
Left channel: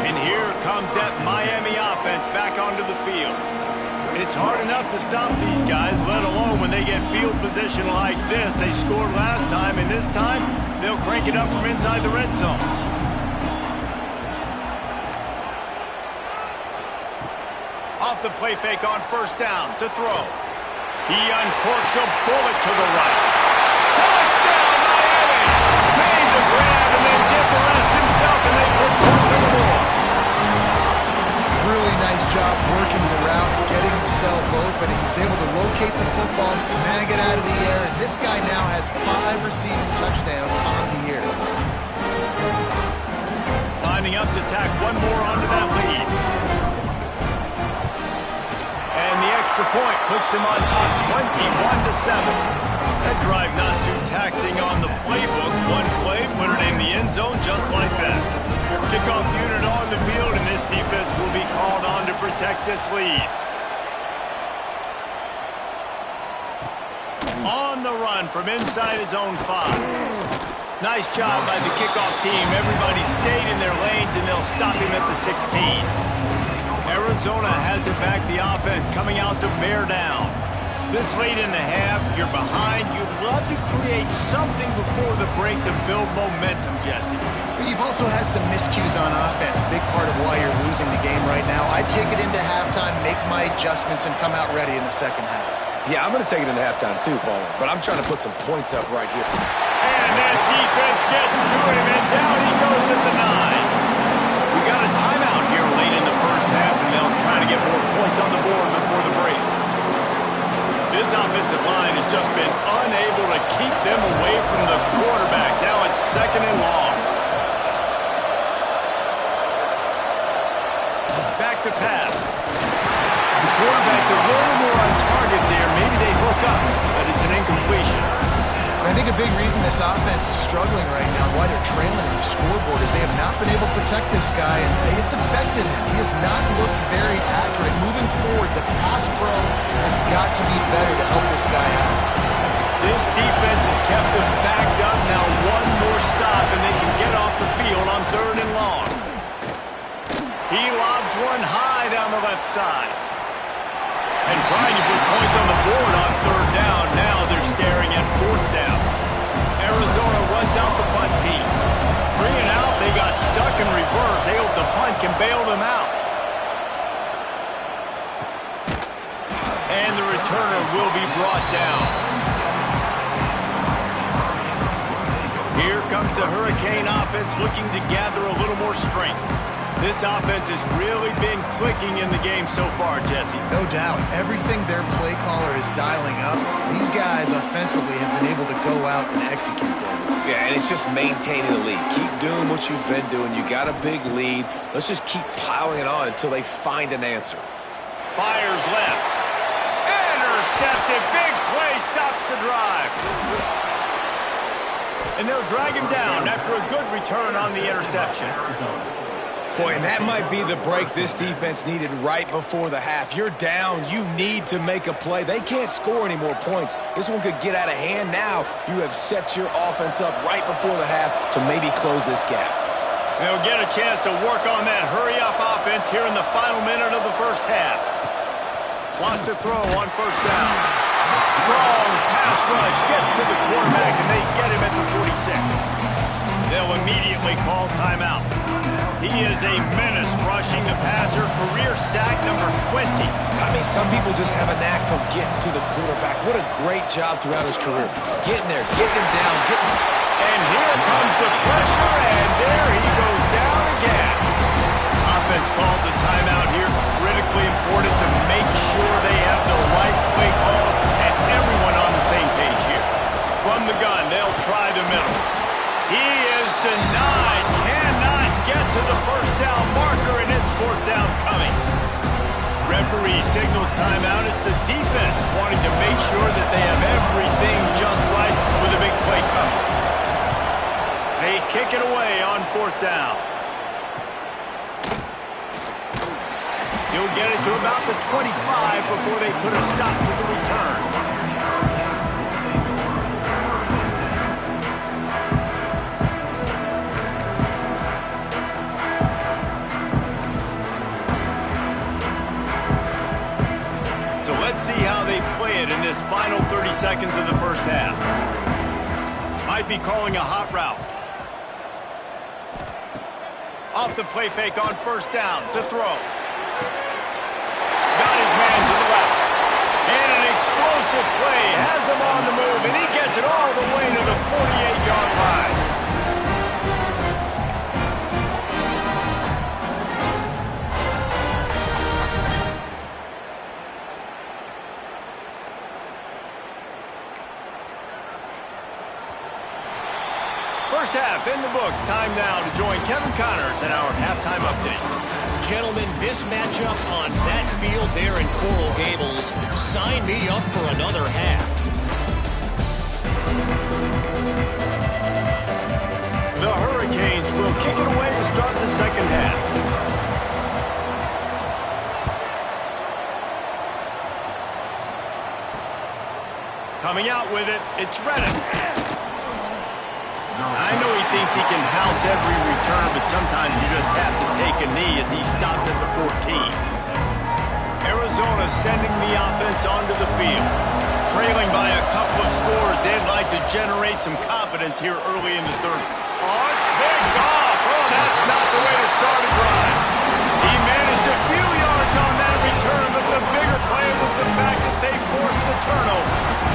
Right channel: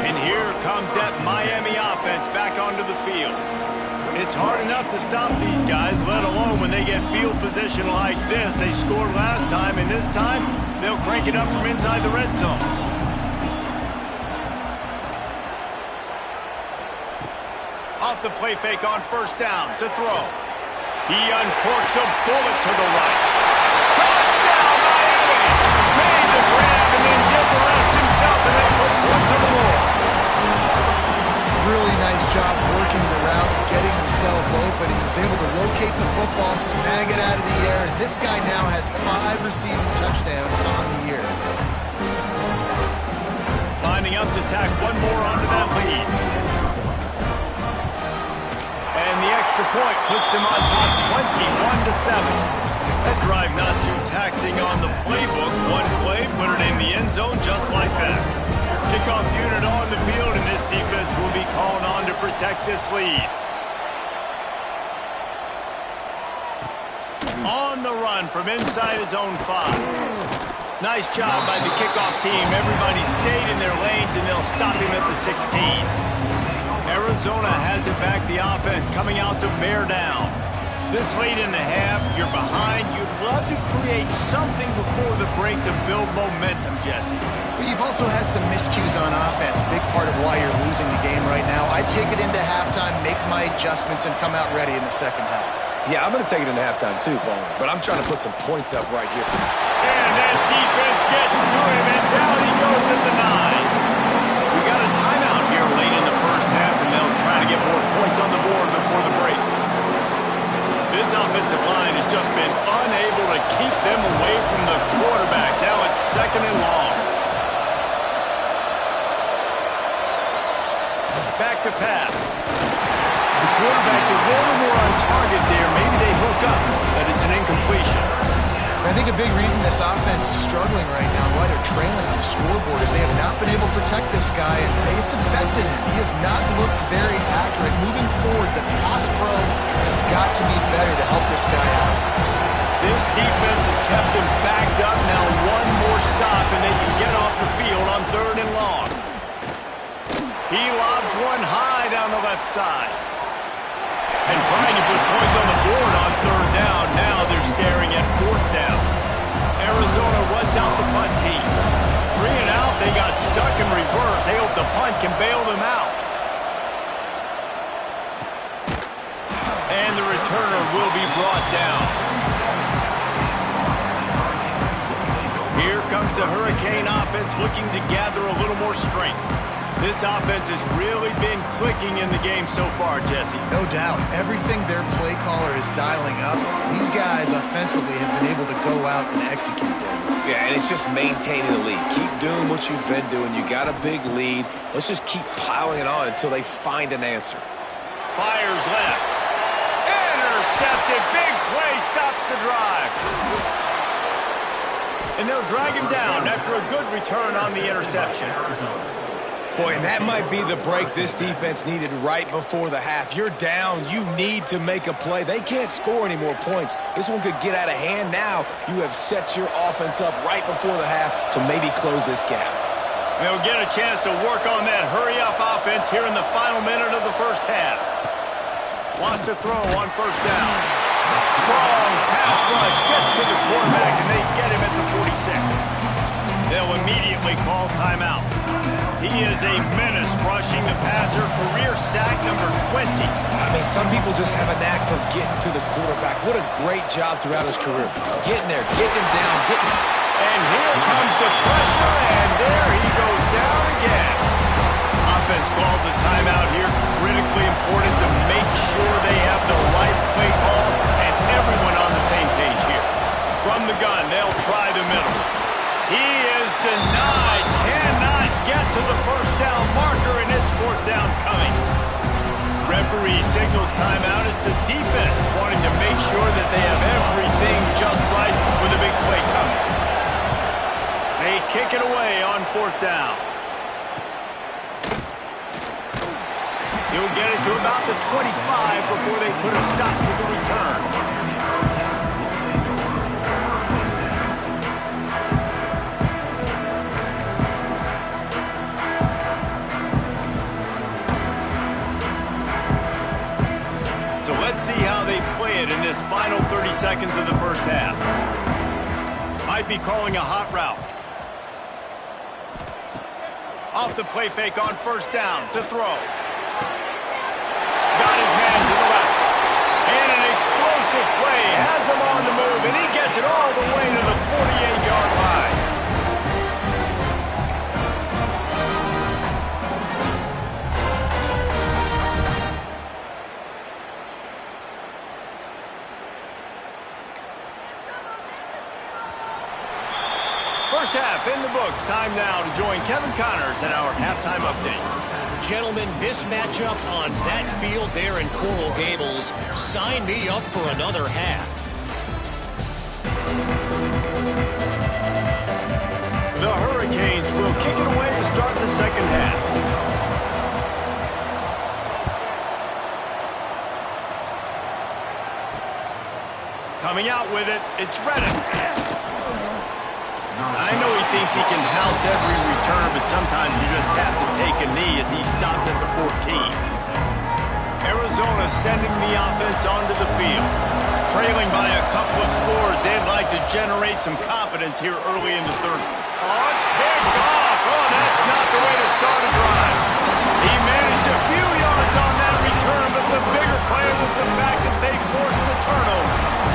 And here comes that Miami offense back onto the field. It's hard enough to stop these guys, let alone when they get field position like this. They scored last time, and this time they'll crank it up from inside the red zone. Off the play fake on first down to throw. He uncorks a bullet to the right. Touchdown, Miami! Made the grab and then did the rest himself, and they put points on the board. Really nice job working the route, getting himself open. He was able to locate the football, snag it out of the air, and this guy now has 5 receiving touchdowns on the year. Lining up to tack one more onto that lead. And the extra point puts them on top 21-7. That drive not too taxing on the playbook. One play, put it in the end zone just like that. Kickoff unit on the field, and this defense will be called on to protect this lead. On the run from inside his own 5. Nice job by the kickoff team. Everybody stayed in their lanes, and they'll stop him at the 16. Arizona has it back, the offense coming out to bear down. This late in the half, you're behind. You'd love to create something before the break to build momentum, Jesse. But you've also had some miscues on offense, big part of why you're losing the game right now. I'd take it into halftime, make my adjustments, and come out ready in the second half. Yeah, I'm going to take it into halftime too, Palmer, but I'm trying to put some points up right here. And that defense gets to him, and down he goes at the 9. We got a timeout here late in the first half, and they'll try to get more points on the board before the break. This offensive line has just been unable to keep them away from the quarterback. Now it's 2nd and long. Back to pass. The quarterback's a little more on target there. Maybe they hook up, but it's an incompletion. I think a big reason this offense is struggling right now and why they're trailing on the scoreboard is they have not been able to protect this guy, and it's affected him. He has not looked very accurate. Moving forward, the pass pro has got to be better to help this guy out. This defense has kept them backed up. Now one more stop, and they can get off the field on 3rd and long. He lobs one high down the left side. And trying to put points on the board on 3rd down. Now they're staring at 4th down. Arizona runs out the punt team. 3 and out, they got stuck in reverse. They hope the punt can bail them out. And the returner will be brought down. Here comes the Hurricane offense looking to gather a little more strength. This offense has really been clicking in the game so far, Jesse. No doubt. Everything their play caller is dialing up, these guys offensively have been able to go out and execute them. Yeah, and it's just maintaining the lead. Keep doing what you've been doing. You got a big lead. Let's just keep piling it on until they find an answer. Fires left. Intercepted. Big play stops the drive. And they'll drag him down after a good return on the interception. Boy, and that might be the break this defense needed right before the half. You're down. You need to make a play. They can't score any more points. This one could get out of hand now. You have set your offense up right before the half to maybe close this gap. They'll get a chance to work on that hurry-up offense here in the final minute of the first half. Lost a throw on 1st down. Strong pass rush gets to the quarterback, and they get him at the 46. They'll immediately call timeout. He is a menace rushing the passer. Career sack number 20. I mean, some people just have a knack for getting to the quarterback. What a great job throughout his career. Getting there, getting him down, getting him. And here comes the pressure, and there he goes down again. Offense calls a timeout here. Critically important to make sure they have the right play call and everyone on the same page here. From the gun, they'll try the middle. He is denied. Cannot get to the 1st down marker, and it's 4th down coming. Referee signals timeout. It's the defense wanting to make sure that they have everything just kick it away on 4th down. He'll get it to about the 25 before they put a stop to the return. So let's see how they play it in this final 30 seconds of the first half. Might be calling a hot route. Off the play fake on 1st down to throw. Got his man to the left. And an explosive play has him on the move, and he gets it all the way to the 48-yard line. First half in the books. Time now to join Kevin Connors in our halftime update. Gentlemen, this matchup on that field there in Coral Gables, sign me up for another half. The Hurricanes will kick it away to start the second half. Coming out with it, it's Redden. I know he thinks he can house every return, but sometimes you just have to take a knee as he stopped at the 14. Arizona sending the offense onto the field. Trailing by a couple of scores, they'd like to generate some confidence here early in the third. Oh, it's picked off. Oh, that's not the way to start a drive. He managed a few yards on that return, but the bigger play was the fact that they forced the turnover.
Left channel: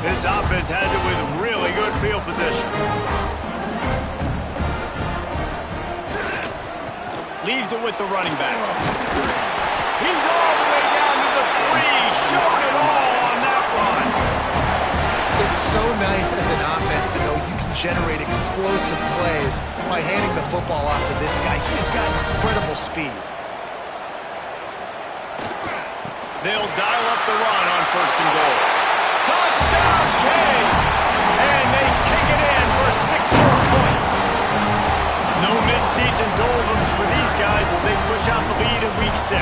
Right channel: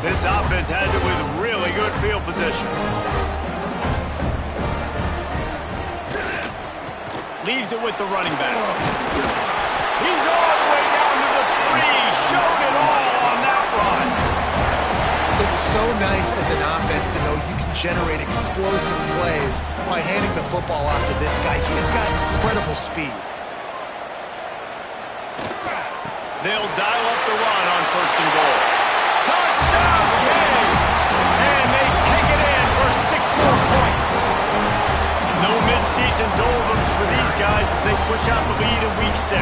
This offense has it with really good field position. Leaves it with the running back. He's all the way down to the 3. Showed it all on that run. It's so nice as an offense to know you can generate explosive plays by handing the football off to this guy. He has got incredible speed. They'll dial up the run on 1st and goal. Touchdown, Canes! And they take it in for 6 more points. No mid-season doldrums for these guys as they push out the lead in Week 6.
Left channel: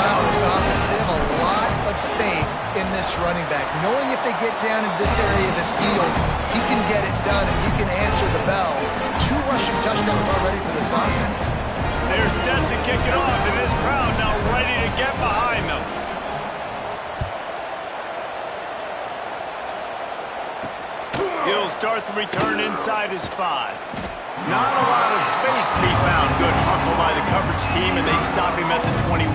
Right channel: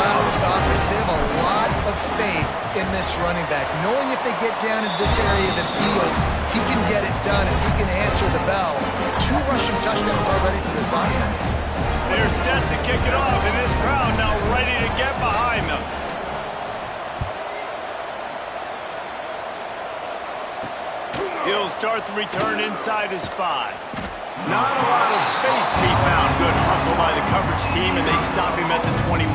Wow, this offense, they have a lot of faith in this running back. Knowing if they get down in this area of the field, he can get it done and he can answer the bell. 2 rushing touchdowns already for this offense. They're set to kick it off, and this crowd now ready to get behind them. He'll start the return inside his 5. Not a lot of space to be found. Good hustle by the coverage team, and they stop him at the 21.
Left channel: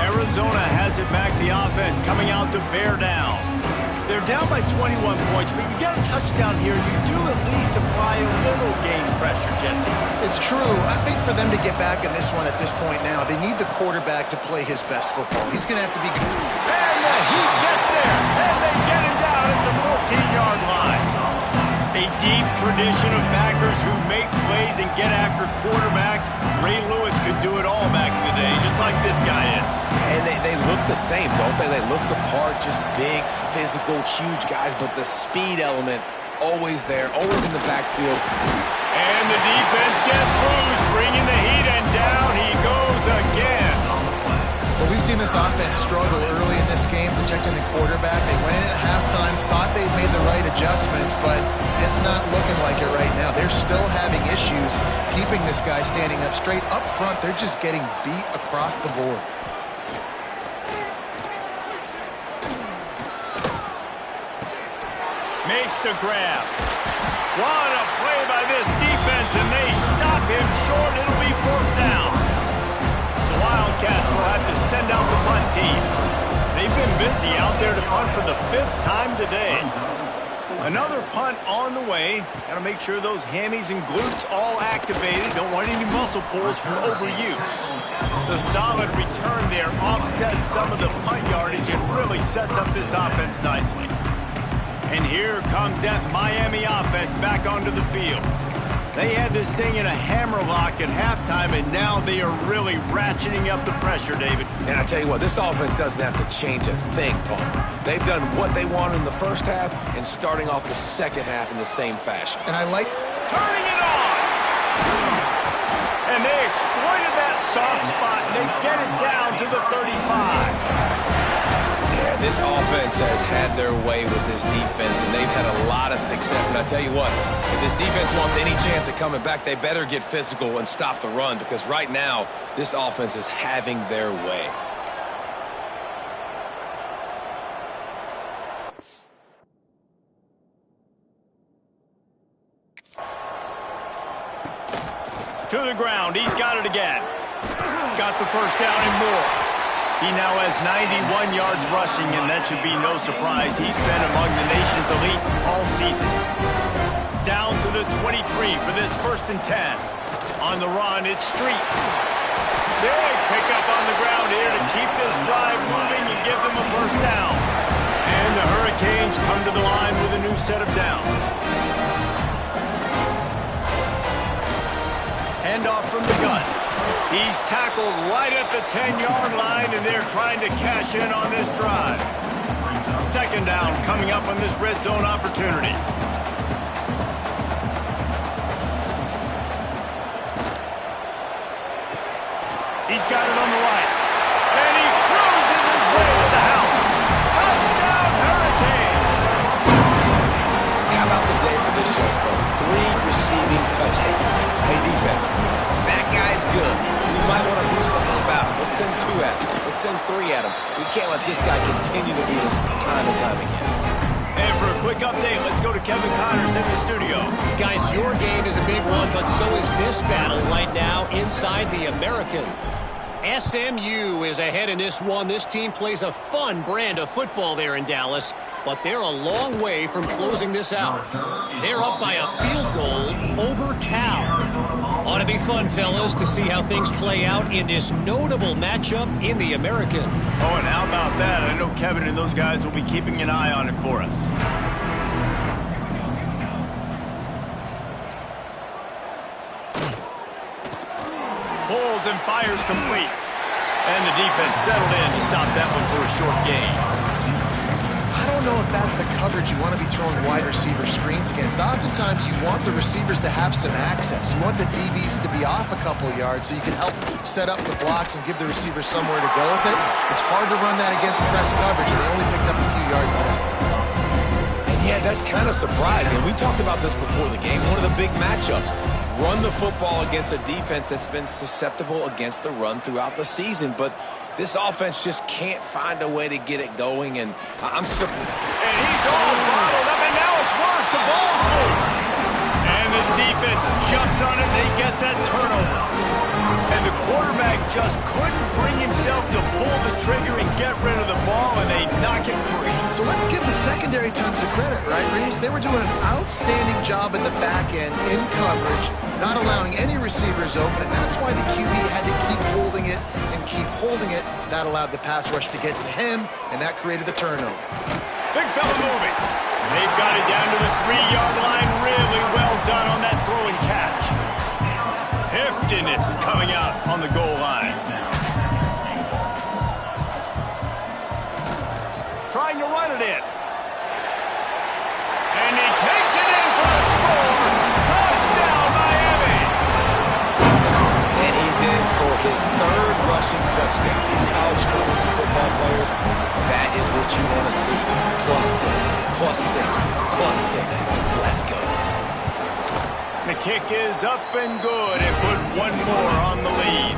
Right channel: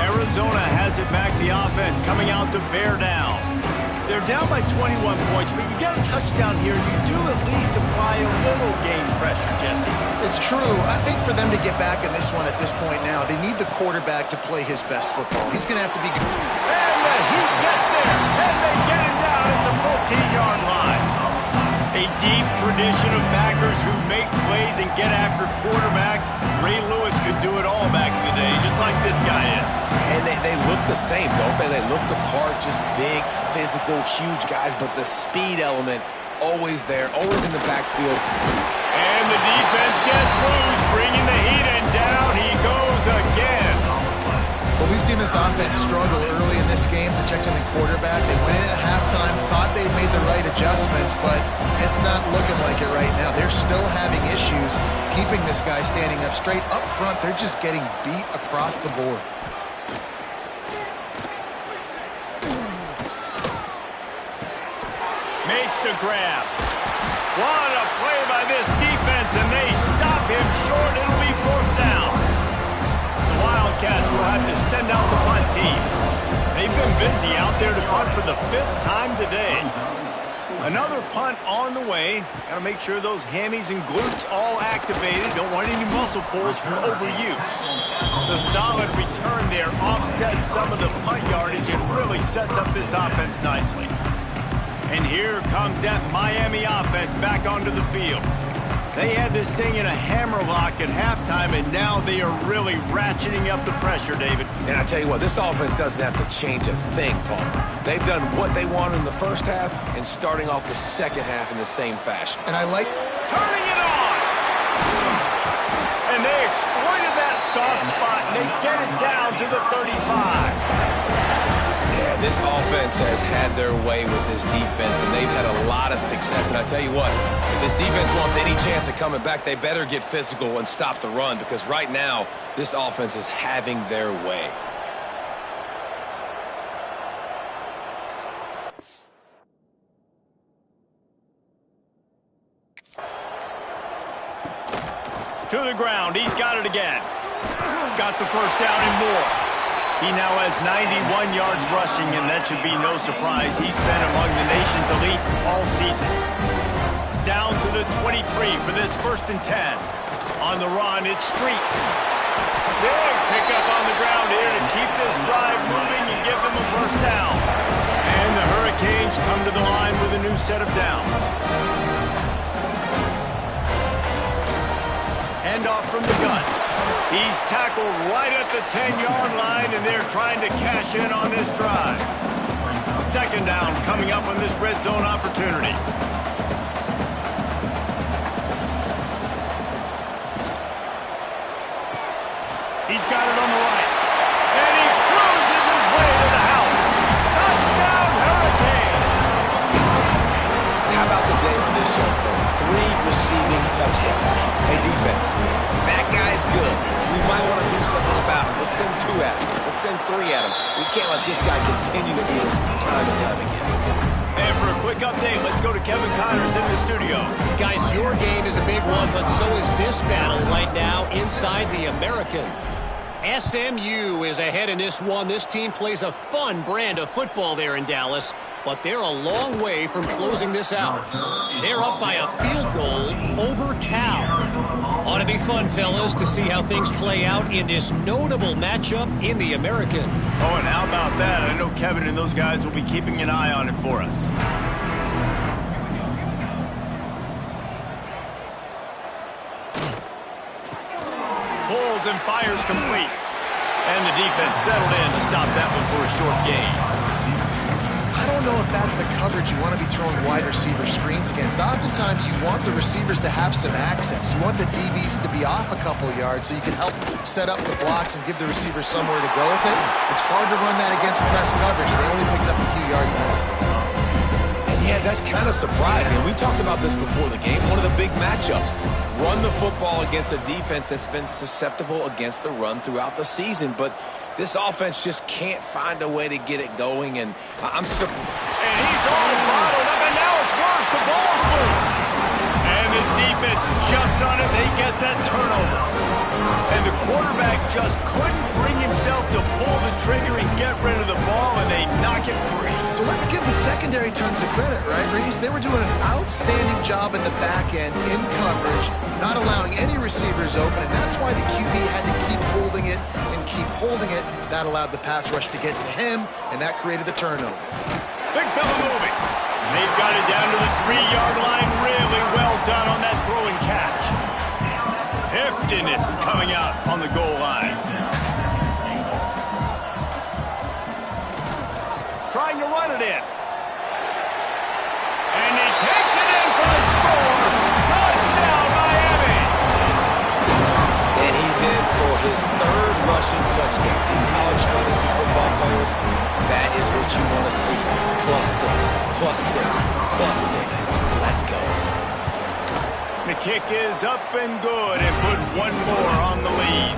Arizona has it back, the offense coming out to bear down. They're down by 21 points, but you get a touchdown here, you do at least apply a little game pressure, Jesse. It's true. I think for them to get back in this one at this point now, they need the quarterback to play his best football. He's going to have to be good. And the heat gets there, and they get him down at the 14-yard line. A deep tradition of backers who make plays and get after quarterbacks. Ray Lewis could do it all back in the day, just like this guy is. And they look the same, don't they? They look the part, just big, physical, huge guys, but the speed element always there, always in the backfield. And the defense gets loose, bringing the heat, and down he goes again. Well, we've seen this offense struggle early in this game, protecting the quarterback. They went in at halftime, thought they'd made the right adjustments, but it's not looking like it right now. They're still having issues keeping this guy standing up straight. Up front, they're just getting beat across the board. Makes the grab. What a play by this defense, and they stop him short. It'll be 4th down. The Wildcats will have to send out the punt team. They've been busy out there to punt for the 5th time today. Another punt on the way. Got to make sure those hammies and glutes all activated. Don't want any muscle pulls from overuse. The solid return there offsets some of the punt yardage and really sets up this offense nicely. And here comes that Miami offense back onto the field. They had this thing in a hammerlock at halftime, and now they are really ratcheting up the pressure, David. And I tell you what, this offense doesn't have to change a thing, Palmer. They've done what they wanted in the first half and starting off the second half in the same fashion. And I like... Turning it on! And they exploited that soft spot, and they get it down to the 35. Yeah, this offense has had their way with this defense, and they've had a lot of success. And I tell you what, if this defense wants any chance of coming back, they better get physical and stop the run, because right now, this offense is having their way. To the ground, he's got it again. Got the first down and more. He now has 91 yards rushing, and that should be no surprise. He's been among the nation's elite all season. Down to the 23 for this 1st and 10. On the run, it's Street. Big pickup on the ground here to keep this drive moving and give them a first down. And the Hurricanes come to the line with a new set of downs. Handoff from the gun. He's tackled right at the 10-yard line, and they're trying to cash in on this drive. 2nd down coming up on this red zone opportunity. He's got it on the right. And he cruises his way to the house. Touchdown, Hurricane! How about the day for this young fella? 3 receiving touchdowns. Hey, defense, that guy's good. We might want to do something about him. Let's send 2 at him. Let's send 3 at him. We can't let this guy continue to beat us time and time again. And for a quick update, let's go to Kevin Connors in the studio. Guys, your game is a big one, but so is this battle right now inside the American. SMU is ahead in this one. This team plays a fun brand of football there in Dallas, but they're a long way from closing this out. They're up by a field goal over Cal. Ought to be fun, fellas, to see how things play out in this notable matchup in the American. Oh, and how about that? I know Kevin and those guys will be keeping an eye on it for us. Pulls and fires complete. And the defense settled in to stop that one for a short gain. I don't know if that's the coverage you want to be throwing wide receiver screens against. Oftentimes, you want the receivers to have some access. You want the DBs to be off a couple of yards so you can help set up the blocks and give the receiver somewhere to go with it. It's hard to run that against press coverage, and they only picked up a few yards there. And yeah, that's kind of surprising. We talked about this before the game. One of the big matchups. Run the football against a defense that's been susceptible against the run throughout the season. But this offense just can't find a way to get it going, and I'm surprised. And he's all bottled up, and now it's worse. The ball's loose. And the defense jumps on it. They get that turnover. And the quarterback just couldn't bring himself to pull the trigger and get rid of the ball, and they knock it free. So let's give the secondary tons of credit, right, Reese? They were doing an outstanding job in the back end in coverage, not allowing any receivers open, and that's why the QB had to keep holding it and keep holding it. That allowed the pass rush to get to him, and that created the turnover. Big fella moving. They've got it down to the 3-yard line. Really well done on that throw and catch. Heftiness coming out on the goal line. Trying to run it in. And he takes it in for the score. Touchdown, Miami! And he's in for his 3rd rushing touchdown. College fantasy football players, that is what you want to see. +6, +6, +6. Let's go. The kick is up and good, and put one more on the lead.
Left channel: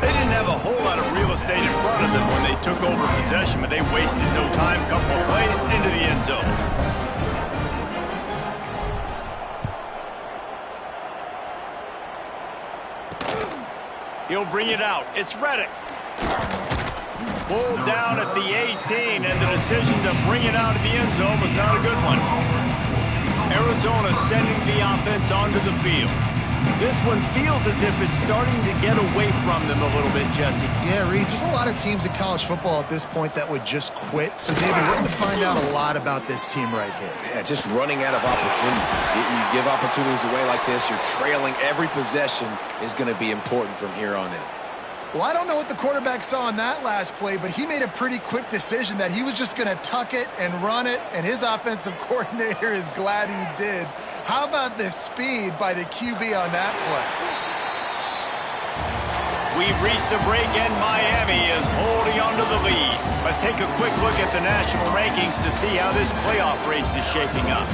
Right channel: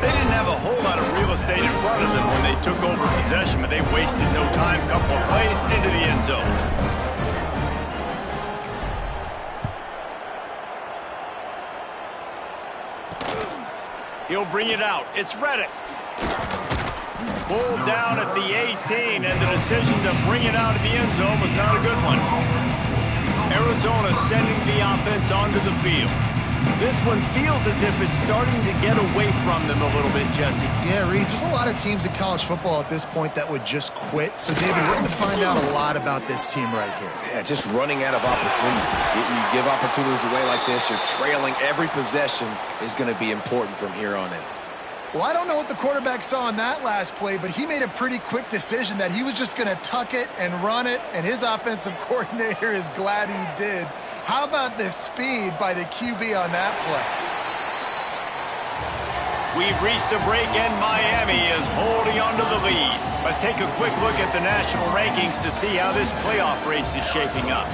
They didn't have a whole lot of real estate in front of them when they took over possession, but they wasted no time. Couple of plays into the end zone. He'll bring it out. It's Reddick. Pulled down at the 18, and the decision to bring it out of the end zone was not a good one. Arizona sending the offense onto the field. This one feels as if it's starting to get away from them a little bit, Jesse. Yeah, Reese, there's a lot of teams in college football at this point that would just quit. So, David, we're going to find out a lot about this team right here. Yeah, just running out of opportunities. You give opportunities away like this, you're trailing. Every possession is going to be important from here on in. Well, I don't know what the quarterback saw on that last play, but he made a pretty quick decision that he was just going to tuck it and run it, and his offensive coordinator is glad he did. How about the speed by the QB on that play? We've reached a break, and Miami is holding on to the lead. Let's take a quick look at the national rankings to see how this playoff race is shaping up.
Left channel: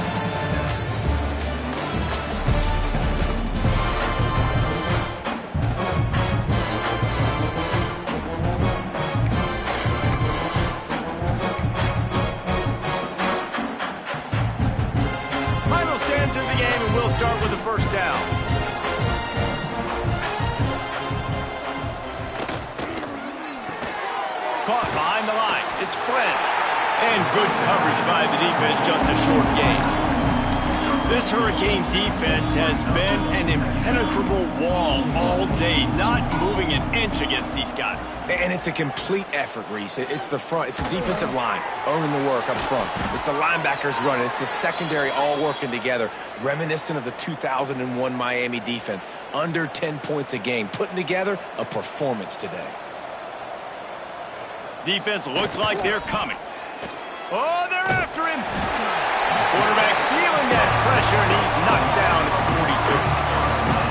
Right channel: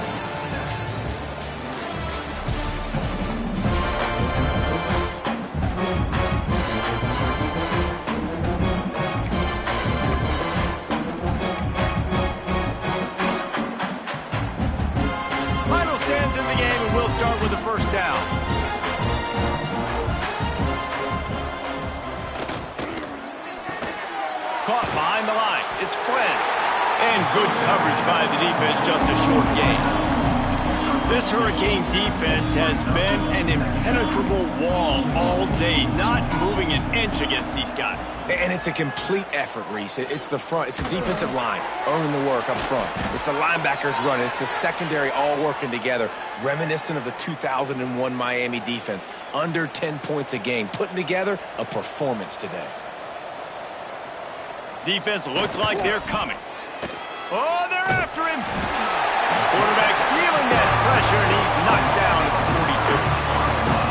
To the game, and we'll start with the first down. Caught behind the line. It's Friend. And good coverage by the defense, just a short gain. This Hurricane defense has been an impenetrable wall all day, not moving an inch against these guys. And it's a complete effort, Reese. It's the front. It's the defensive line owning the work up front. It's the linebackers running. It's the secondary all working together, reminiscent of the 2001 Miami defense. Under 10 points a game, putting together a performance today. Defense looks like they're coming. Oh, they're after him. Quarterback feeling that pressure, and he's knocked down at the 42.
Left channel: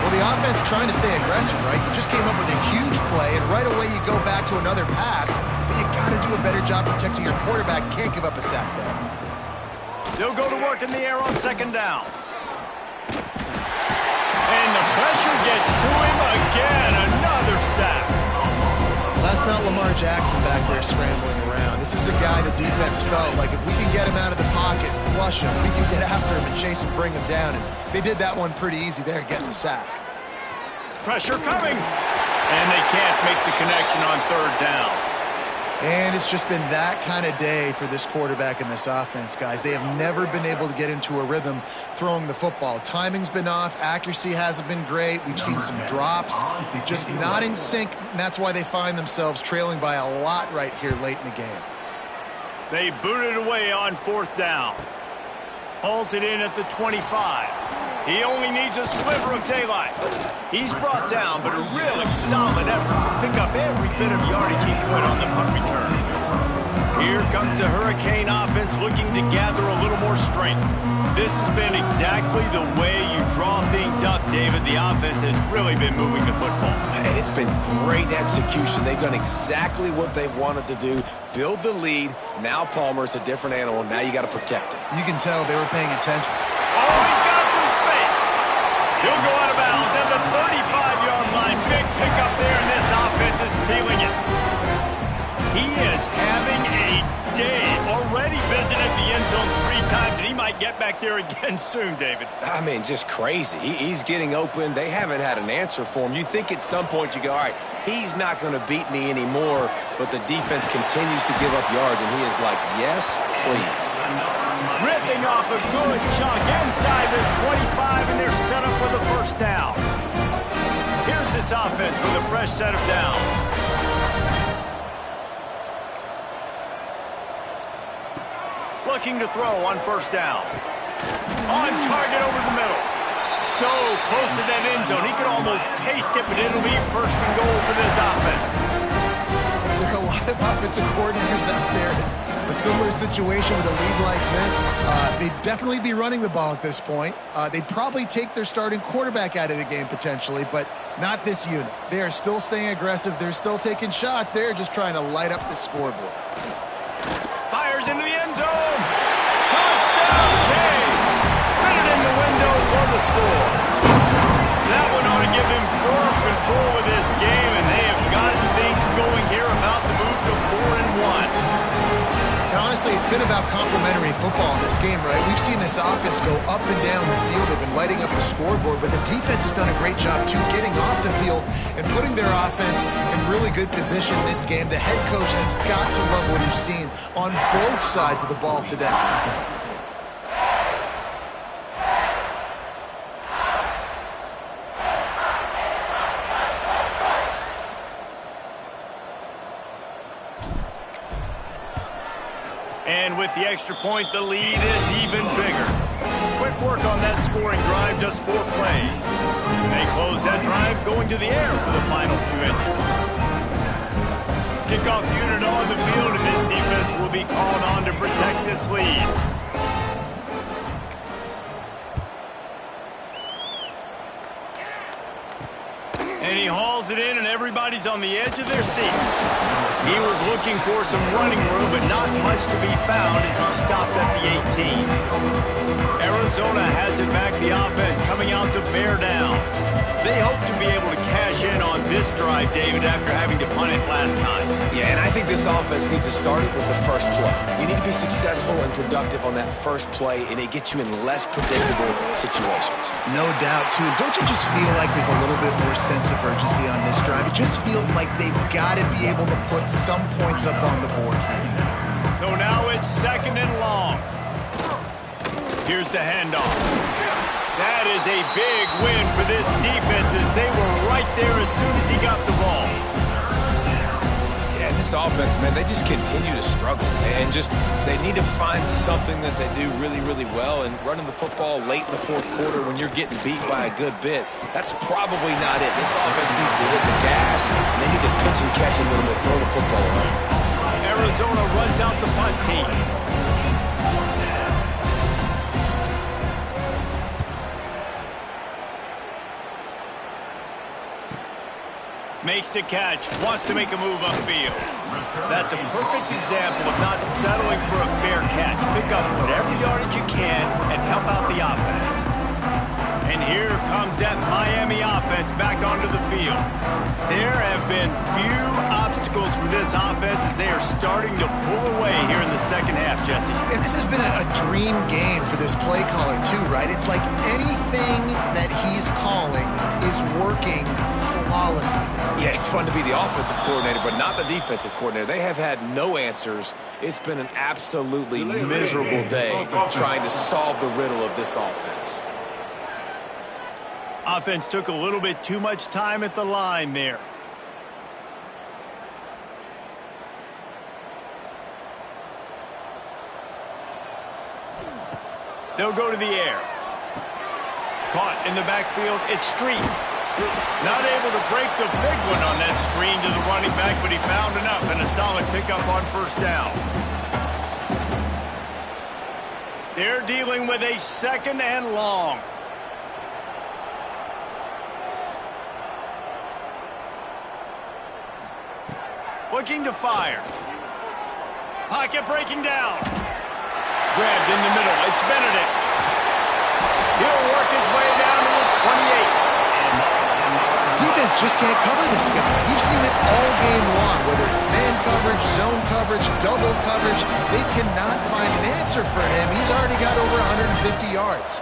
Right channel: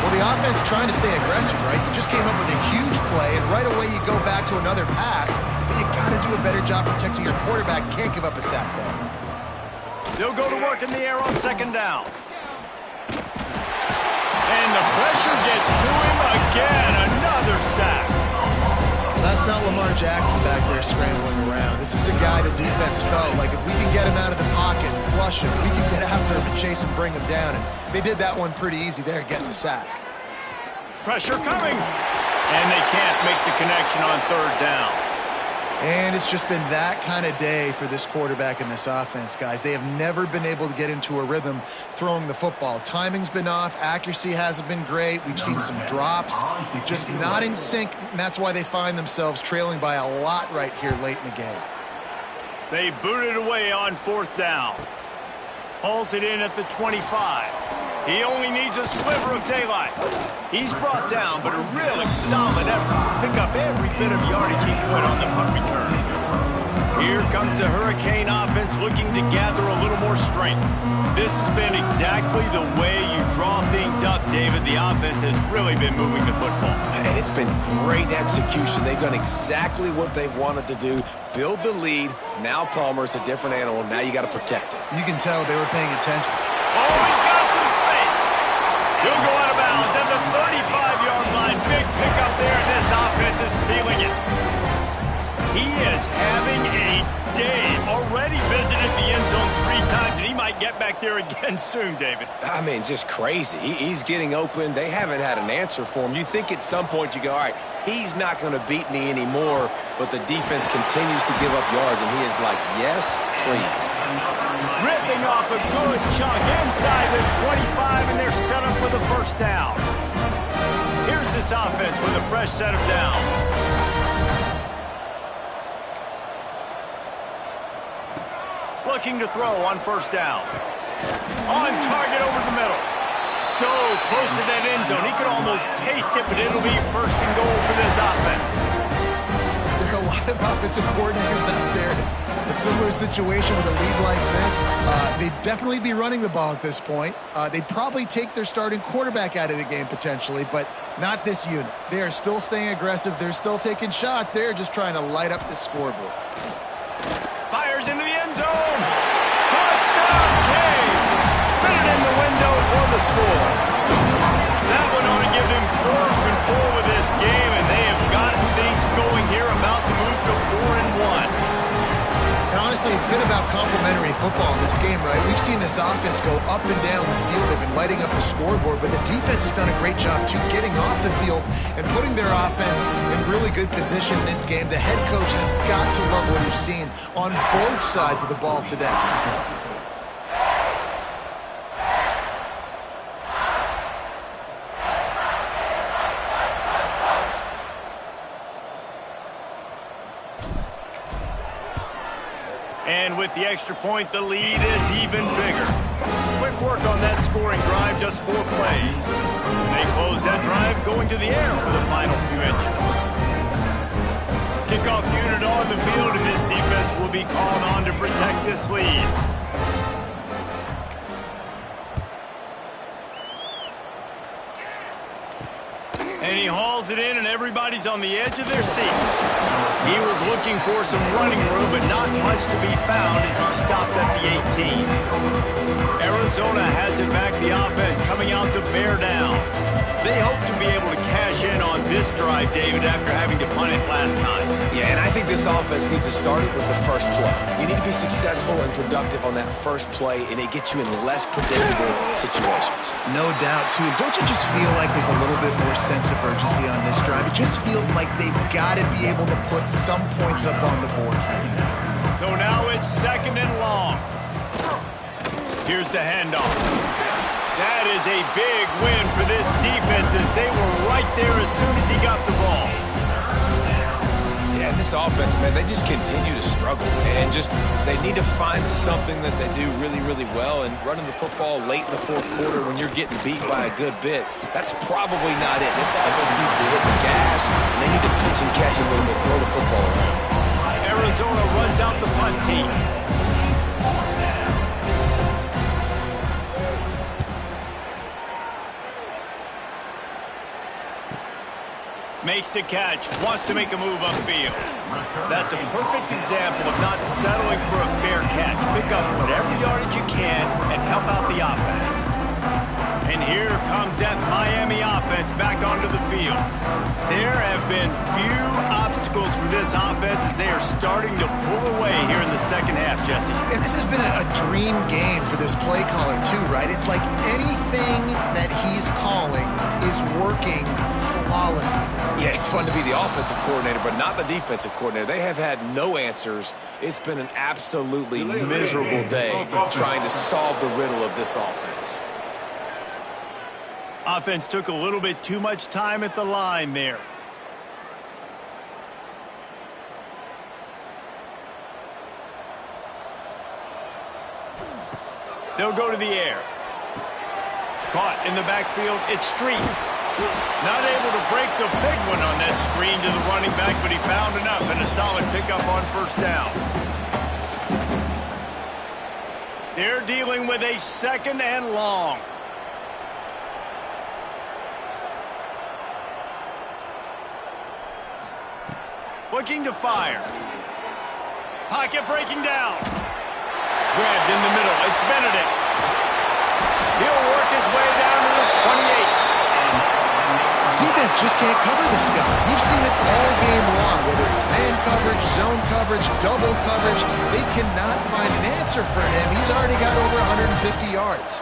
Well, the offense trying to stay aggressive, right? You just came up with a huge play, and right away you go back to another pass, but you got to do a better job protecting your quarterback. Can't give up a sack there. They'll go to work in the air on second down. And the pressure gets to him again. Another sack. That's not Lamar Jackson back there scrambling around. This is a guy the defense felt like if we can get him out of the pocket and flush him, we can get after him and chase him, bring him down. And they did that one pretty easy there, getting the sack. Pressure coming. And they can't make the connection on third down. And it's just been that kind of day for this quarterback and this offense, guys. They have never been able to get into a rhythm throwing the football. Timing's been off. Accuracy hasn't been great. We've seen some drops, just not in sync, and that's why they find themselves trailing by a lot right here late in the game. They booted away on fourth down. Hauls it in at the 25. He only needs a sliver of daylight. He's brought down, but a really solid effort to pick up every bit of yardage he could on the punt return. Here comes the Hurricane offense looking to gather a little more strength. This has been exactly the way you draw things up, David. The offense has really been moving the football. And it's been great execution. They've done exactly what they've wanted to do. Build the lead. Now Palmer's a different animal. Now you got to protect it. You can tell they were paying attention. Oh, he's got some space. He'll go out of bounds at the 35-yard line. Big pickup there, and this offense is feeling it. He is having a day. Already visited the end zone 3 times, and he might get back there again soon, David. I mean, just crazy. He's getting open. They haven't had an answer for him. You think at some point you go, all right, he's not going to beat me anymore, but the defense continues to give up yards, and he is like, yes, please. Ripping off a good chunk inside the 25, and they're set up with a first down. Here's this offense with a fresh set of downs. Looking to throw on first down. On target over the middle. So close to that end zone. He could almost taste it, but it'll be first and goal for this offense. There are a lot of offensive coordinators out there. A similar situation with a lead like this. They'd definitely be running the ball at this point. They'd probably take their starting quarterback out of the game potentially, but not this unit. They are still staying aggressive. They're still taking shots. They're just trying to light up the scoreboard. Fires into the end zone. Touchdown, Canes. Fitted in the window for the score. That one ought to give them firm control of this game, and they have gotten things going here, about to move to 4-1. And honestly, it's been about complementary football in this game, right? We've seen this offense go up and down the field. They've been lighting up the scoreboard, but the defense has done a great job, too, getting off the field and putting their offense in really good position in this game. The head coach has got to love what he's seen on both sides of the ball today. And with the extra point, the lead is even bigger. Quick work on that scoring drive, just 4 plays. They close that drive going to the air for the final few inches. Kickoff unit on the field, and this defense will be called on to protect this lead. And he hauls it in, and everybody's on the edge of their seats. He was looking for some running room, but not much to be found as he stopped at the 18. Arizona has it back, the offense coming out to bear down. They hope to be able to cash in on this drive, David, after having to punt it last time. Yeah, and I think this offense needs to start it with the first play. You need to be successful and productive on that first play, and it gets you in less predictable situations. No doubt, too. Don't you just feel like there's a little bit more sense of urgency on this drive? It just feels like they've got to be able to put some points up on the board. So now it's 2nd and long. Here's the handoff. That is a big win for this defense as they were right there as soon as he got the ball. Yeah, and this offense, man, they just continue to struggle. And they need to find something that they do really, really well. And running the football late in the 4th quarter when you're getting beat by a good bit, that's probably not it. This offense needs to hit the gas, and they need to pitch and catch a little bit, throw the football around. Arizona runs out the punt team. Makes a catch, wants to make a move upfield. That's a perfect example of not settling for a fair catch. Pick up whatever yardage you can and help out the offense. And here comes that Miami offense back onto the field. There have been few obstacles for this offense as they are starting to pull away here in the 2nd half, Jesse. And this has been a dream game for this play caller, too, right? It's like anything that he's calling is working flawlessly. Yeah, it's fun to be the offensive coordinator, but not the defensive coordinator. They have had no answers. It's been an absolutely miserable day trying to solve the riddle of this offense. Offense took a little bit too much time at the line there. They'll go to the air. Caught in the backfield. It's Street. Not able to break the big one on that screen to the running back, but he found enough and a solid pickup on 1st down. They're dealing with a 2nd and long. Looking to fire. Pocket breaking down. Grabbed in the middle. It's Benedict. He'll work his way down to the 28. Defense just can't cover this guy. We've seen it all game long, whether it's man coverage, zone coverage, double coverage. They cannot find an answer for him. He's already got over 150 yards.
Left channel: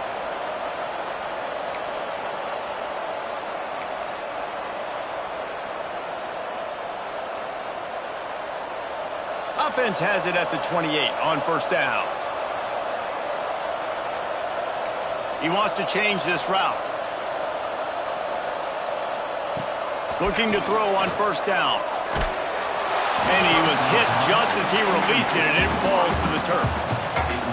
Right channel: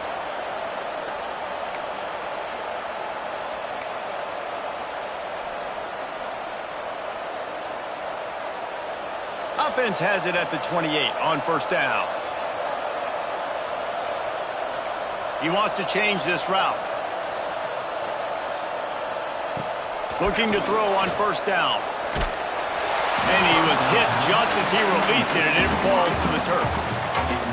Offense has it at the 28 on 1st down. He wants to change this route. Looking to throw on 1st down. And he was hit just as he released it, and it falls to the turf.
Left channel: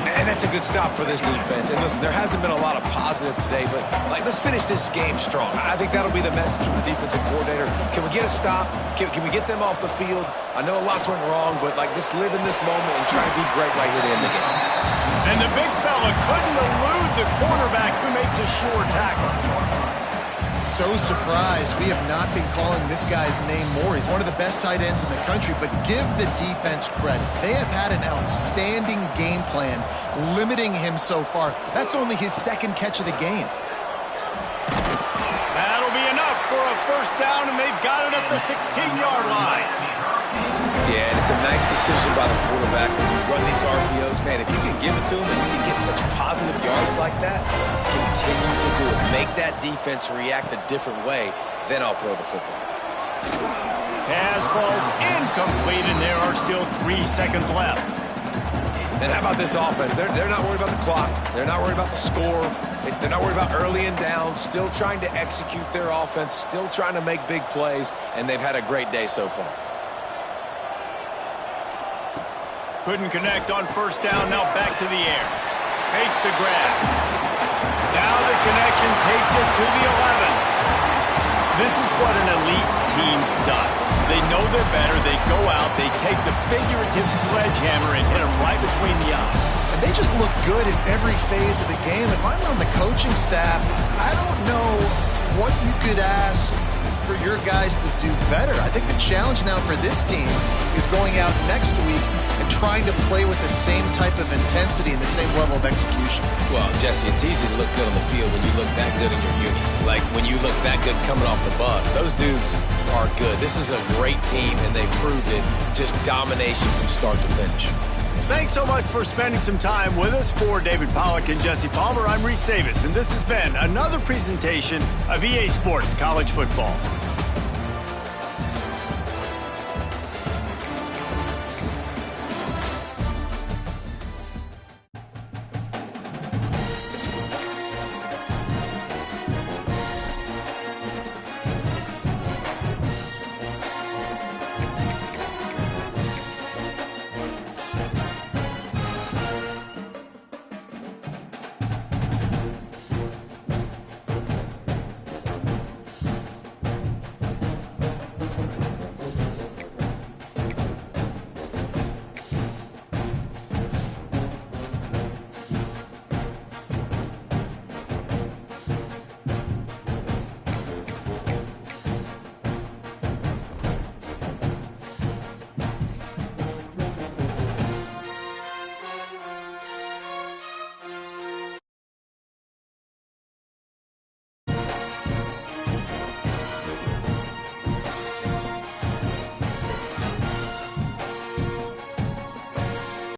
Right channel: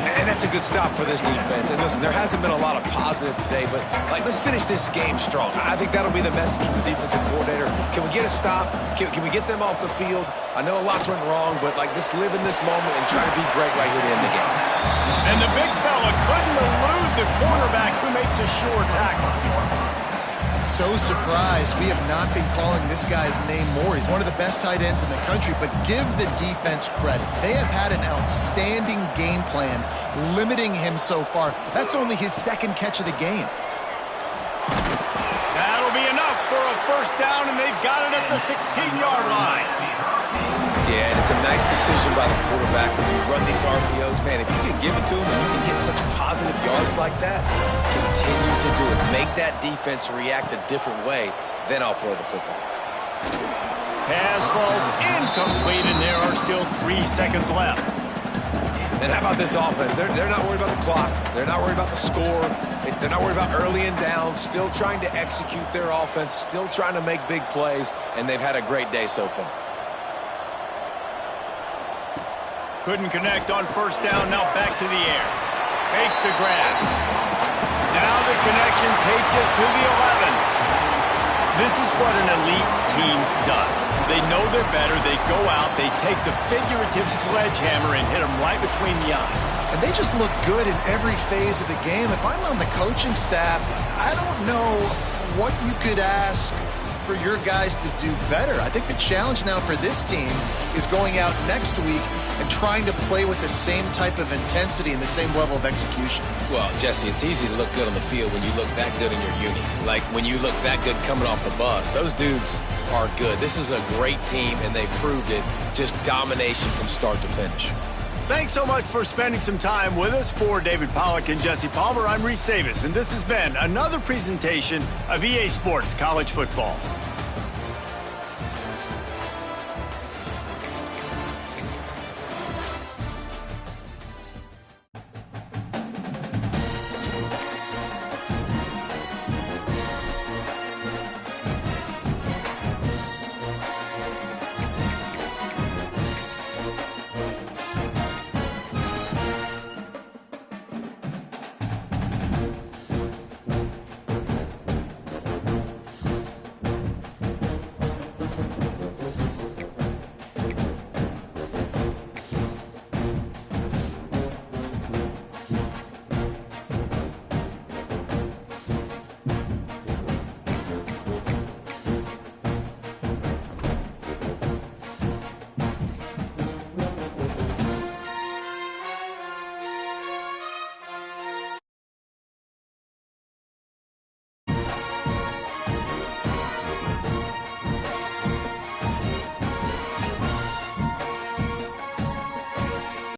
And that's a good stop for this defense. And listen, there hasn't been a lot of positive today, but let's finish this game strong. I think that'll be the message from the defensive coordinator. Can we get a stop? Can we get them off the field? I know lots went wrong, but let's live in this moment and try to be great right here to end the game. And the big fella couldn't elude the cornerback who makes a sure tackle. So surprised we have not been calling this guy's name more. He's one of the best tight ends in the country, but give the defense credit. They have had an outstanding game plan limiting him so far. That's only his 2nd catch of the game. That'll be enough for a 1st down, and they've got it at the 16-yard line. Yeah, and it's a nice decision by the quarterback when you run these RPOs. Man, if you can give it to him and you can get such positive yards like that, continue to do it. Make that defense react a different way, then I'll throw the football. Pass falls incomplete, and there are still 3 seconds left. And how about this offense? They're not worried about the clock. They're not worried about the score. They're not worried about early and down. Still trying to execute their offense. Still trying to make big plays. And they've had a great day so far. Couldn't connect on first down. Now back to the air. Makes the grab. Now the connection takes it to the 11. This is what an elite team does. They know they're better. They go out. They take the figurative sledgehammer and hit them right between the eyes. And they just look good in every phase of the game. If I'm on the coaching staff, I don't know what you could ask for your guys to do better. I think the challenge now for this team is going out next week and trying to play with the same type of intensity and the same level of execution. Well, Jesse, it's easy to look good on the field when you look that good in your uni. Like when you look that good coming off the bus. Those dudes are good. This is a great team, and they proved it. Just domination from start to finish. Thanks so much for spending some time with us. For David Pollack and Jesse Palmer, I'm Reese Davis, and this has been another presentation of EA Sports College Football.